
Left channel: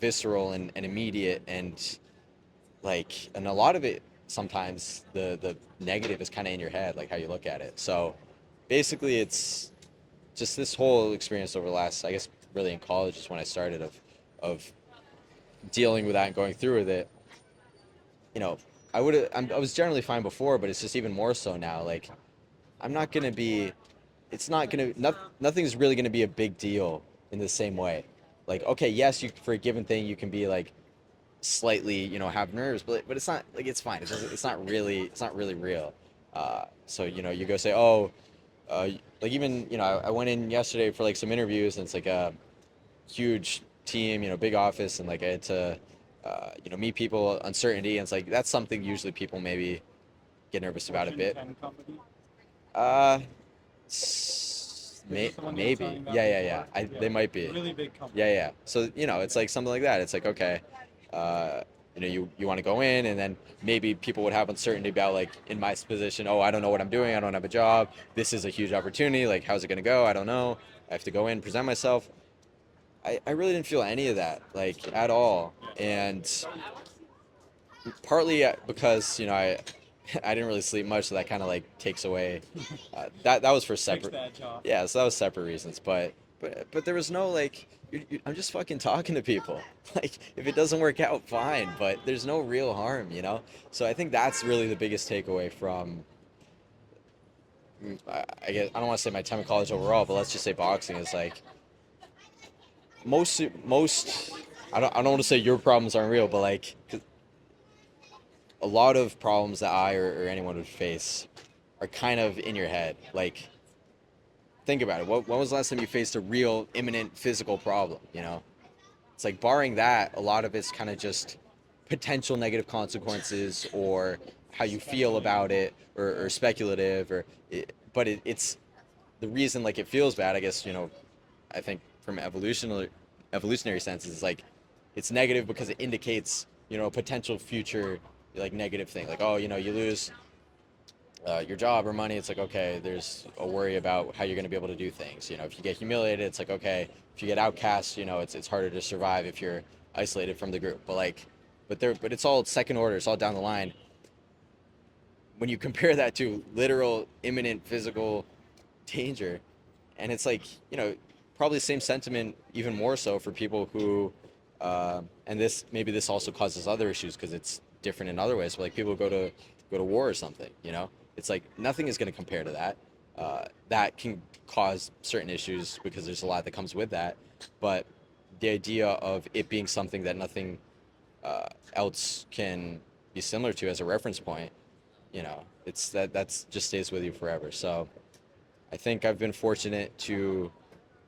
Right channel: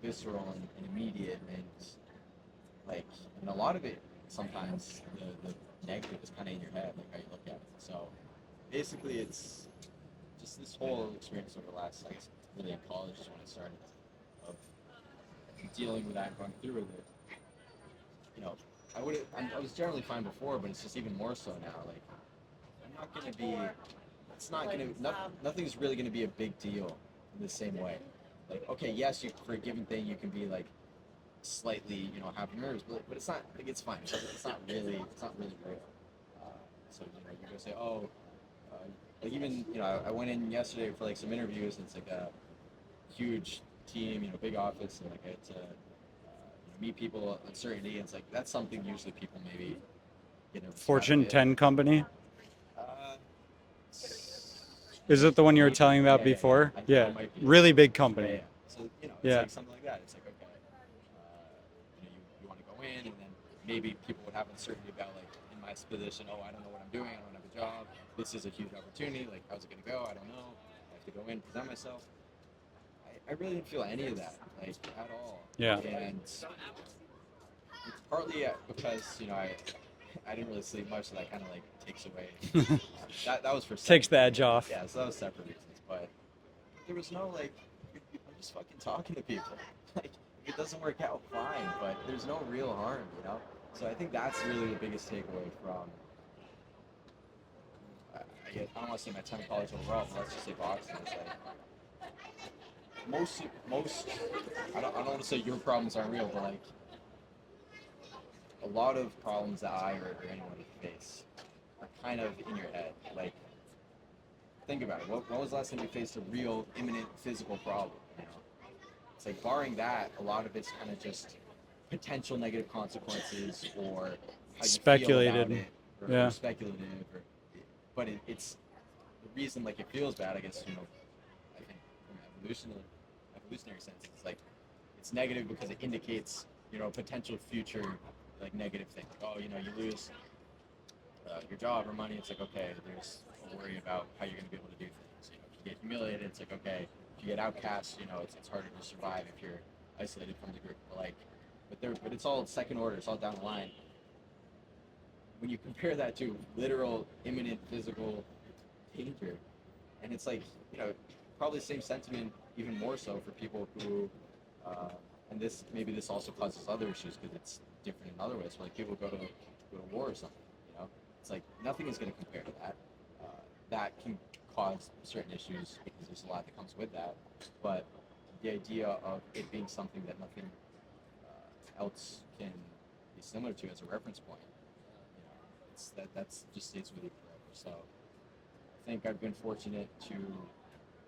visceral and immediate, and like, and a lot of it, sometimes the negative is kind of in your head, like how you look at it. So basically it's just this whole experience over the last, I guess, really in college is when I started, of dealing with that and going through with it. you know I was generally fine before, but it's just even more so now. Like, I'm not gonna be it's not gonna nothing's really gonna be a big deal in the same way. Like, okay, yes, you, for a given thing, you can be like slightly, have nerves, but it's not like, it's fine. It's not really real. So, you go say, oh, like, even, I went in yesterday for like some interviews, and it's like a huge team, big office, and like I had to, meet people, uncertainty, and it's like that's something usually people maybe get nervous about a Fortune bit. 10 company. Uh, Is it the one you were maybe, telling about yeah, yeah, yeah. before? They Yeah. might be. Really big Yeah, company. yeah. So, it's Yeah. like something like that. It's like, okay, uh, you want to go in, and then maybe people would have uncertainty about, like, in my position, oh, I don't know what I'm doing. I don't have a job. This is a huge opportunity. Like, how's it going to go? I don't know. I have to go in, present myself. I really didn't feel any of that, like, at all. Yeah. And partly because, I didn't really sleep much, so that kind of like takes away. That was for Takes separate. the edge off. Yeah, so that was separate reasons. But there was no, like, I'm just fucking talking to people. Like, if it doesn't work out, fine. But there's no real harm. So I think that's really the biggest takeaway from. I guess I don't want to say my time in college overall, but let's just say boxing is like, most. I don't want to say your problems aren't real, but like, 'cause a lot of problems that I, or anyone would face, are kind of in your head. Like, think about it. When was the last time you faced a real imminent physical problem? It's like, barring that, a lot of it's kind of just potential negative consequences, or how you feel about Speculated. it, or Yeah. speculative, but it's the reason, like, it feels bad. I guess, I think from evolutionary sense, is like, it's negative because it indicates, a potential future, like, negative thing. Like, oh, you lose your job or money. It's like, okay, there's a worry about how you're going to be able to do things. If you get humiliated, it's like, okay, if you get outcast, it's harder to survive if you're isolated from the group. But like, but it's all second order. It's all down the line. When you compare that to literal imminent physical danger, and it's like, probably the same sentiment, even more so for people who, and this also causes other issues because it's different in other ways. But like, people go to war or something. It's like, nothing is going to compare to that. That can cause certain issues because there's a lot that comes with that. But the idea of it being something that nothing else can be similar to as a reference point, it's that's just stays with you forever. So I think I've been fortunate to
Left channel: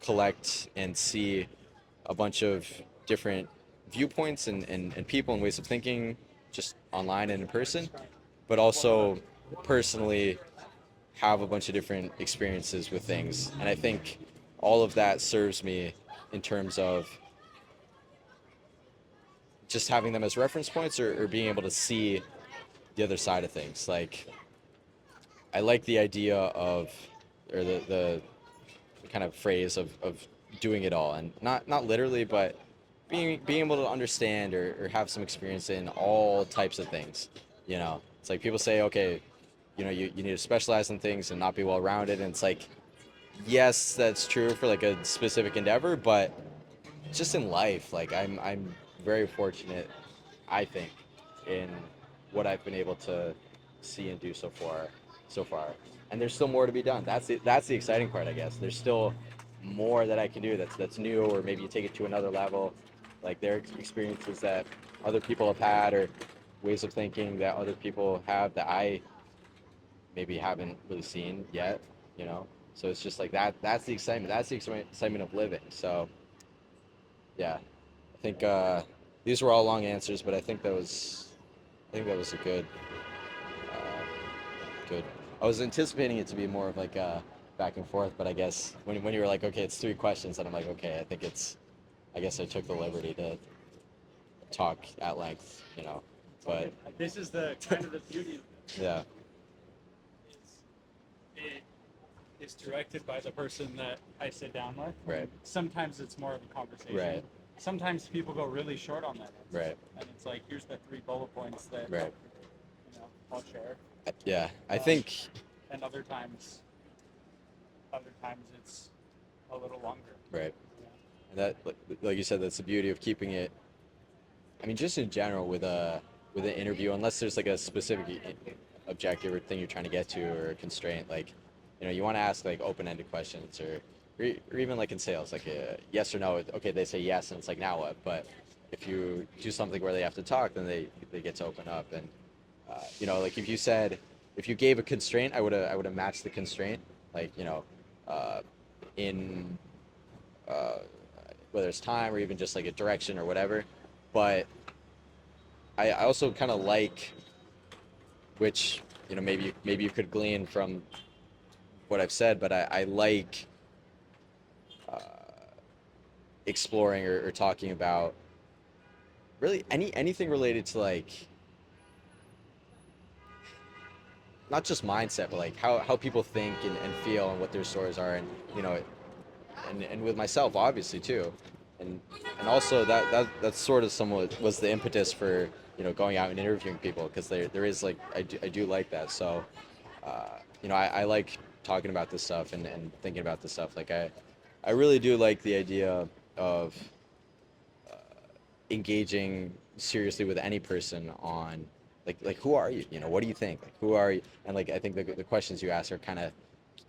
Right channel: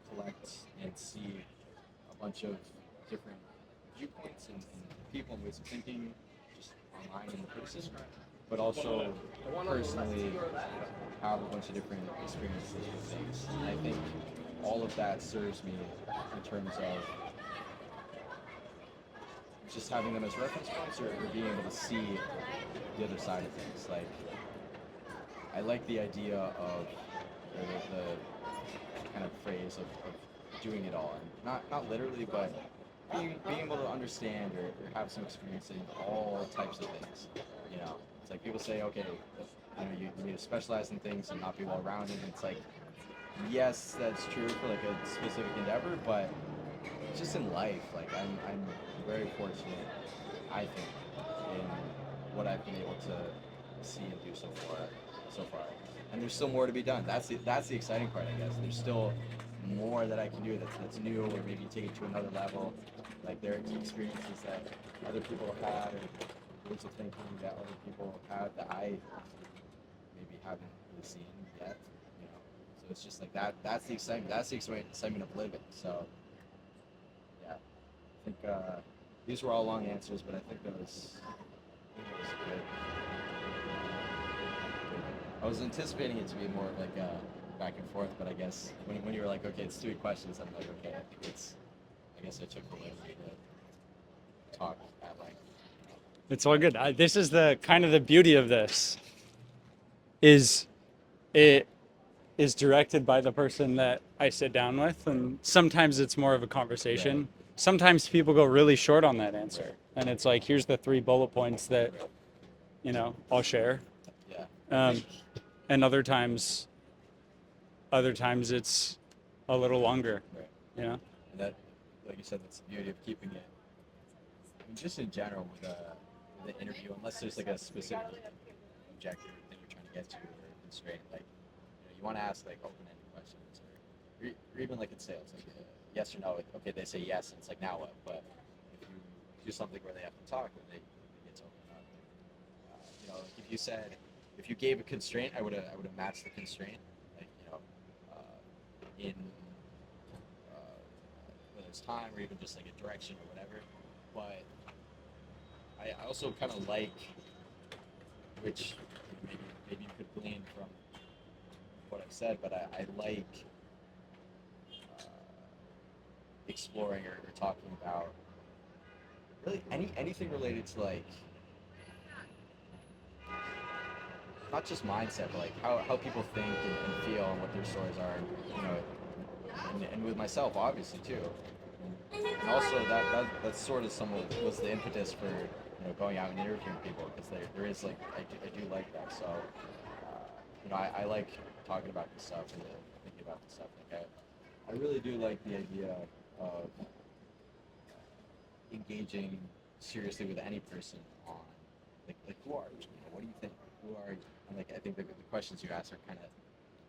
collect and see a bunch of different viewpoints, and people and ways of thinking, just online and in person, but also personally have a bunch of different experiences with things. And I think all of that serves me in terms of just having them as reference points, or being able to see the other side of things. Like, I like the idea of, or the kind of phrase of doing it all, and not literally, but being able to understand or have some experience in all types of things. You know, it's like people say, okay, you know, you need to specialize in things and not be well rounded, and it's like, yes, that's true for like a specific endeavor, but just in life, like I'm very fortunate, I think, in what I've been able to see and do so far. And there's still more to be done. That's the exciting part, I guess. There's still more that I can do that's new, or maybe you take it to another level. Like, there are experiences that other people have had, or ways of thinking that other people have that I maybe haven't really seen yet, you know. So it's just like that. That's the excitement. That's the excitement of living. So yeah, I think these were all long answers, but I think that was a good. I was anticipating it to be more of like a back and forth, but I guess when you were like, okay, it's 3 questions, and I'm like, okay, I guess I took the liberty to talk at length, you know. It's all But good. This is the kind of the beauty of this yeah, is it is directed by the person that I sit down with, right, and sometimes it's more of a conversation. right, Sometimes people go really short on that answer, right, and it's like, here's the 3 bullet points that right. I'll share. Yeah, I Um, think and other times it's a little longer. right. You know, That, like you said, that's the beauty of keeping it. I mean, just in general with an interview, unless there's like a specific objective or thing you're trying to get to, or a constraint, like, you know, you want to ask like open-ended questions, or even like in sales, like a yes or no. Okay, they say yes, and it's like, now what? But if you do something where they have to talk, then they get to open up. And you know, like if you gave a constraint, I would have matched the constraint, like, you know, uh, in uh, whether it's time or even just like a direction or whatever. But I also kind of like, which, you know, maybe you could glean from what I've said, but I like uh, exploring, or talking about really anything related to, like, not just mindset, but like how people think and feel, and what their stories are, and, you know, and with myself obviously too, and and also that's sort of somewhat was the impetus for, you know, going out and interviewing people, because there is like, I do like that. So uh, you know, I like talking about this stuff, and thinking about this stuff. Like, I really do like the idea of engaging seriously with any person on, like, who are you, you know, what do you think, like, who are you, and like, I think the questions you ask are kind of,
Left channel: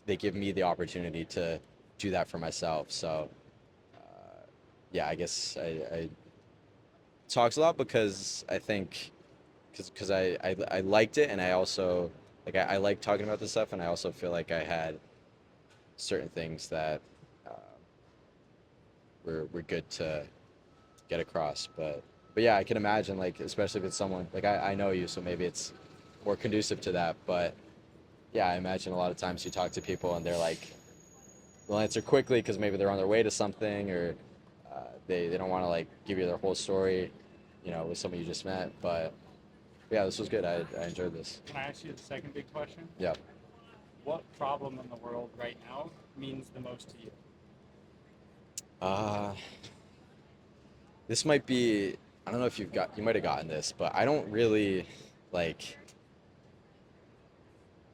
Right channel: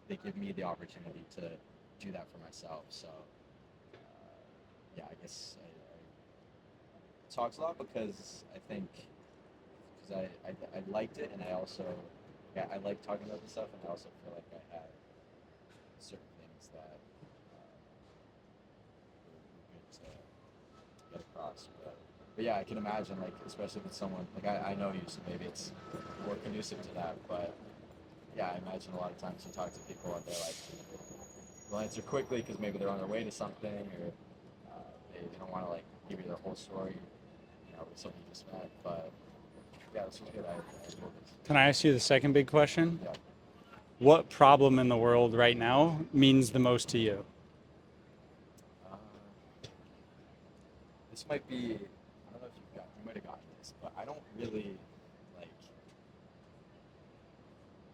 they give me the opportunity to do that for myself. So yeah, I guess I talks a lot, because I think, because I liked it, and I also, like, I like talking about this stuff, and I also feel like I had certain things that uh, were good to get across. But yeah, I can imagine, like, especially if it's someone like, I know you, so maybe it's more conducive to that. But yeah, I imagine a lot of times you talk to people, and they're like, they'll answer quickly because maybe they're on their way to something, or they don't want to like give you their whole story, you know, with someone you just met. But yeah, this was good. I enjoyed this. can I ask you the second big question? Yeah. What problem in the world right now means the most to you? Uh, this might be, I don't know if you might have gotten this, but I don't really, like,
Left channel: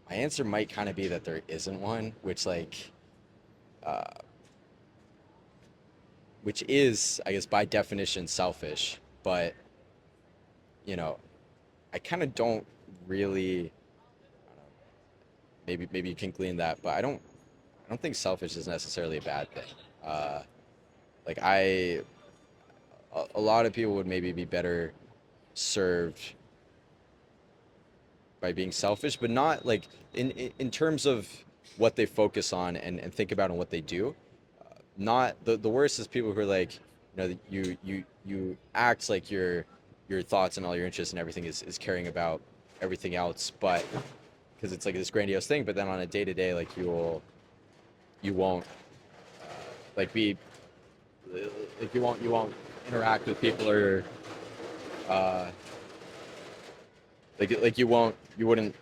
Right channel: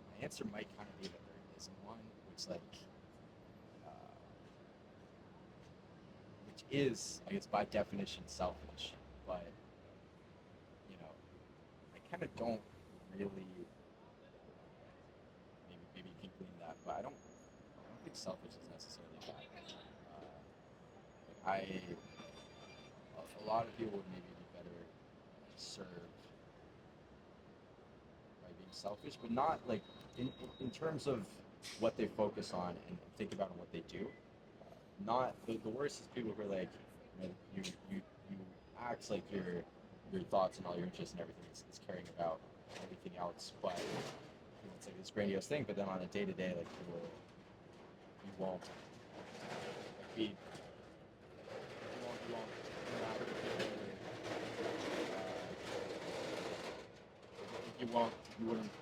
my answer might kind of be that there isn't one, uh, which is, I guess, by definition selfish. But, you know, I kind of don't really, maybe you can glean that, but I don't think selfish is necessarily a bad thing. Uh, like, a lot of people would maybe be better served by being selfish, but not like, in terms of what they focus on, and think about, and what they do. Not the worst is people who are like, you know, you act like your thoughts and all your interests and everything is caring about everything else, but because it's like this grandiose thing, but then on a day to day, like, you won't like be like, you won't interact with people, or uh, you wouldn't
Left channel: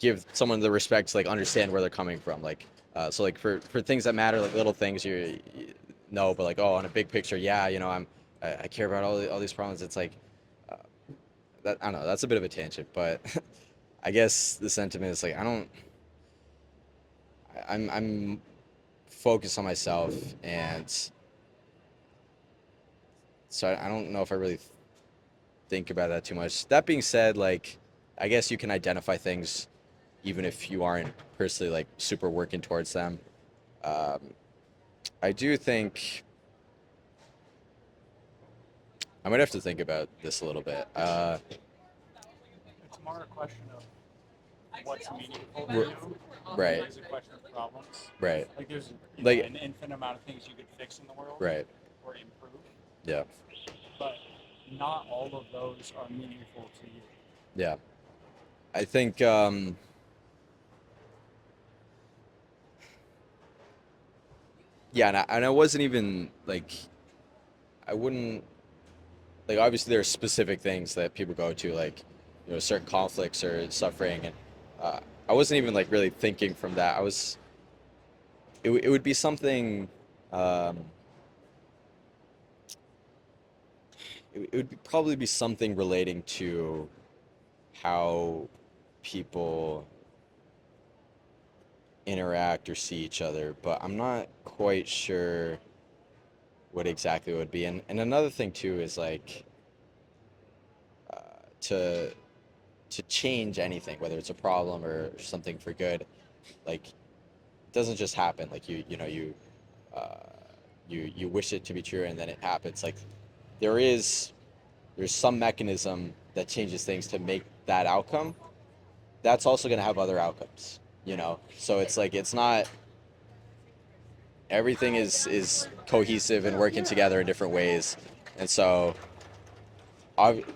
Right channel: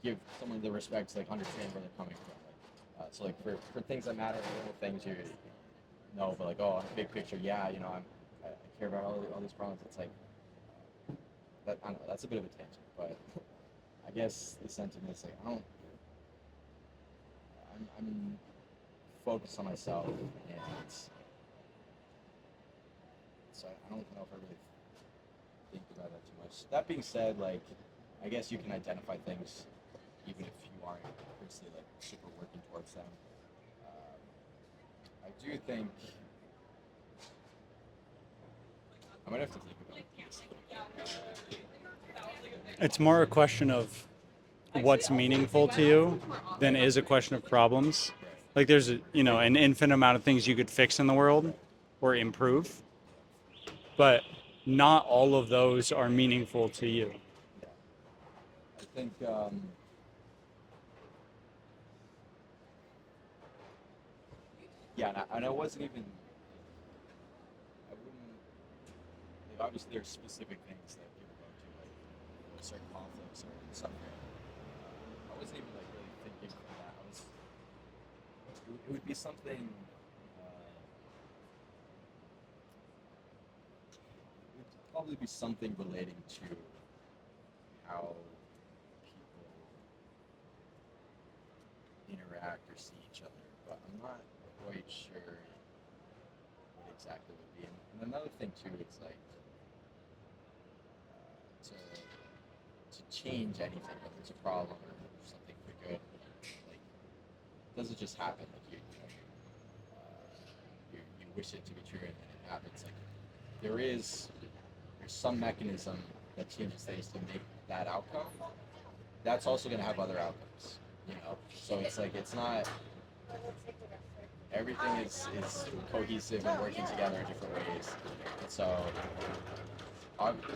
give someone the respect to like understand where they're coming from. Like, so like for things that matter, like little things, you know, but like oh, on a big picture, yeah, you know, I care about all these problems. It's like uh, that I don't know. That's a bit of a tangent, but I guess the sentiment is like I don't. I'm focused on myself, and so I don't know if I really think about that too much. That being said, like I guess you can identify things even if you aren't personally like super working towards them. Um, I do think I might have to think about this a little bit. It's more a question of what's meaningful to you than Right, is a question of problems. right, Like there's like an infinite amount of things you could fix in the world right, or improve, yeah, but not all of those are meaningful to you. yeah. I think yeah, and I wasn't even like I wouldn't like obviously there are specific things that people go to like you know certain conflicts or suffering and uh, I wasn't even like really thinking from that. It would be something um, it would probably be something relating to how people interact or see each other, but I'm not quite sure what exactly it would be. And another thing too is like uh, to to change anything, whether it's a problem or something for good, like it doesn't just happen. Like you know uh, you wish it to be true and then it happens. Like there is there's some mechanism that changes things to make that outcome. That's also going to have other outcomes, you know. So it's like it's not everything is cohesive and working together in different ways, and so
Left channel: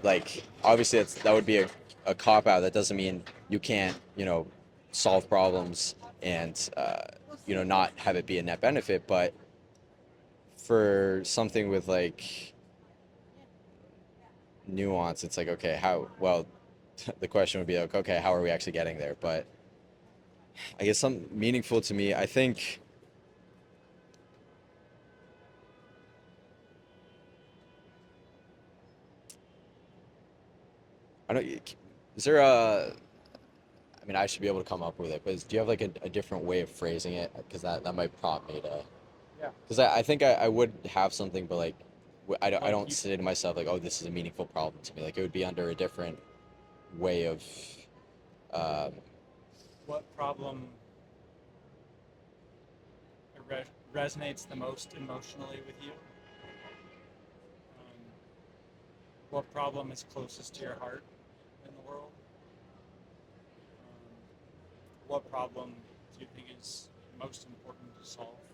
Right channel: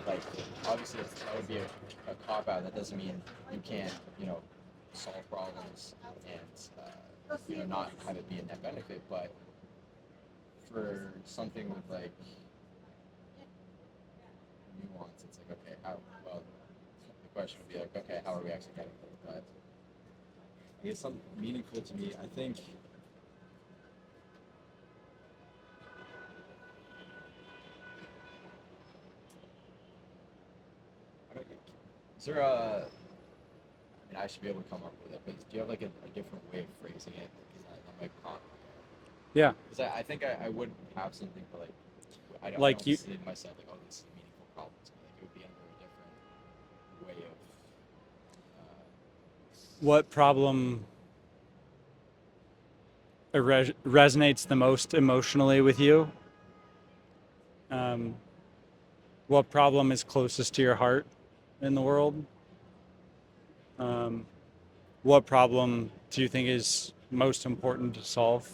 like obviously that would be a cop out. That doesn't mean you can't you know solve problems and you know not have it be a net benefit, but for something with like nuance, it's like okay, how well the question would be like okay, how are we actually getting there? But I guess some meaningful to me, I think I don't. Is there a? I mean, I should be able to come up with it, but do you have like a different way of phrasing it? Because that might prompt me to. Yeah, Because I think I would have something, but like, I like don't you, say to myself like, oh, this is a meaningful problem to me. Like it would be under a different way of. Um, what problem resonates the most emotionally with you? Um, what problem is closest to your heart in the world? Um, what problem do you think is most important to solve?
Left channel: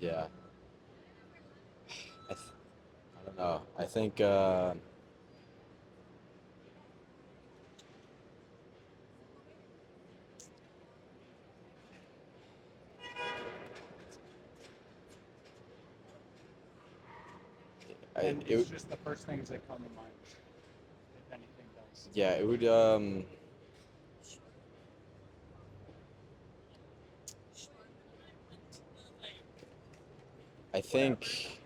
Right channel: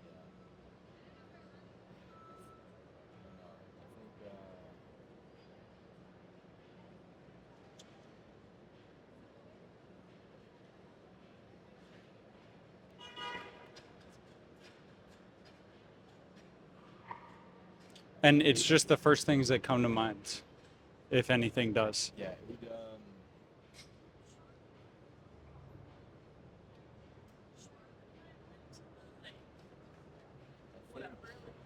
yeah. I don't know. I think. And it's It. just the first things that come to mind, if anything does. Yeah. It would. I think.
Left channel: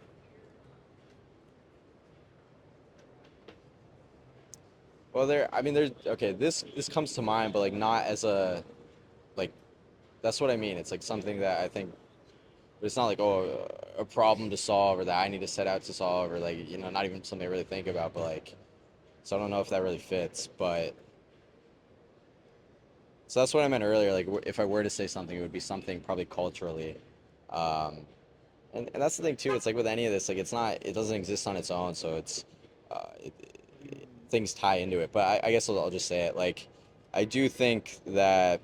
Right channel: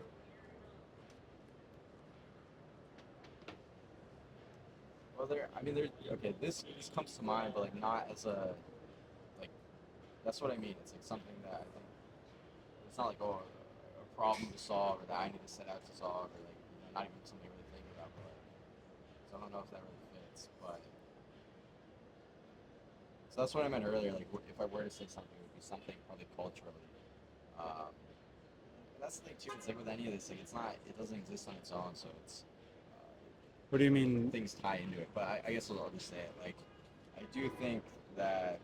Well, there. I mean, there's. Okay. This comes to mind, but like not as a like that's what I mean. It's like something that I think it's not like oh a problem to solve or that I need to set out to solve or like you know not even something I really think about, but like so I don't know if that really fits, but so that's what I meant earlier. Like if I were to say something, it would be something probably culturally, um, and that's the thing too. It's like with any of this, like it's not it doesn't exist on its own, so it's it, What do you mean? things tie into it. But I guess I'll just say it like I do think that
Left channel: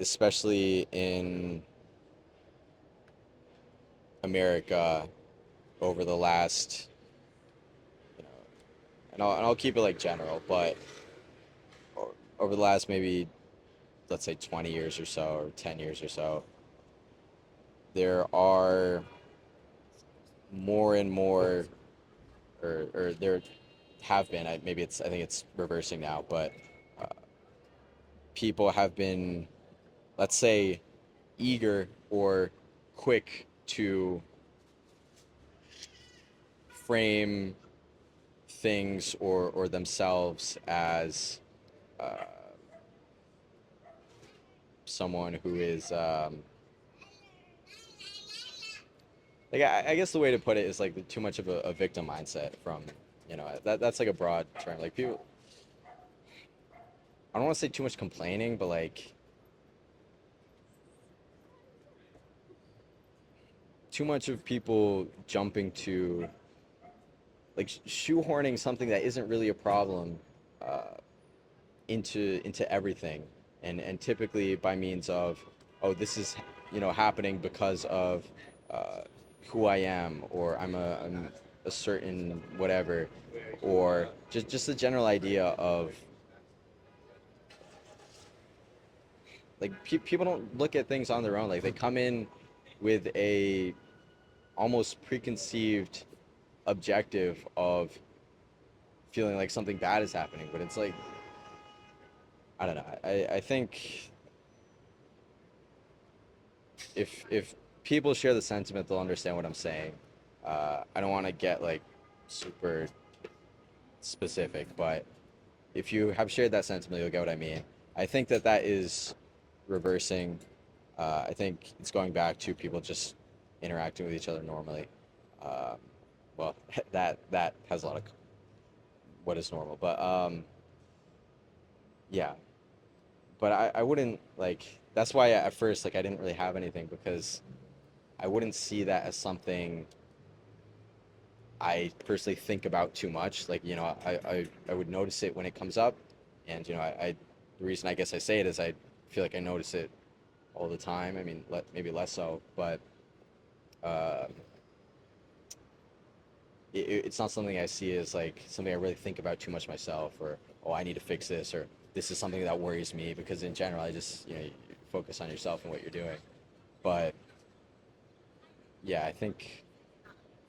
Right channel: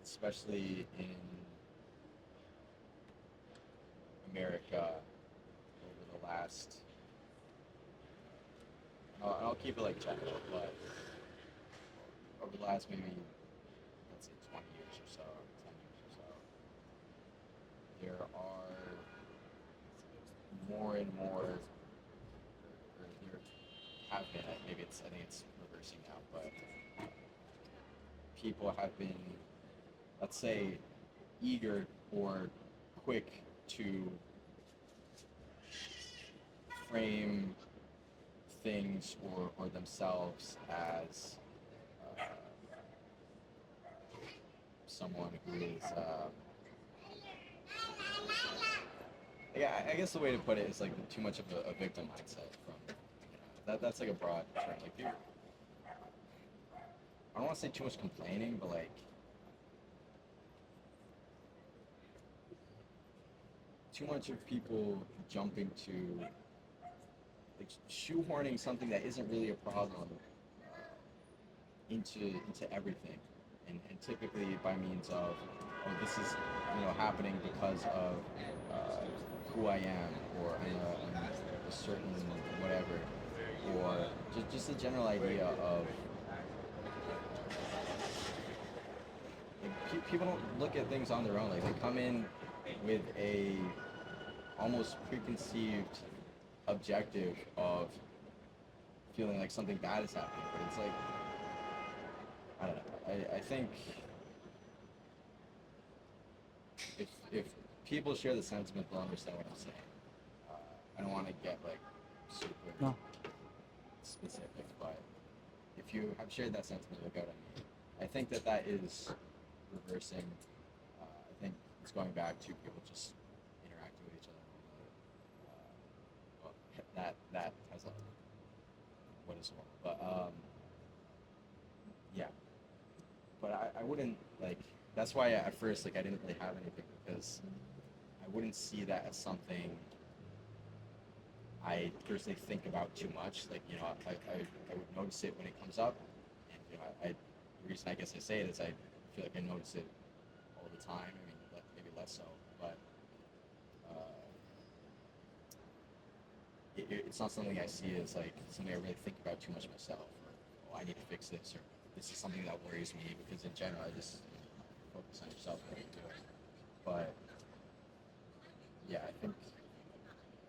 especially in America over the last and I'll keep it like general, but over the last maybe let's say 20 years or so or 10 years or so, there are more and more or there have been. Maybe it's I think it's reversing now, but uh, people have been, let's say, eager or quick to frame things or themselves as uh, someone who is like I guess the way to put it is like too much of a victim mindset from that's like a broad term like people I don't want to say too much complaining but like too much of people jumping to like shoehorning something that isn't really a problem uh, into everything and typically by means of oh this is happening because of uh, who I am or I'm a certain whatever or just the general idea of like people don't look at things on their own like they come in with a almost preconceived objective of feeling like something bad is happening but it's like I don't know I think if people share the sentiment, they'll understand what I'm saying. I don't want to get like super No. specific, but if you have shared that sentiment, you'll get what I mean. I think that is reversing. I think it's going back to people just interacting with each other normally. Uh, well, that has a lot of what is normal, but yeah. But I wouldn't like. That's why at first like I didn't really have anything because I wouldn't see that as something I personally think about too much. Like, I would notice it when it comes up. And, the reason I guess I say it is I feel like I notice it all the time. I mean, maybe less so, but uh, it's not something I see as like something I really think about too much myself or, oh, I need to fix this or this is something that worries me because in general, I just, you focus on yourself and what you're doing. But yeah, I think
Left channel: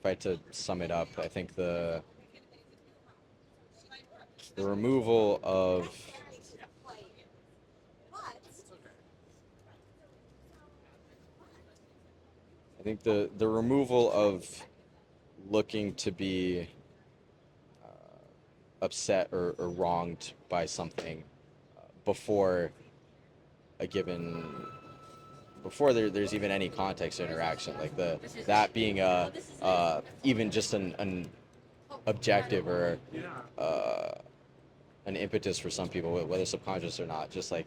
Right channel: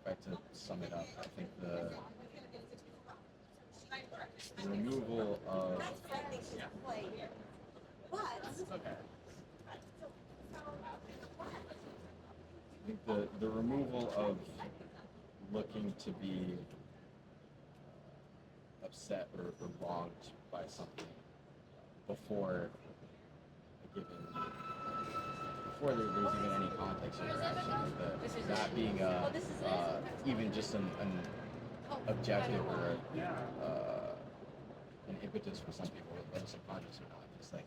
if I had to sum it up, I think the removal of I think the removal of looking to be upset or wronged by something before a given before there's even any context or interaction like that being a even just an objective or uh, an impetus for some people whether subconscious or not just like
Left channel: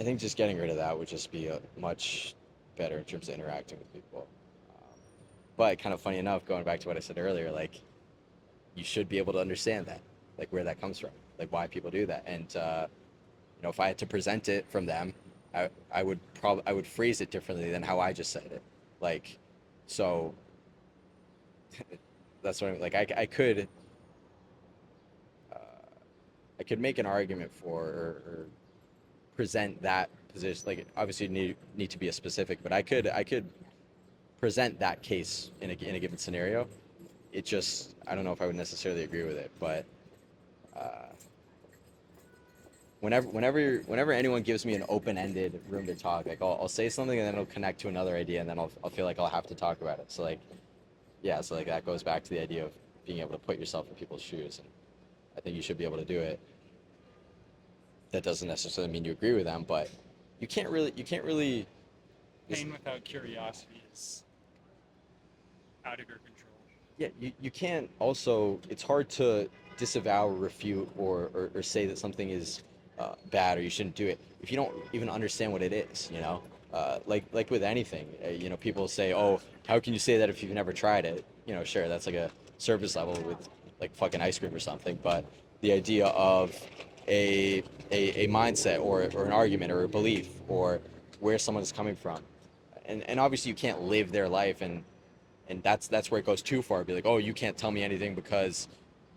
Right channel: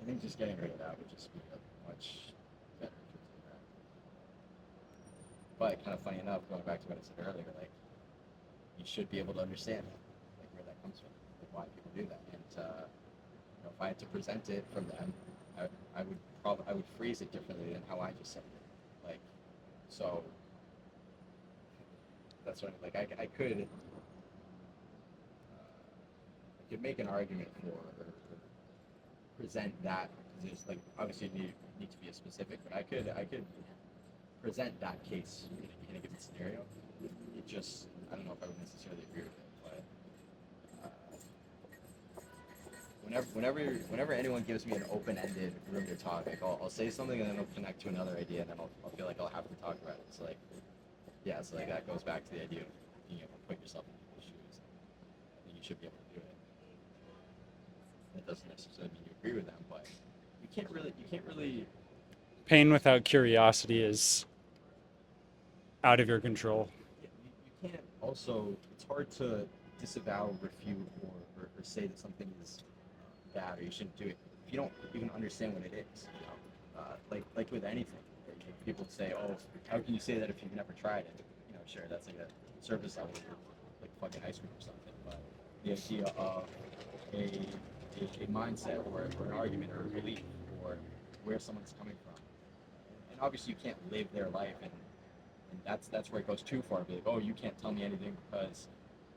I think just getting rid of that would just be a much better in terms of interacting with people. But kind of funny enough, going back to what I said earlier, like you should be able to understand that, like where that comes from, like why people do that. And if I had to present it from them, I would phrase it differently than how I just said it. Like, so that's what I mean. Like uh, I could make an argument for or present that position. Like obviously you need to be a specific, but I could present that case in a given scenario. It just I don't know if I would necessarily agree with it, but uh, whenever anyone gives me an open-ended room to talk, like I'll say something and then it'll connect to another idea, and then I'll feel like I'll have to talk about it. So like yeah, so like that goes back to the idea of being able to put yourself in people's shoes. And I think you should be able to do it. That doesn't necessarily mean you agree with them, but you can't really Pain without curiosity is out of your control. yeah, you can't also it's hard to disavow or refute or say that something is bad or you shouldn't do it if you don't even understand what it is like with anything people say oh how can you say that if you've never tried it sure that's like a surface level with like fucking ice cream or something but the idea of a a mindset or an argument or a belief or where someone is coming from and obviously you can't live their life and that's where it goes too far. Be like, oh, you can't tell me anything because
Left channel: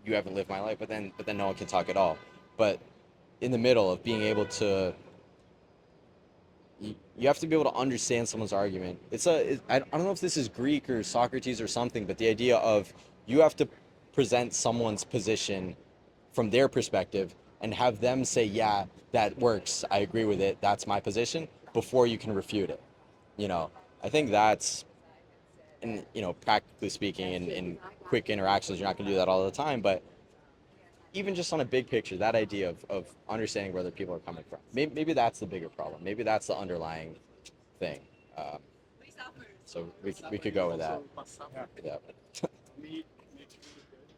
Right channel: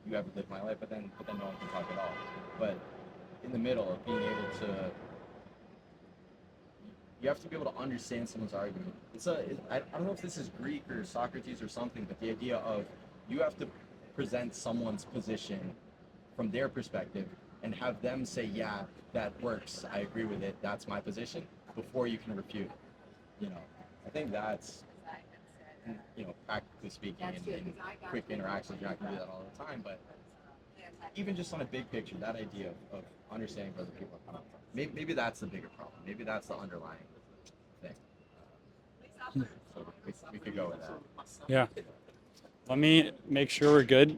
you haven't lived my life. But then no one can talk at all. But in the middle of being able to, you have to be able to understand someone's argument. I don't know if this is Greek or Socrates or something, but the idea of you have to present someone's position from their perspective and have them say, yeah, that works, I agree with it, that's my position, before you can refute it. You know, I think that's, and practically speaking, in quick interactions, you're not going to do that all the time, but even just on a big picture, that idea of understanding where other people are coming from, maybe that's the bigger problem. Maybe that's the underlying thing. So we could go with that. Yeah. Yeah. Let me make sure we're good.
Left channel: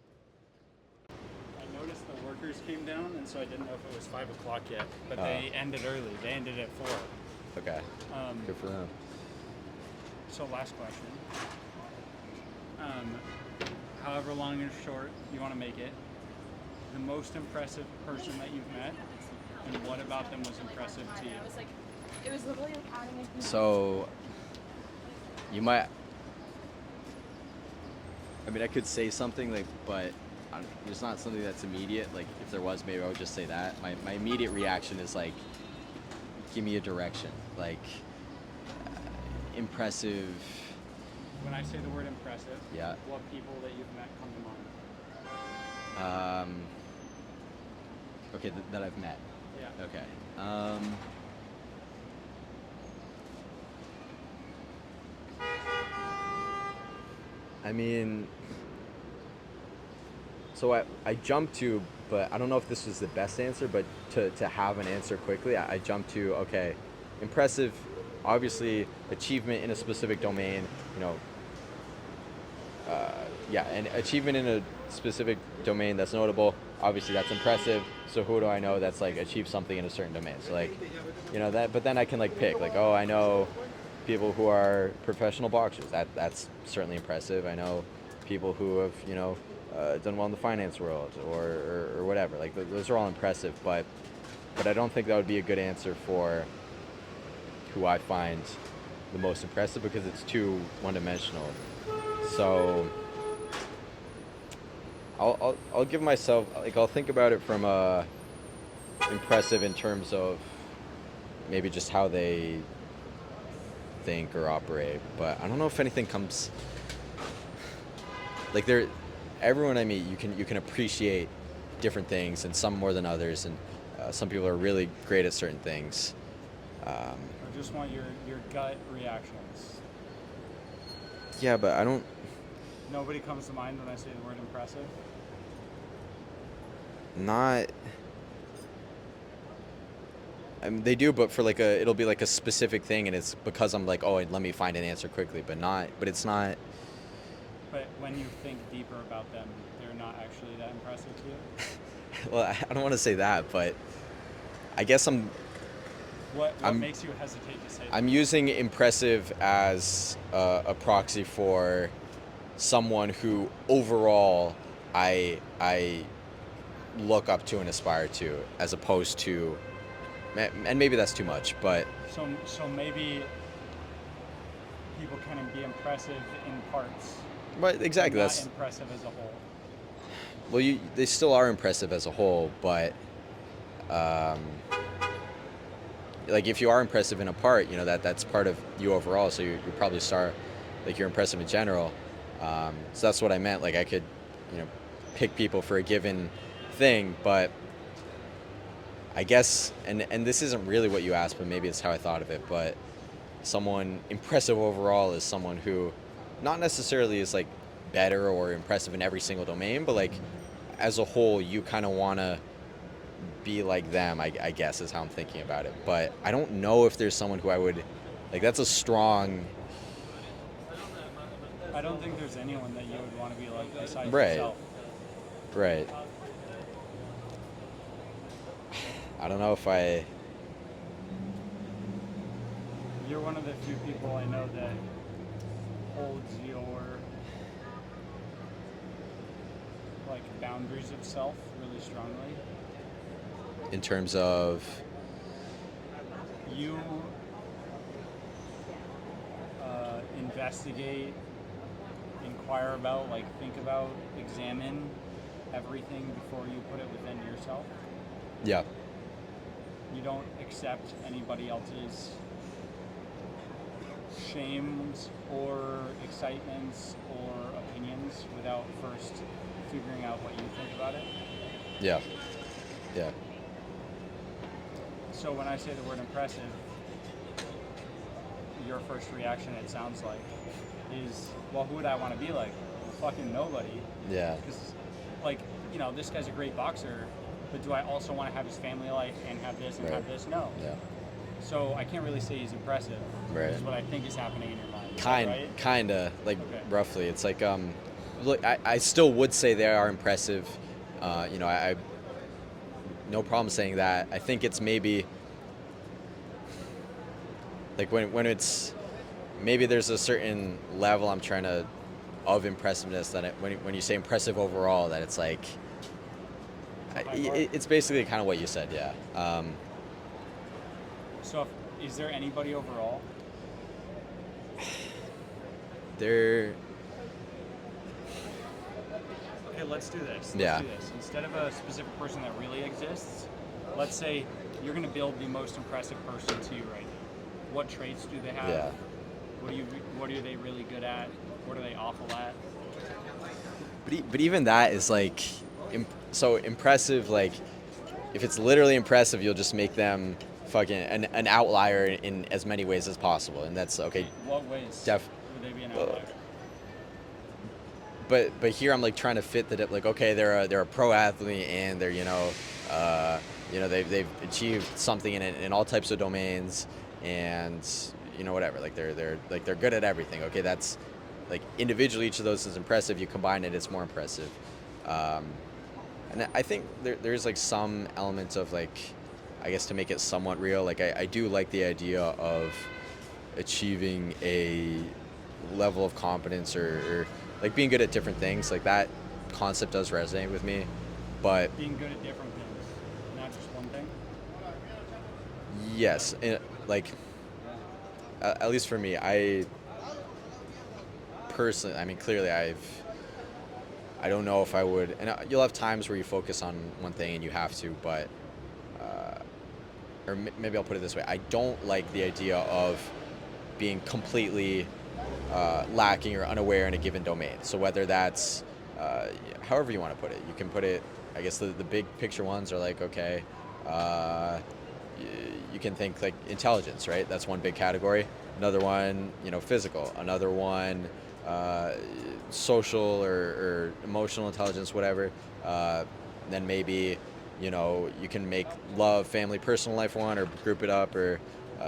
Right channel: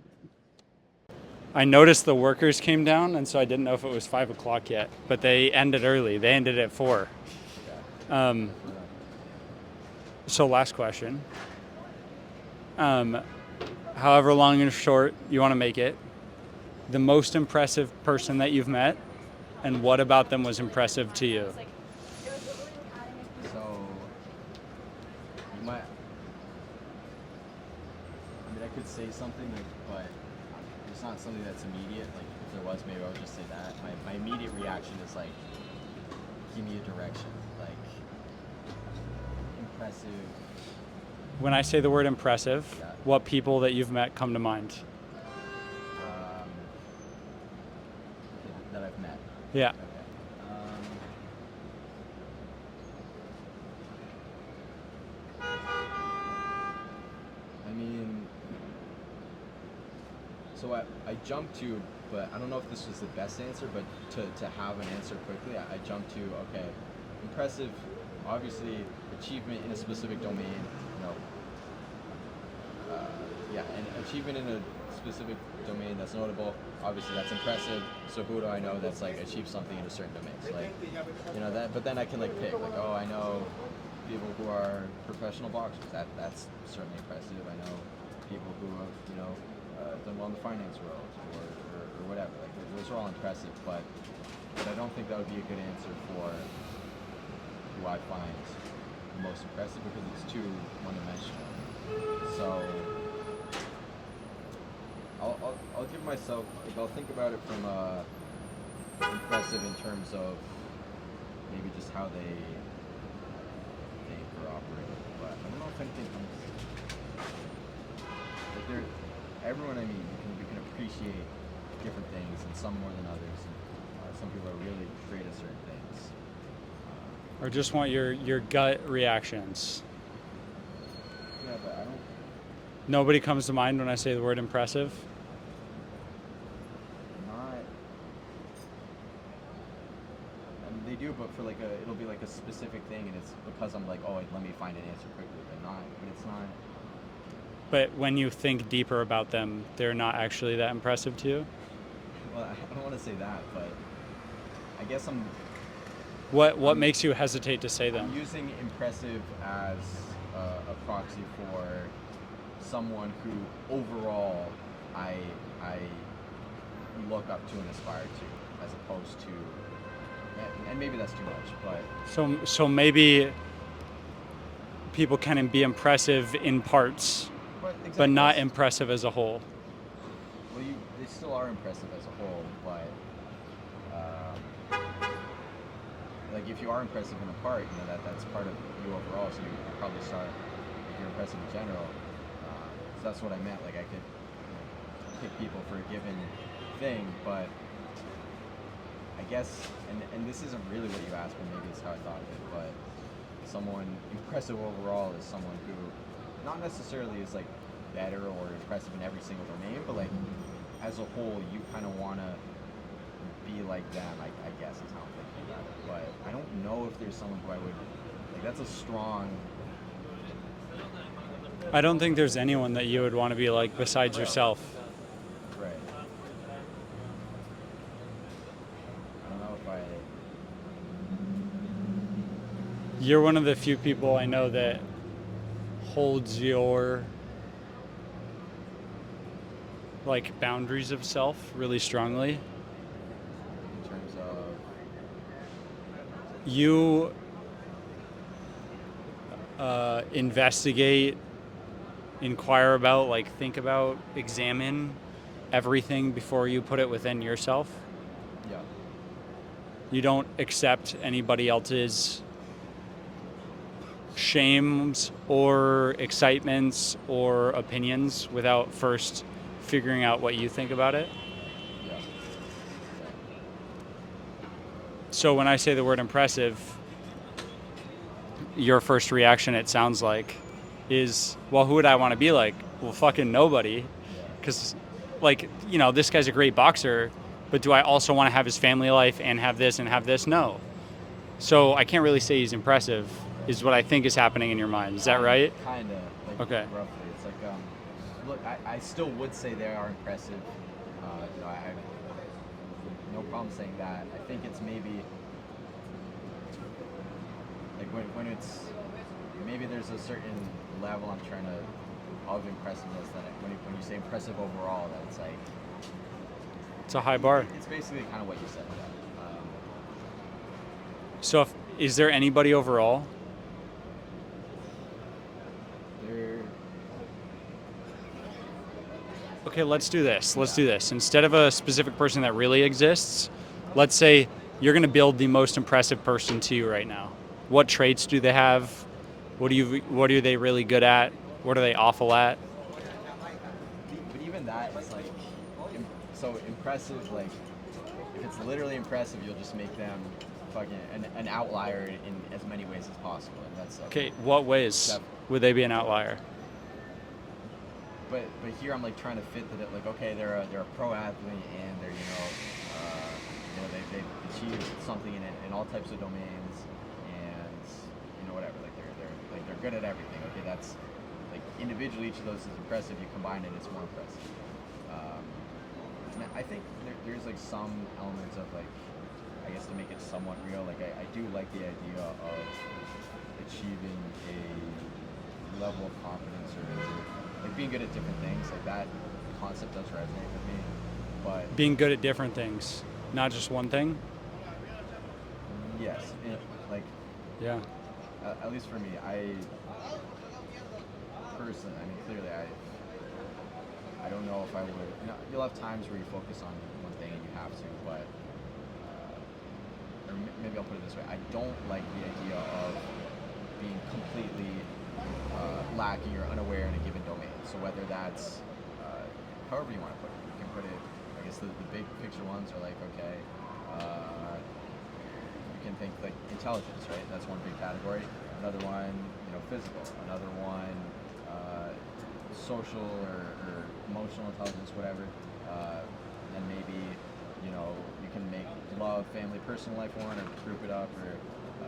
I noticed the workers came down, and so I didn't know if it was 5 o'clock yet. But they ended early. They ended at 4. Okay. Um, Good for them. so last question. However long and short you want to make it, the most impressive person that you've met, and what about them was impressive to you? So you might. I mean, I could say something like, but there's not something that's immediate. Like, if there was, maybe I would just say that. My immediate reaction is like, give me a direction. Like, impressive. When I say the word impressive, Yeah. what people that you've met come to mind? Okay, that I've met. Yeah. Okay. I mean, so I jumped to, but I don't know if this was the best answer, but to have an answer quickly, I jumped to, okay, impressive, obviously, achievement in a specific domain, yeah, and achievement in a specific domain that's notable, obviously that's impressive. So who do I know that's like achieved something in a certain domain? So like, that, but then I can like pick like, oh, I know people who are professional boxers. That's certainly impressive. I know people who have done well in the finance world or whatever. Like those are all impressive, but I don't think that would be a good answer for who I find the most impressive because it's too one-dimensional. So I'll give myself, like, I'll think about it from impressive in terms of maybe just how they think or operate, but I don't know if anything comes like everyone I meet, you can appreciate different things, and some more than others, and some people are really great at certain things. Or just want your gut reactions. Yeah, but I don't. Nobody comes to mind when I say the word impressive. Not. I mean, they do, but for like it'll be like a specific thing, and it's because I'm like, oh, let me find an answer quickly, but it's not. But when you think deeper about them, they're not actually that impressive to you? Well, I don't want to say that, but I guess What makes you hesitate to say that? I'm using impressive as a proxy for someone who overall I look up to and aspire to, as opposed to, and maybe that's too much, but So maybe people can be impressive in parts, exactly, but not impressive as a whole. Well, they still are impressive as a whole, but like if you are impressive in a part, that's part of you overall. So you probably start like you're impressive in general. So that's what I meant. Like I could, pick people for a given thing, but I guess, and this isn't really what you asked, but maybe it's how I thought of it. But someone impressive overall is someone who, not necessarily is like better or impressive in every single domain, but like as a whole, you kind of want to be like them, I guess is how I'm thinking about it. But I don't know if there's someone who I would, like, that's a strong. I don't think there's anyone that you would want to be like besides Right. yourself. Right. I don't know if I. You're one of the few people I know that holds your like boundaries of self really strongly. In terms of. You investigate, inquire about, like think about, examine everything before you put it within yourself. Yeah. You don't accept anybody else's shames or excitements or opinions without first figuring out what you think about it. Yeah. Yeah. So when I say the word impressive, your first reaction, it sounds like, is, well, who would I want to be like? Well, fucking nobody. Yeah. Because, like, this guy's a great boxer, but do I also want to have his family life and have this and Right. have this? No. Yeah. So I can't really say he's impressive, Right. is what I think is happening in your mind. Is that right? Kinda, like Okay. roughly. It's like look, I still would say they are impressive. I no problem saying that. I think it's maybe like when it's maybe there's a certain level I'm trying to of impressiveness that when you say impressive overall, that it's like It's a high bar. it's basically kind of what you said. Yeah. So is there anybody overall? They're Okay, let's do this. Let's Yeah. do this. Instead of a specific person that really exists, let's say you're going to build the most impressive person to you right now. What traits do they have? Yeah. What are they really good at? What are they awful at? But even that is like so impressive. Like if it's literally impressive, you'll just make them fucking an outlier in as many ways as possible, and that's okay. Okay, what ways would they be an outlier? But here I'm like trying to fit that like okay they're a pro athlete and they're they've achieved something in all types of domains and whatever like they're good at everything. Okay, that's like individually each of those is impressive. You combine it, it's more impressive. And I think there's like some elements of like I guess to make it somewhat real. Like I do like the idea of achieving a level of competence or like being good at different things. Like that concept does resonate with me. But Being good at different things, not just one thing? yes, like Yeah. at least for me, I personally, I mean, clearly I don't know if I would, and you'll have times where you focus on one thing and you have to, but, maybe I'll put it this way. I don't like the idea of being completely lacking or unaware in a given domain. So whether that's, however you want to put it, you can put it, I guess the big picture ones are like, okay, you can think like intelligence, right? That's one big category. Another one, physical. Another one, social or emotional intelligence, whatever. Then maybe, you can make love, family, personal life one, or group it up, or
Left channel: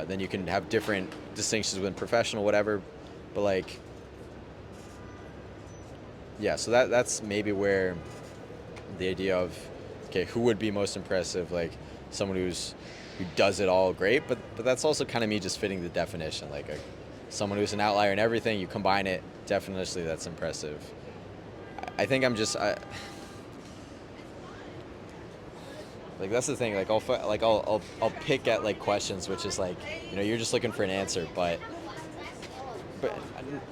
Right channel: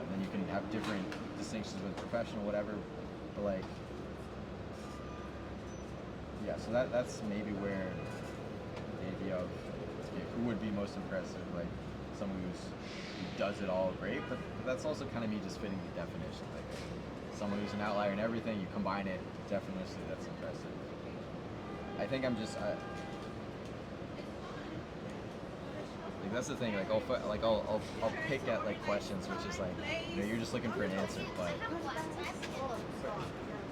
then you can have different distinctions within professional, whatever. But like, yeah. So that's maybe where the idea of, okay, who would be most impressive? Like someone who does it all great, but that's also kind of me just fitting the definition. Like someone who's an outlier in everything, you combine it, definitely that's impressive. I think I'm just like that's the thing. Like I'll pick at like questions, which is like you're just looking for an answer, but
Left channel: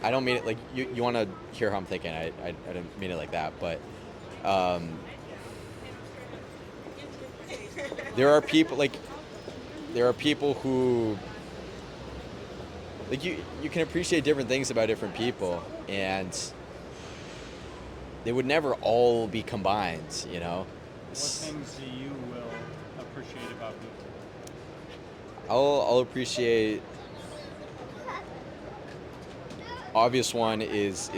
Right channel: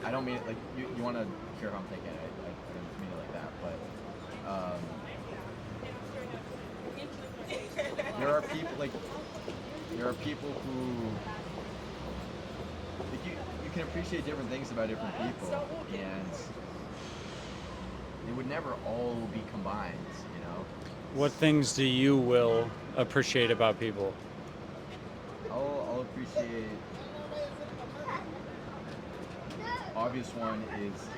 I don't mean it like you want to hear how I'm thinking. I didn't mean it like that, but there are people who like you can appreciate different things about different people, and they would never all be combined. What things do you will appreciate about people? I'll appreciate. Obvious one is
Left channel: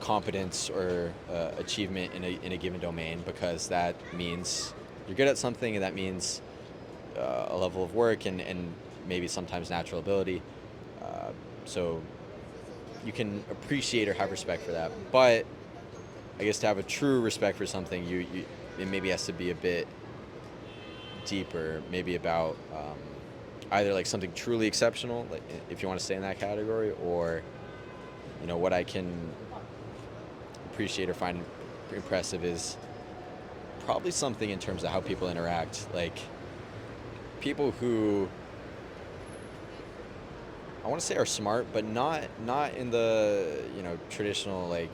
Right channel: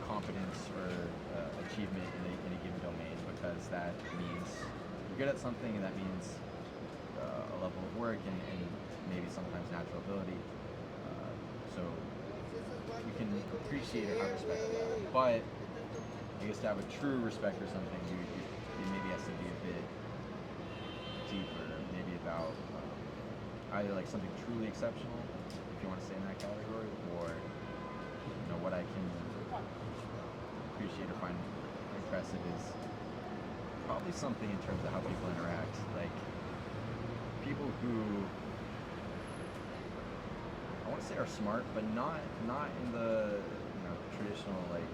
competence or achievement in a given domain, because that means you're good at something, and that means a level of work and maybe sometimes natural ability. So you can appreciate or have respect for that. But I guess to have a true respect for something, it maybe has to be a bit deeper, maybe about either like something truly exceptional, like if you want to stay in that category, or what I can appreciate or find impressive is probably something in terms of how people interact, like people who I want to say are smart, but not in the traditional like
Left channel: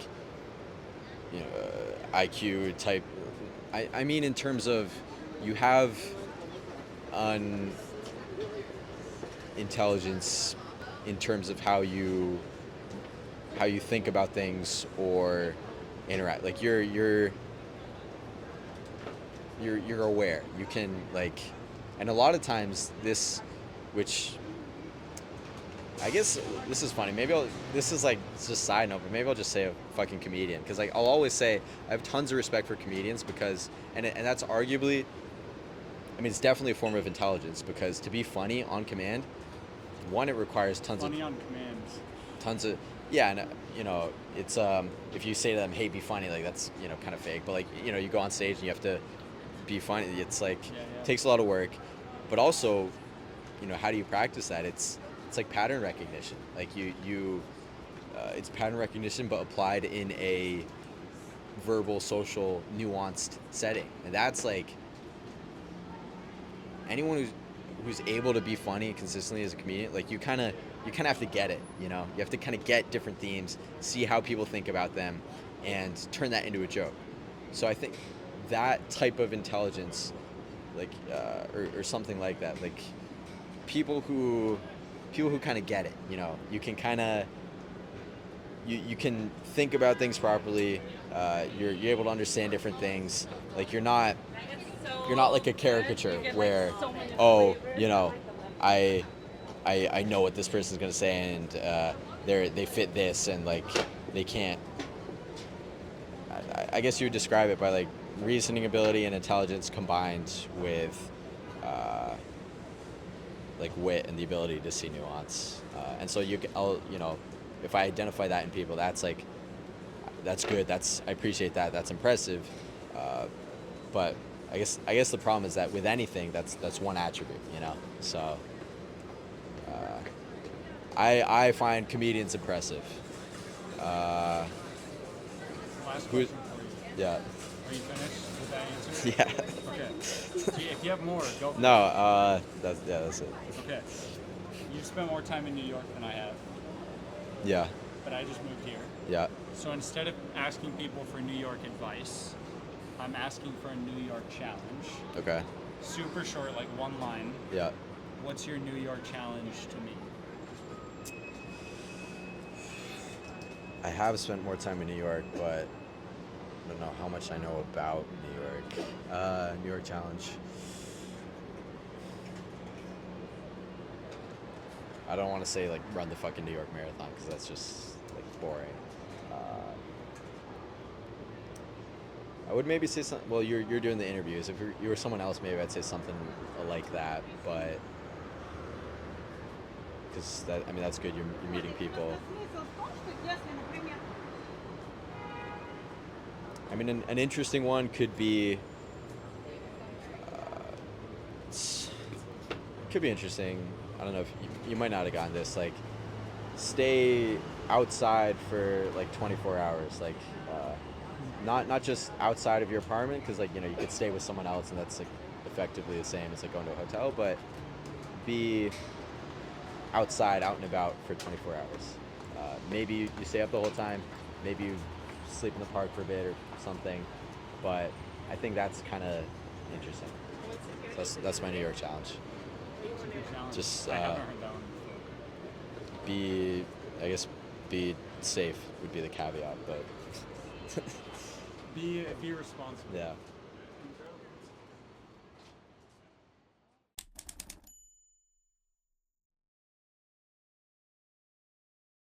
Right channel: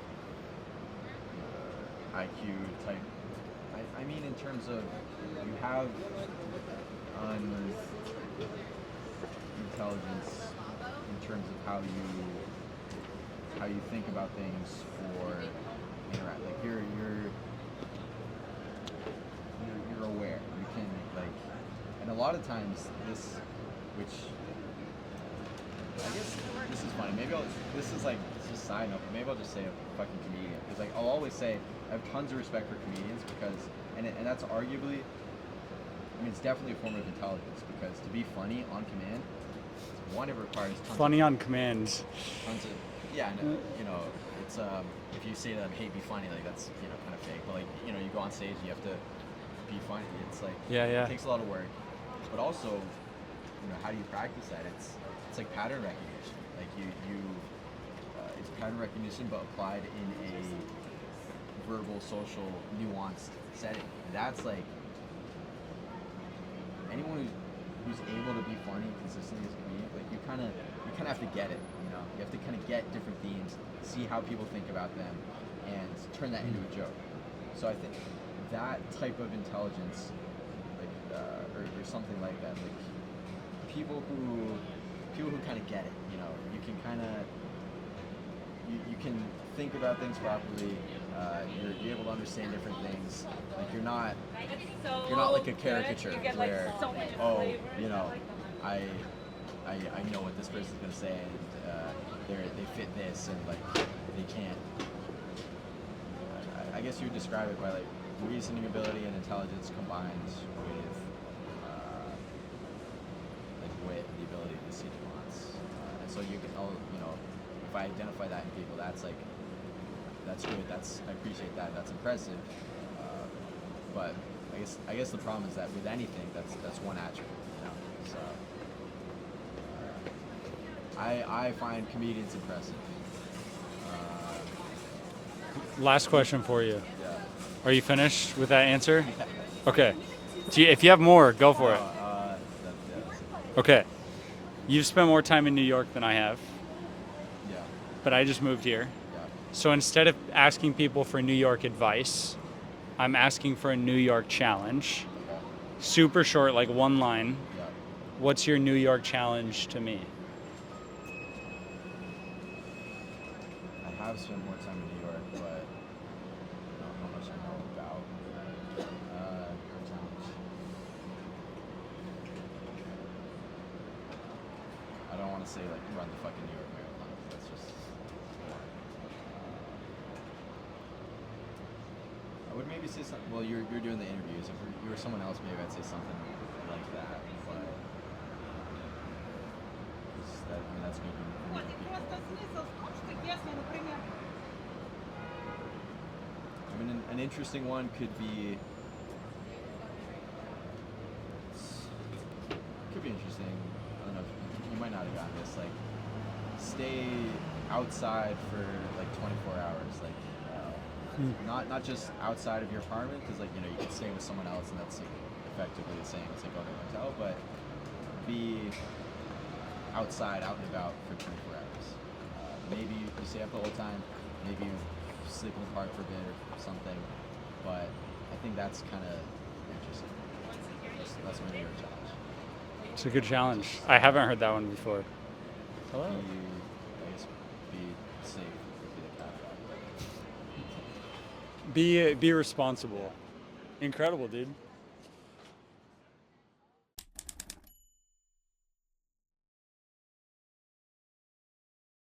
IQ type. I mean in terms of you have an intelligence in terms of how you think about things or interact. Like you're aware. You can like, and a lot of times this, which I guess this is funny. This is like it's just a side note, but maybe I'll just say a fucking comedian because like I'll always say I have tons of respect for comedians because and that's arguably, I mean it's definitely a form of intelligence because to be funny on command, one it requires Funny on command. tons of yeah, and you know it's if you say to them hey be funny like that's you know kind of fake, but like you know you go on stage and you have to be funny. It's like Yeah. it takes a lot of work, but also you know how do you practice that? It's like pattern recognition. Like you it's pattern recognition but applied in a verbal, social, nuanced setting, and that's like anyone who's able to be funny consistently as a comedian. Like you kind of have to get it. You know, you have to kind of get different themes, see how people think about them, and turn that into a joke. So I think that type of intelligence, like or something like that, like people who kind of get it. You know, you can kind of you can think about things properly. You're able to understand different things. Like you're not like a caricature where oh you know I I know what this person's gonna say and they fit this and like they can't. I guess you would describe it by like reasoning ability and intelligence combined with like wit and the ability to see nuance. And so you know, if I identify that in people, that's like, that's good. I appreciate that. That's impressive. But I guess the problem is that with anything, that's one attribute, you know. So I find comedians impressive. Uh, Last question for you. yeah. Are you finished with that answer? Yeah. Okay. If you have more, go for No. it. That's it. Okay. You've spent more time in New York than I have, Yeah. but I just moved here. Yeah. So instead of asking people for New York advice, I'm asking for a New York challenge. Okay. Super short, like one line. Yeah. What's your New York challenge to me? I have spent more time in New York, but I don't know how much I know about New York. New York Challenge. I don't want to say like run the fucking New York Marathon because that's just boring. I would maybe say something. Well, you're doing the interviews. If you were someone else, maybe I'd say something like that. But because that, I mean, that's good. You're meeting people. I mean, an interesting one could be. Could be interesting. I don't know if you might not have gotten this. Like, stay outside for like 24 hours. Like, not just outside of your apartment, because like you know you could stay with someone else, and that's like effectively the same as like going to a hotel. But be outside, out and about for 24 hours. Maybe you stay up the whole time. Maybe you sleep in the park for a bit or something. But I think that's kind of interesting. So that's my New York challenge. It's a good challenge. Just, I haven't heard that one before. I guess, be safe would be the caveat, but Be responsible. yeah. Incredible, dude.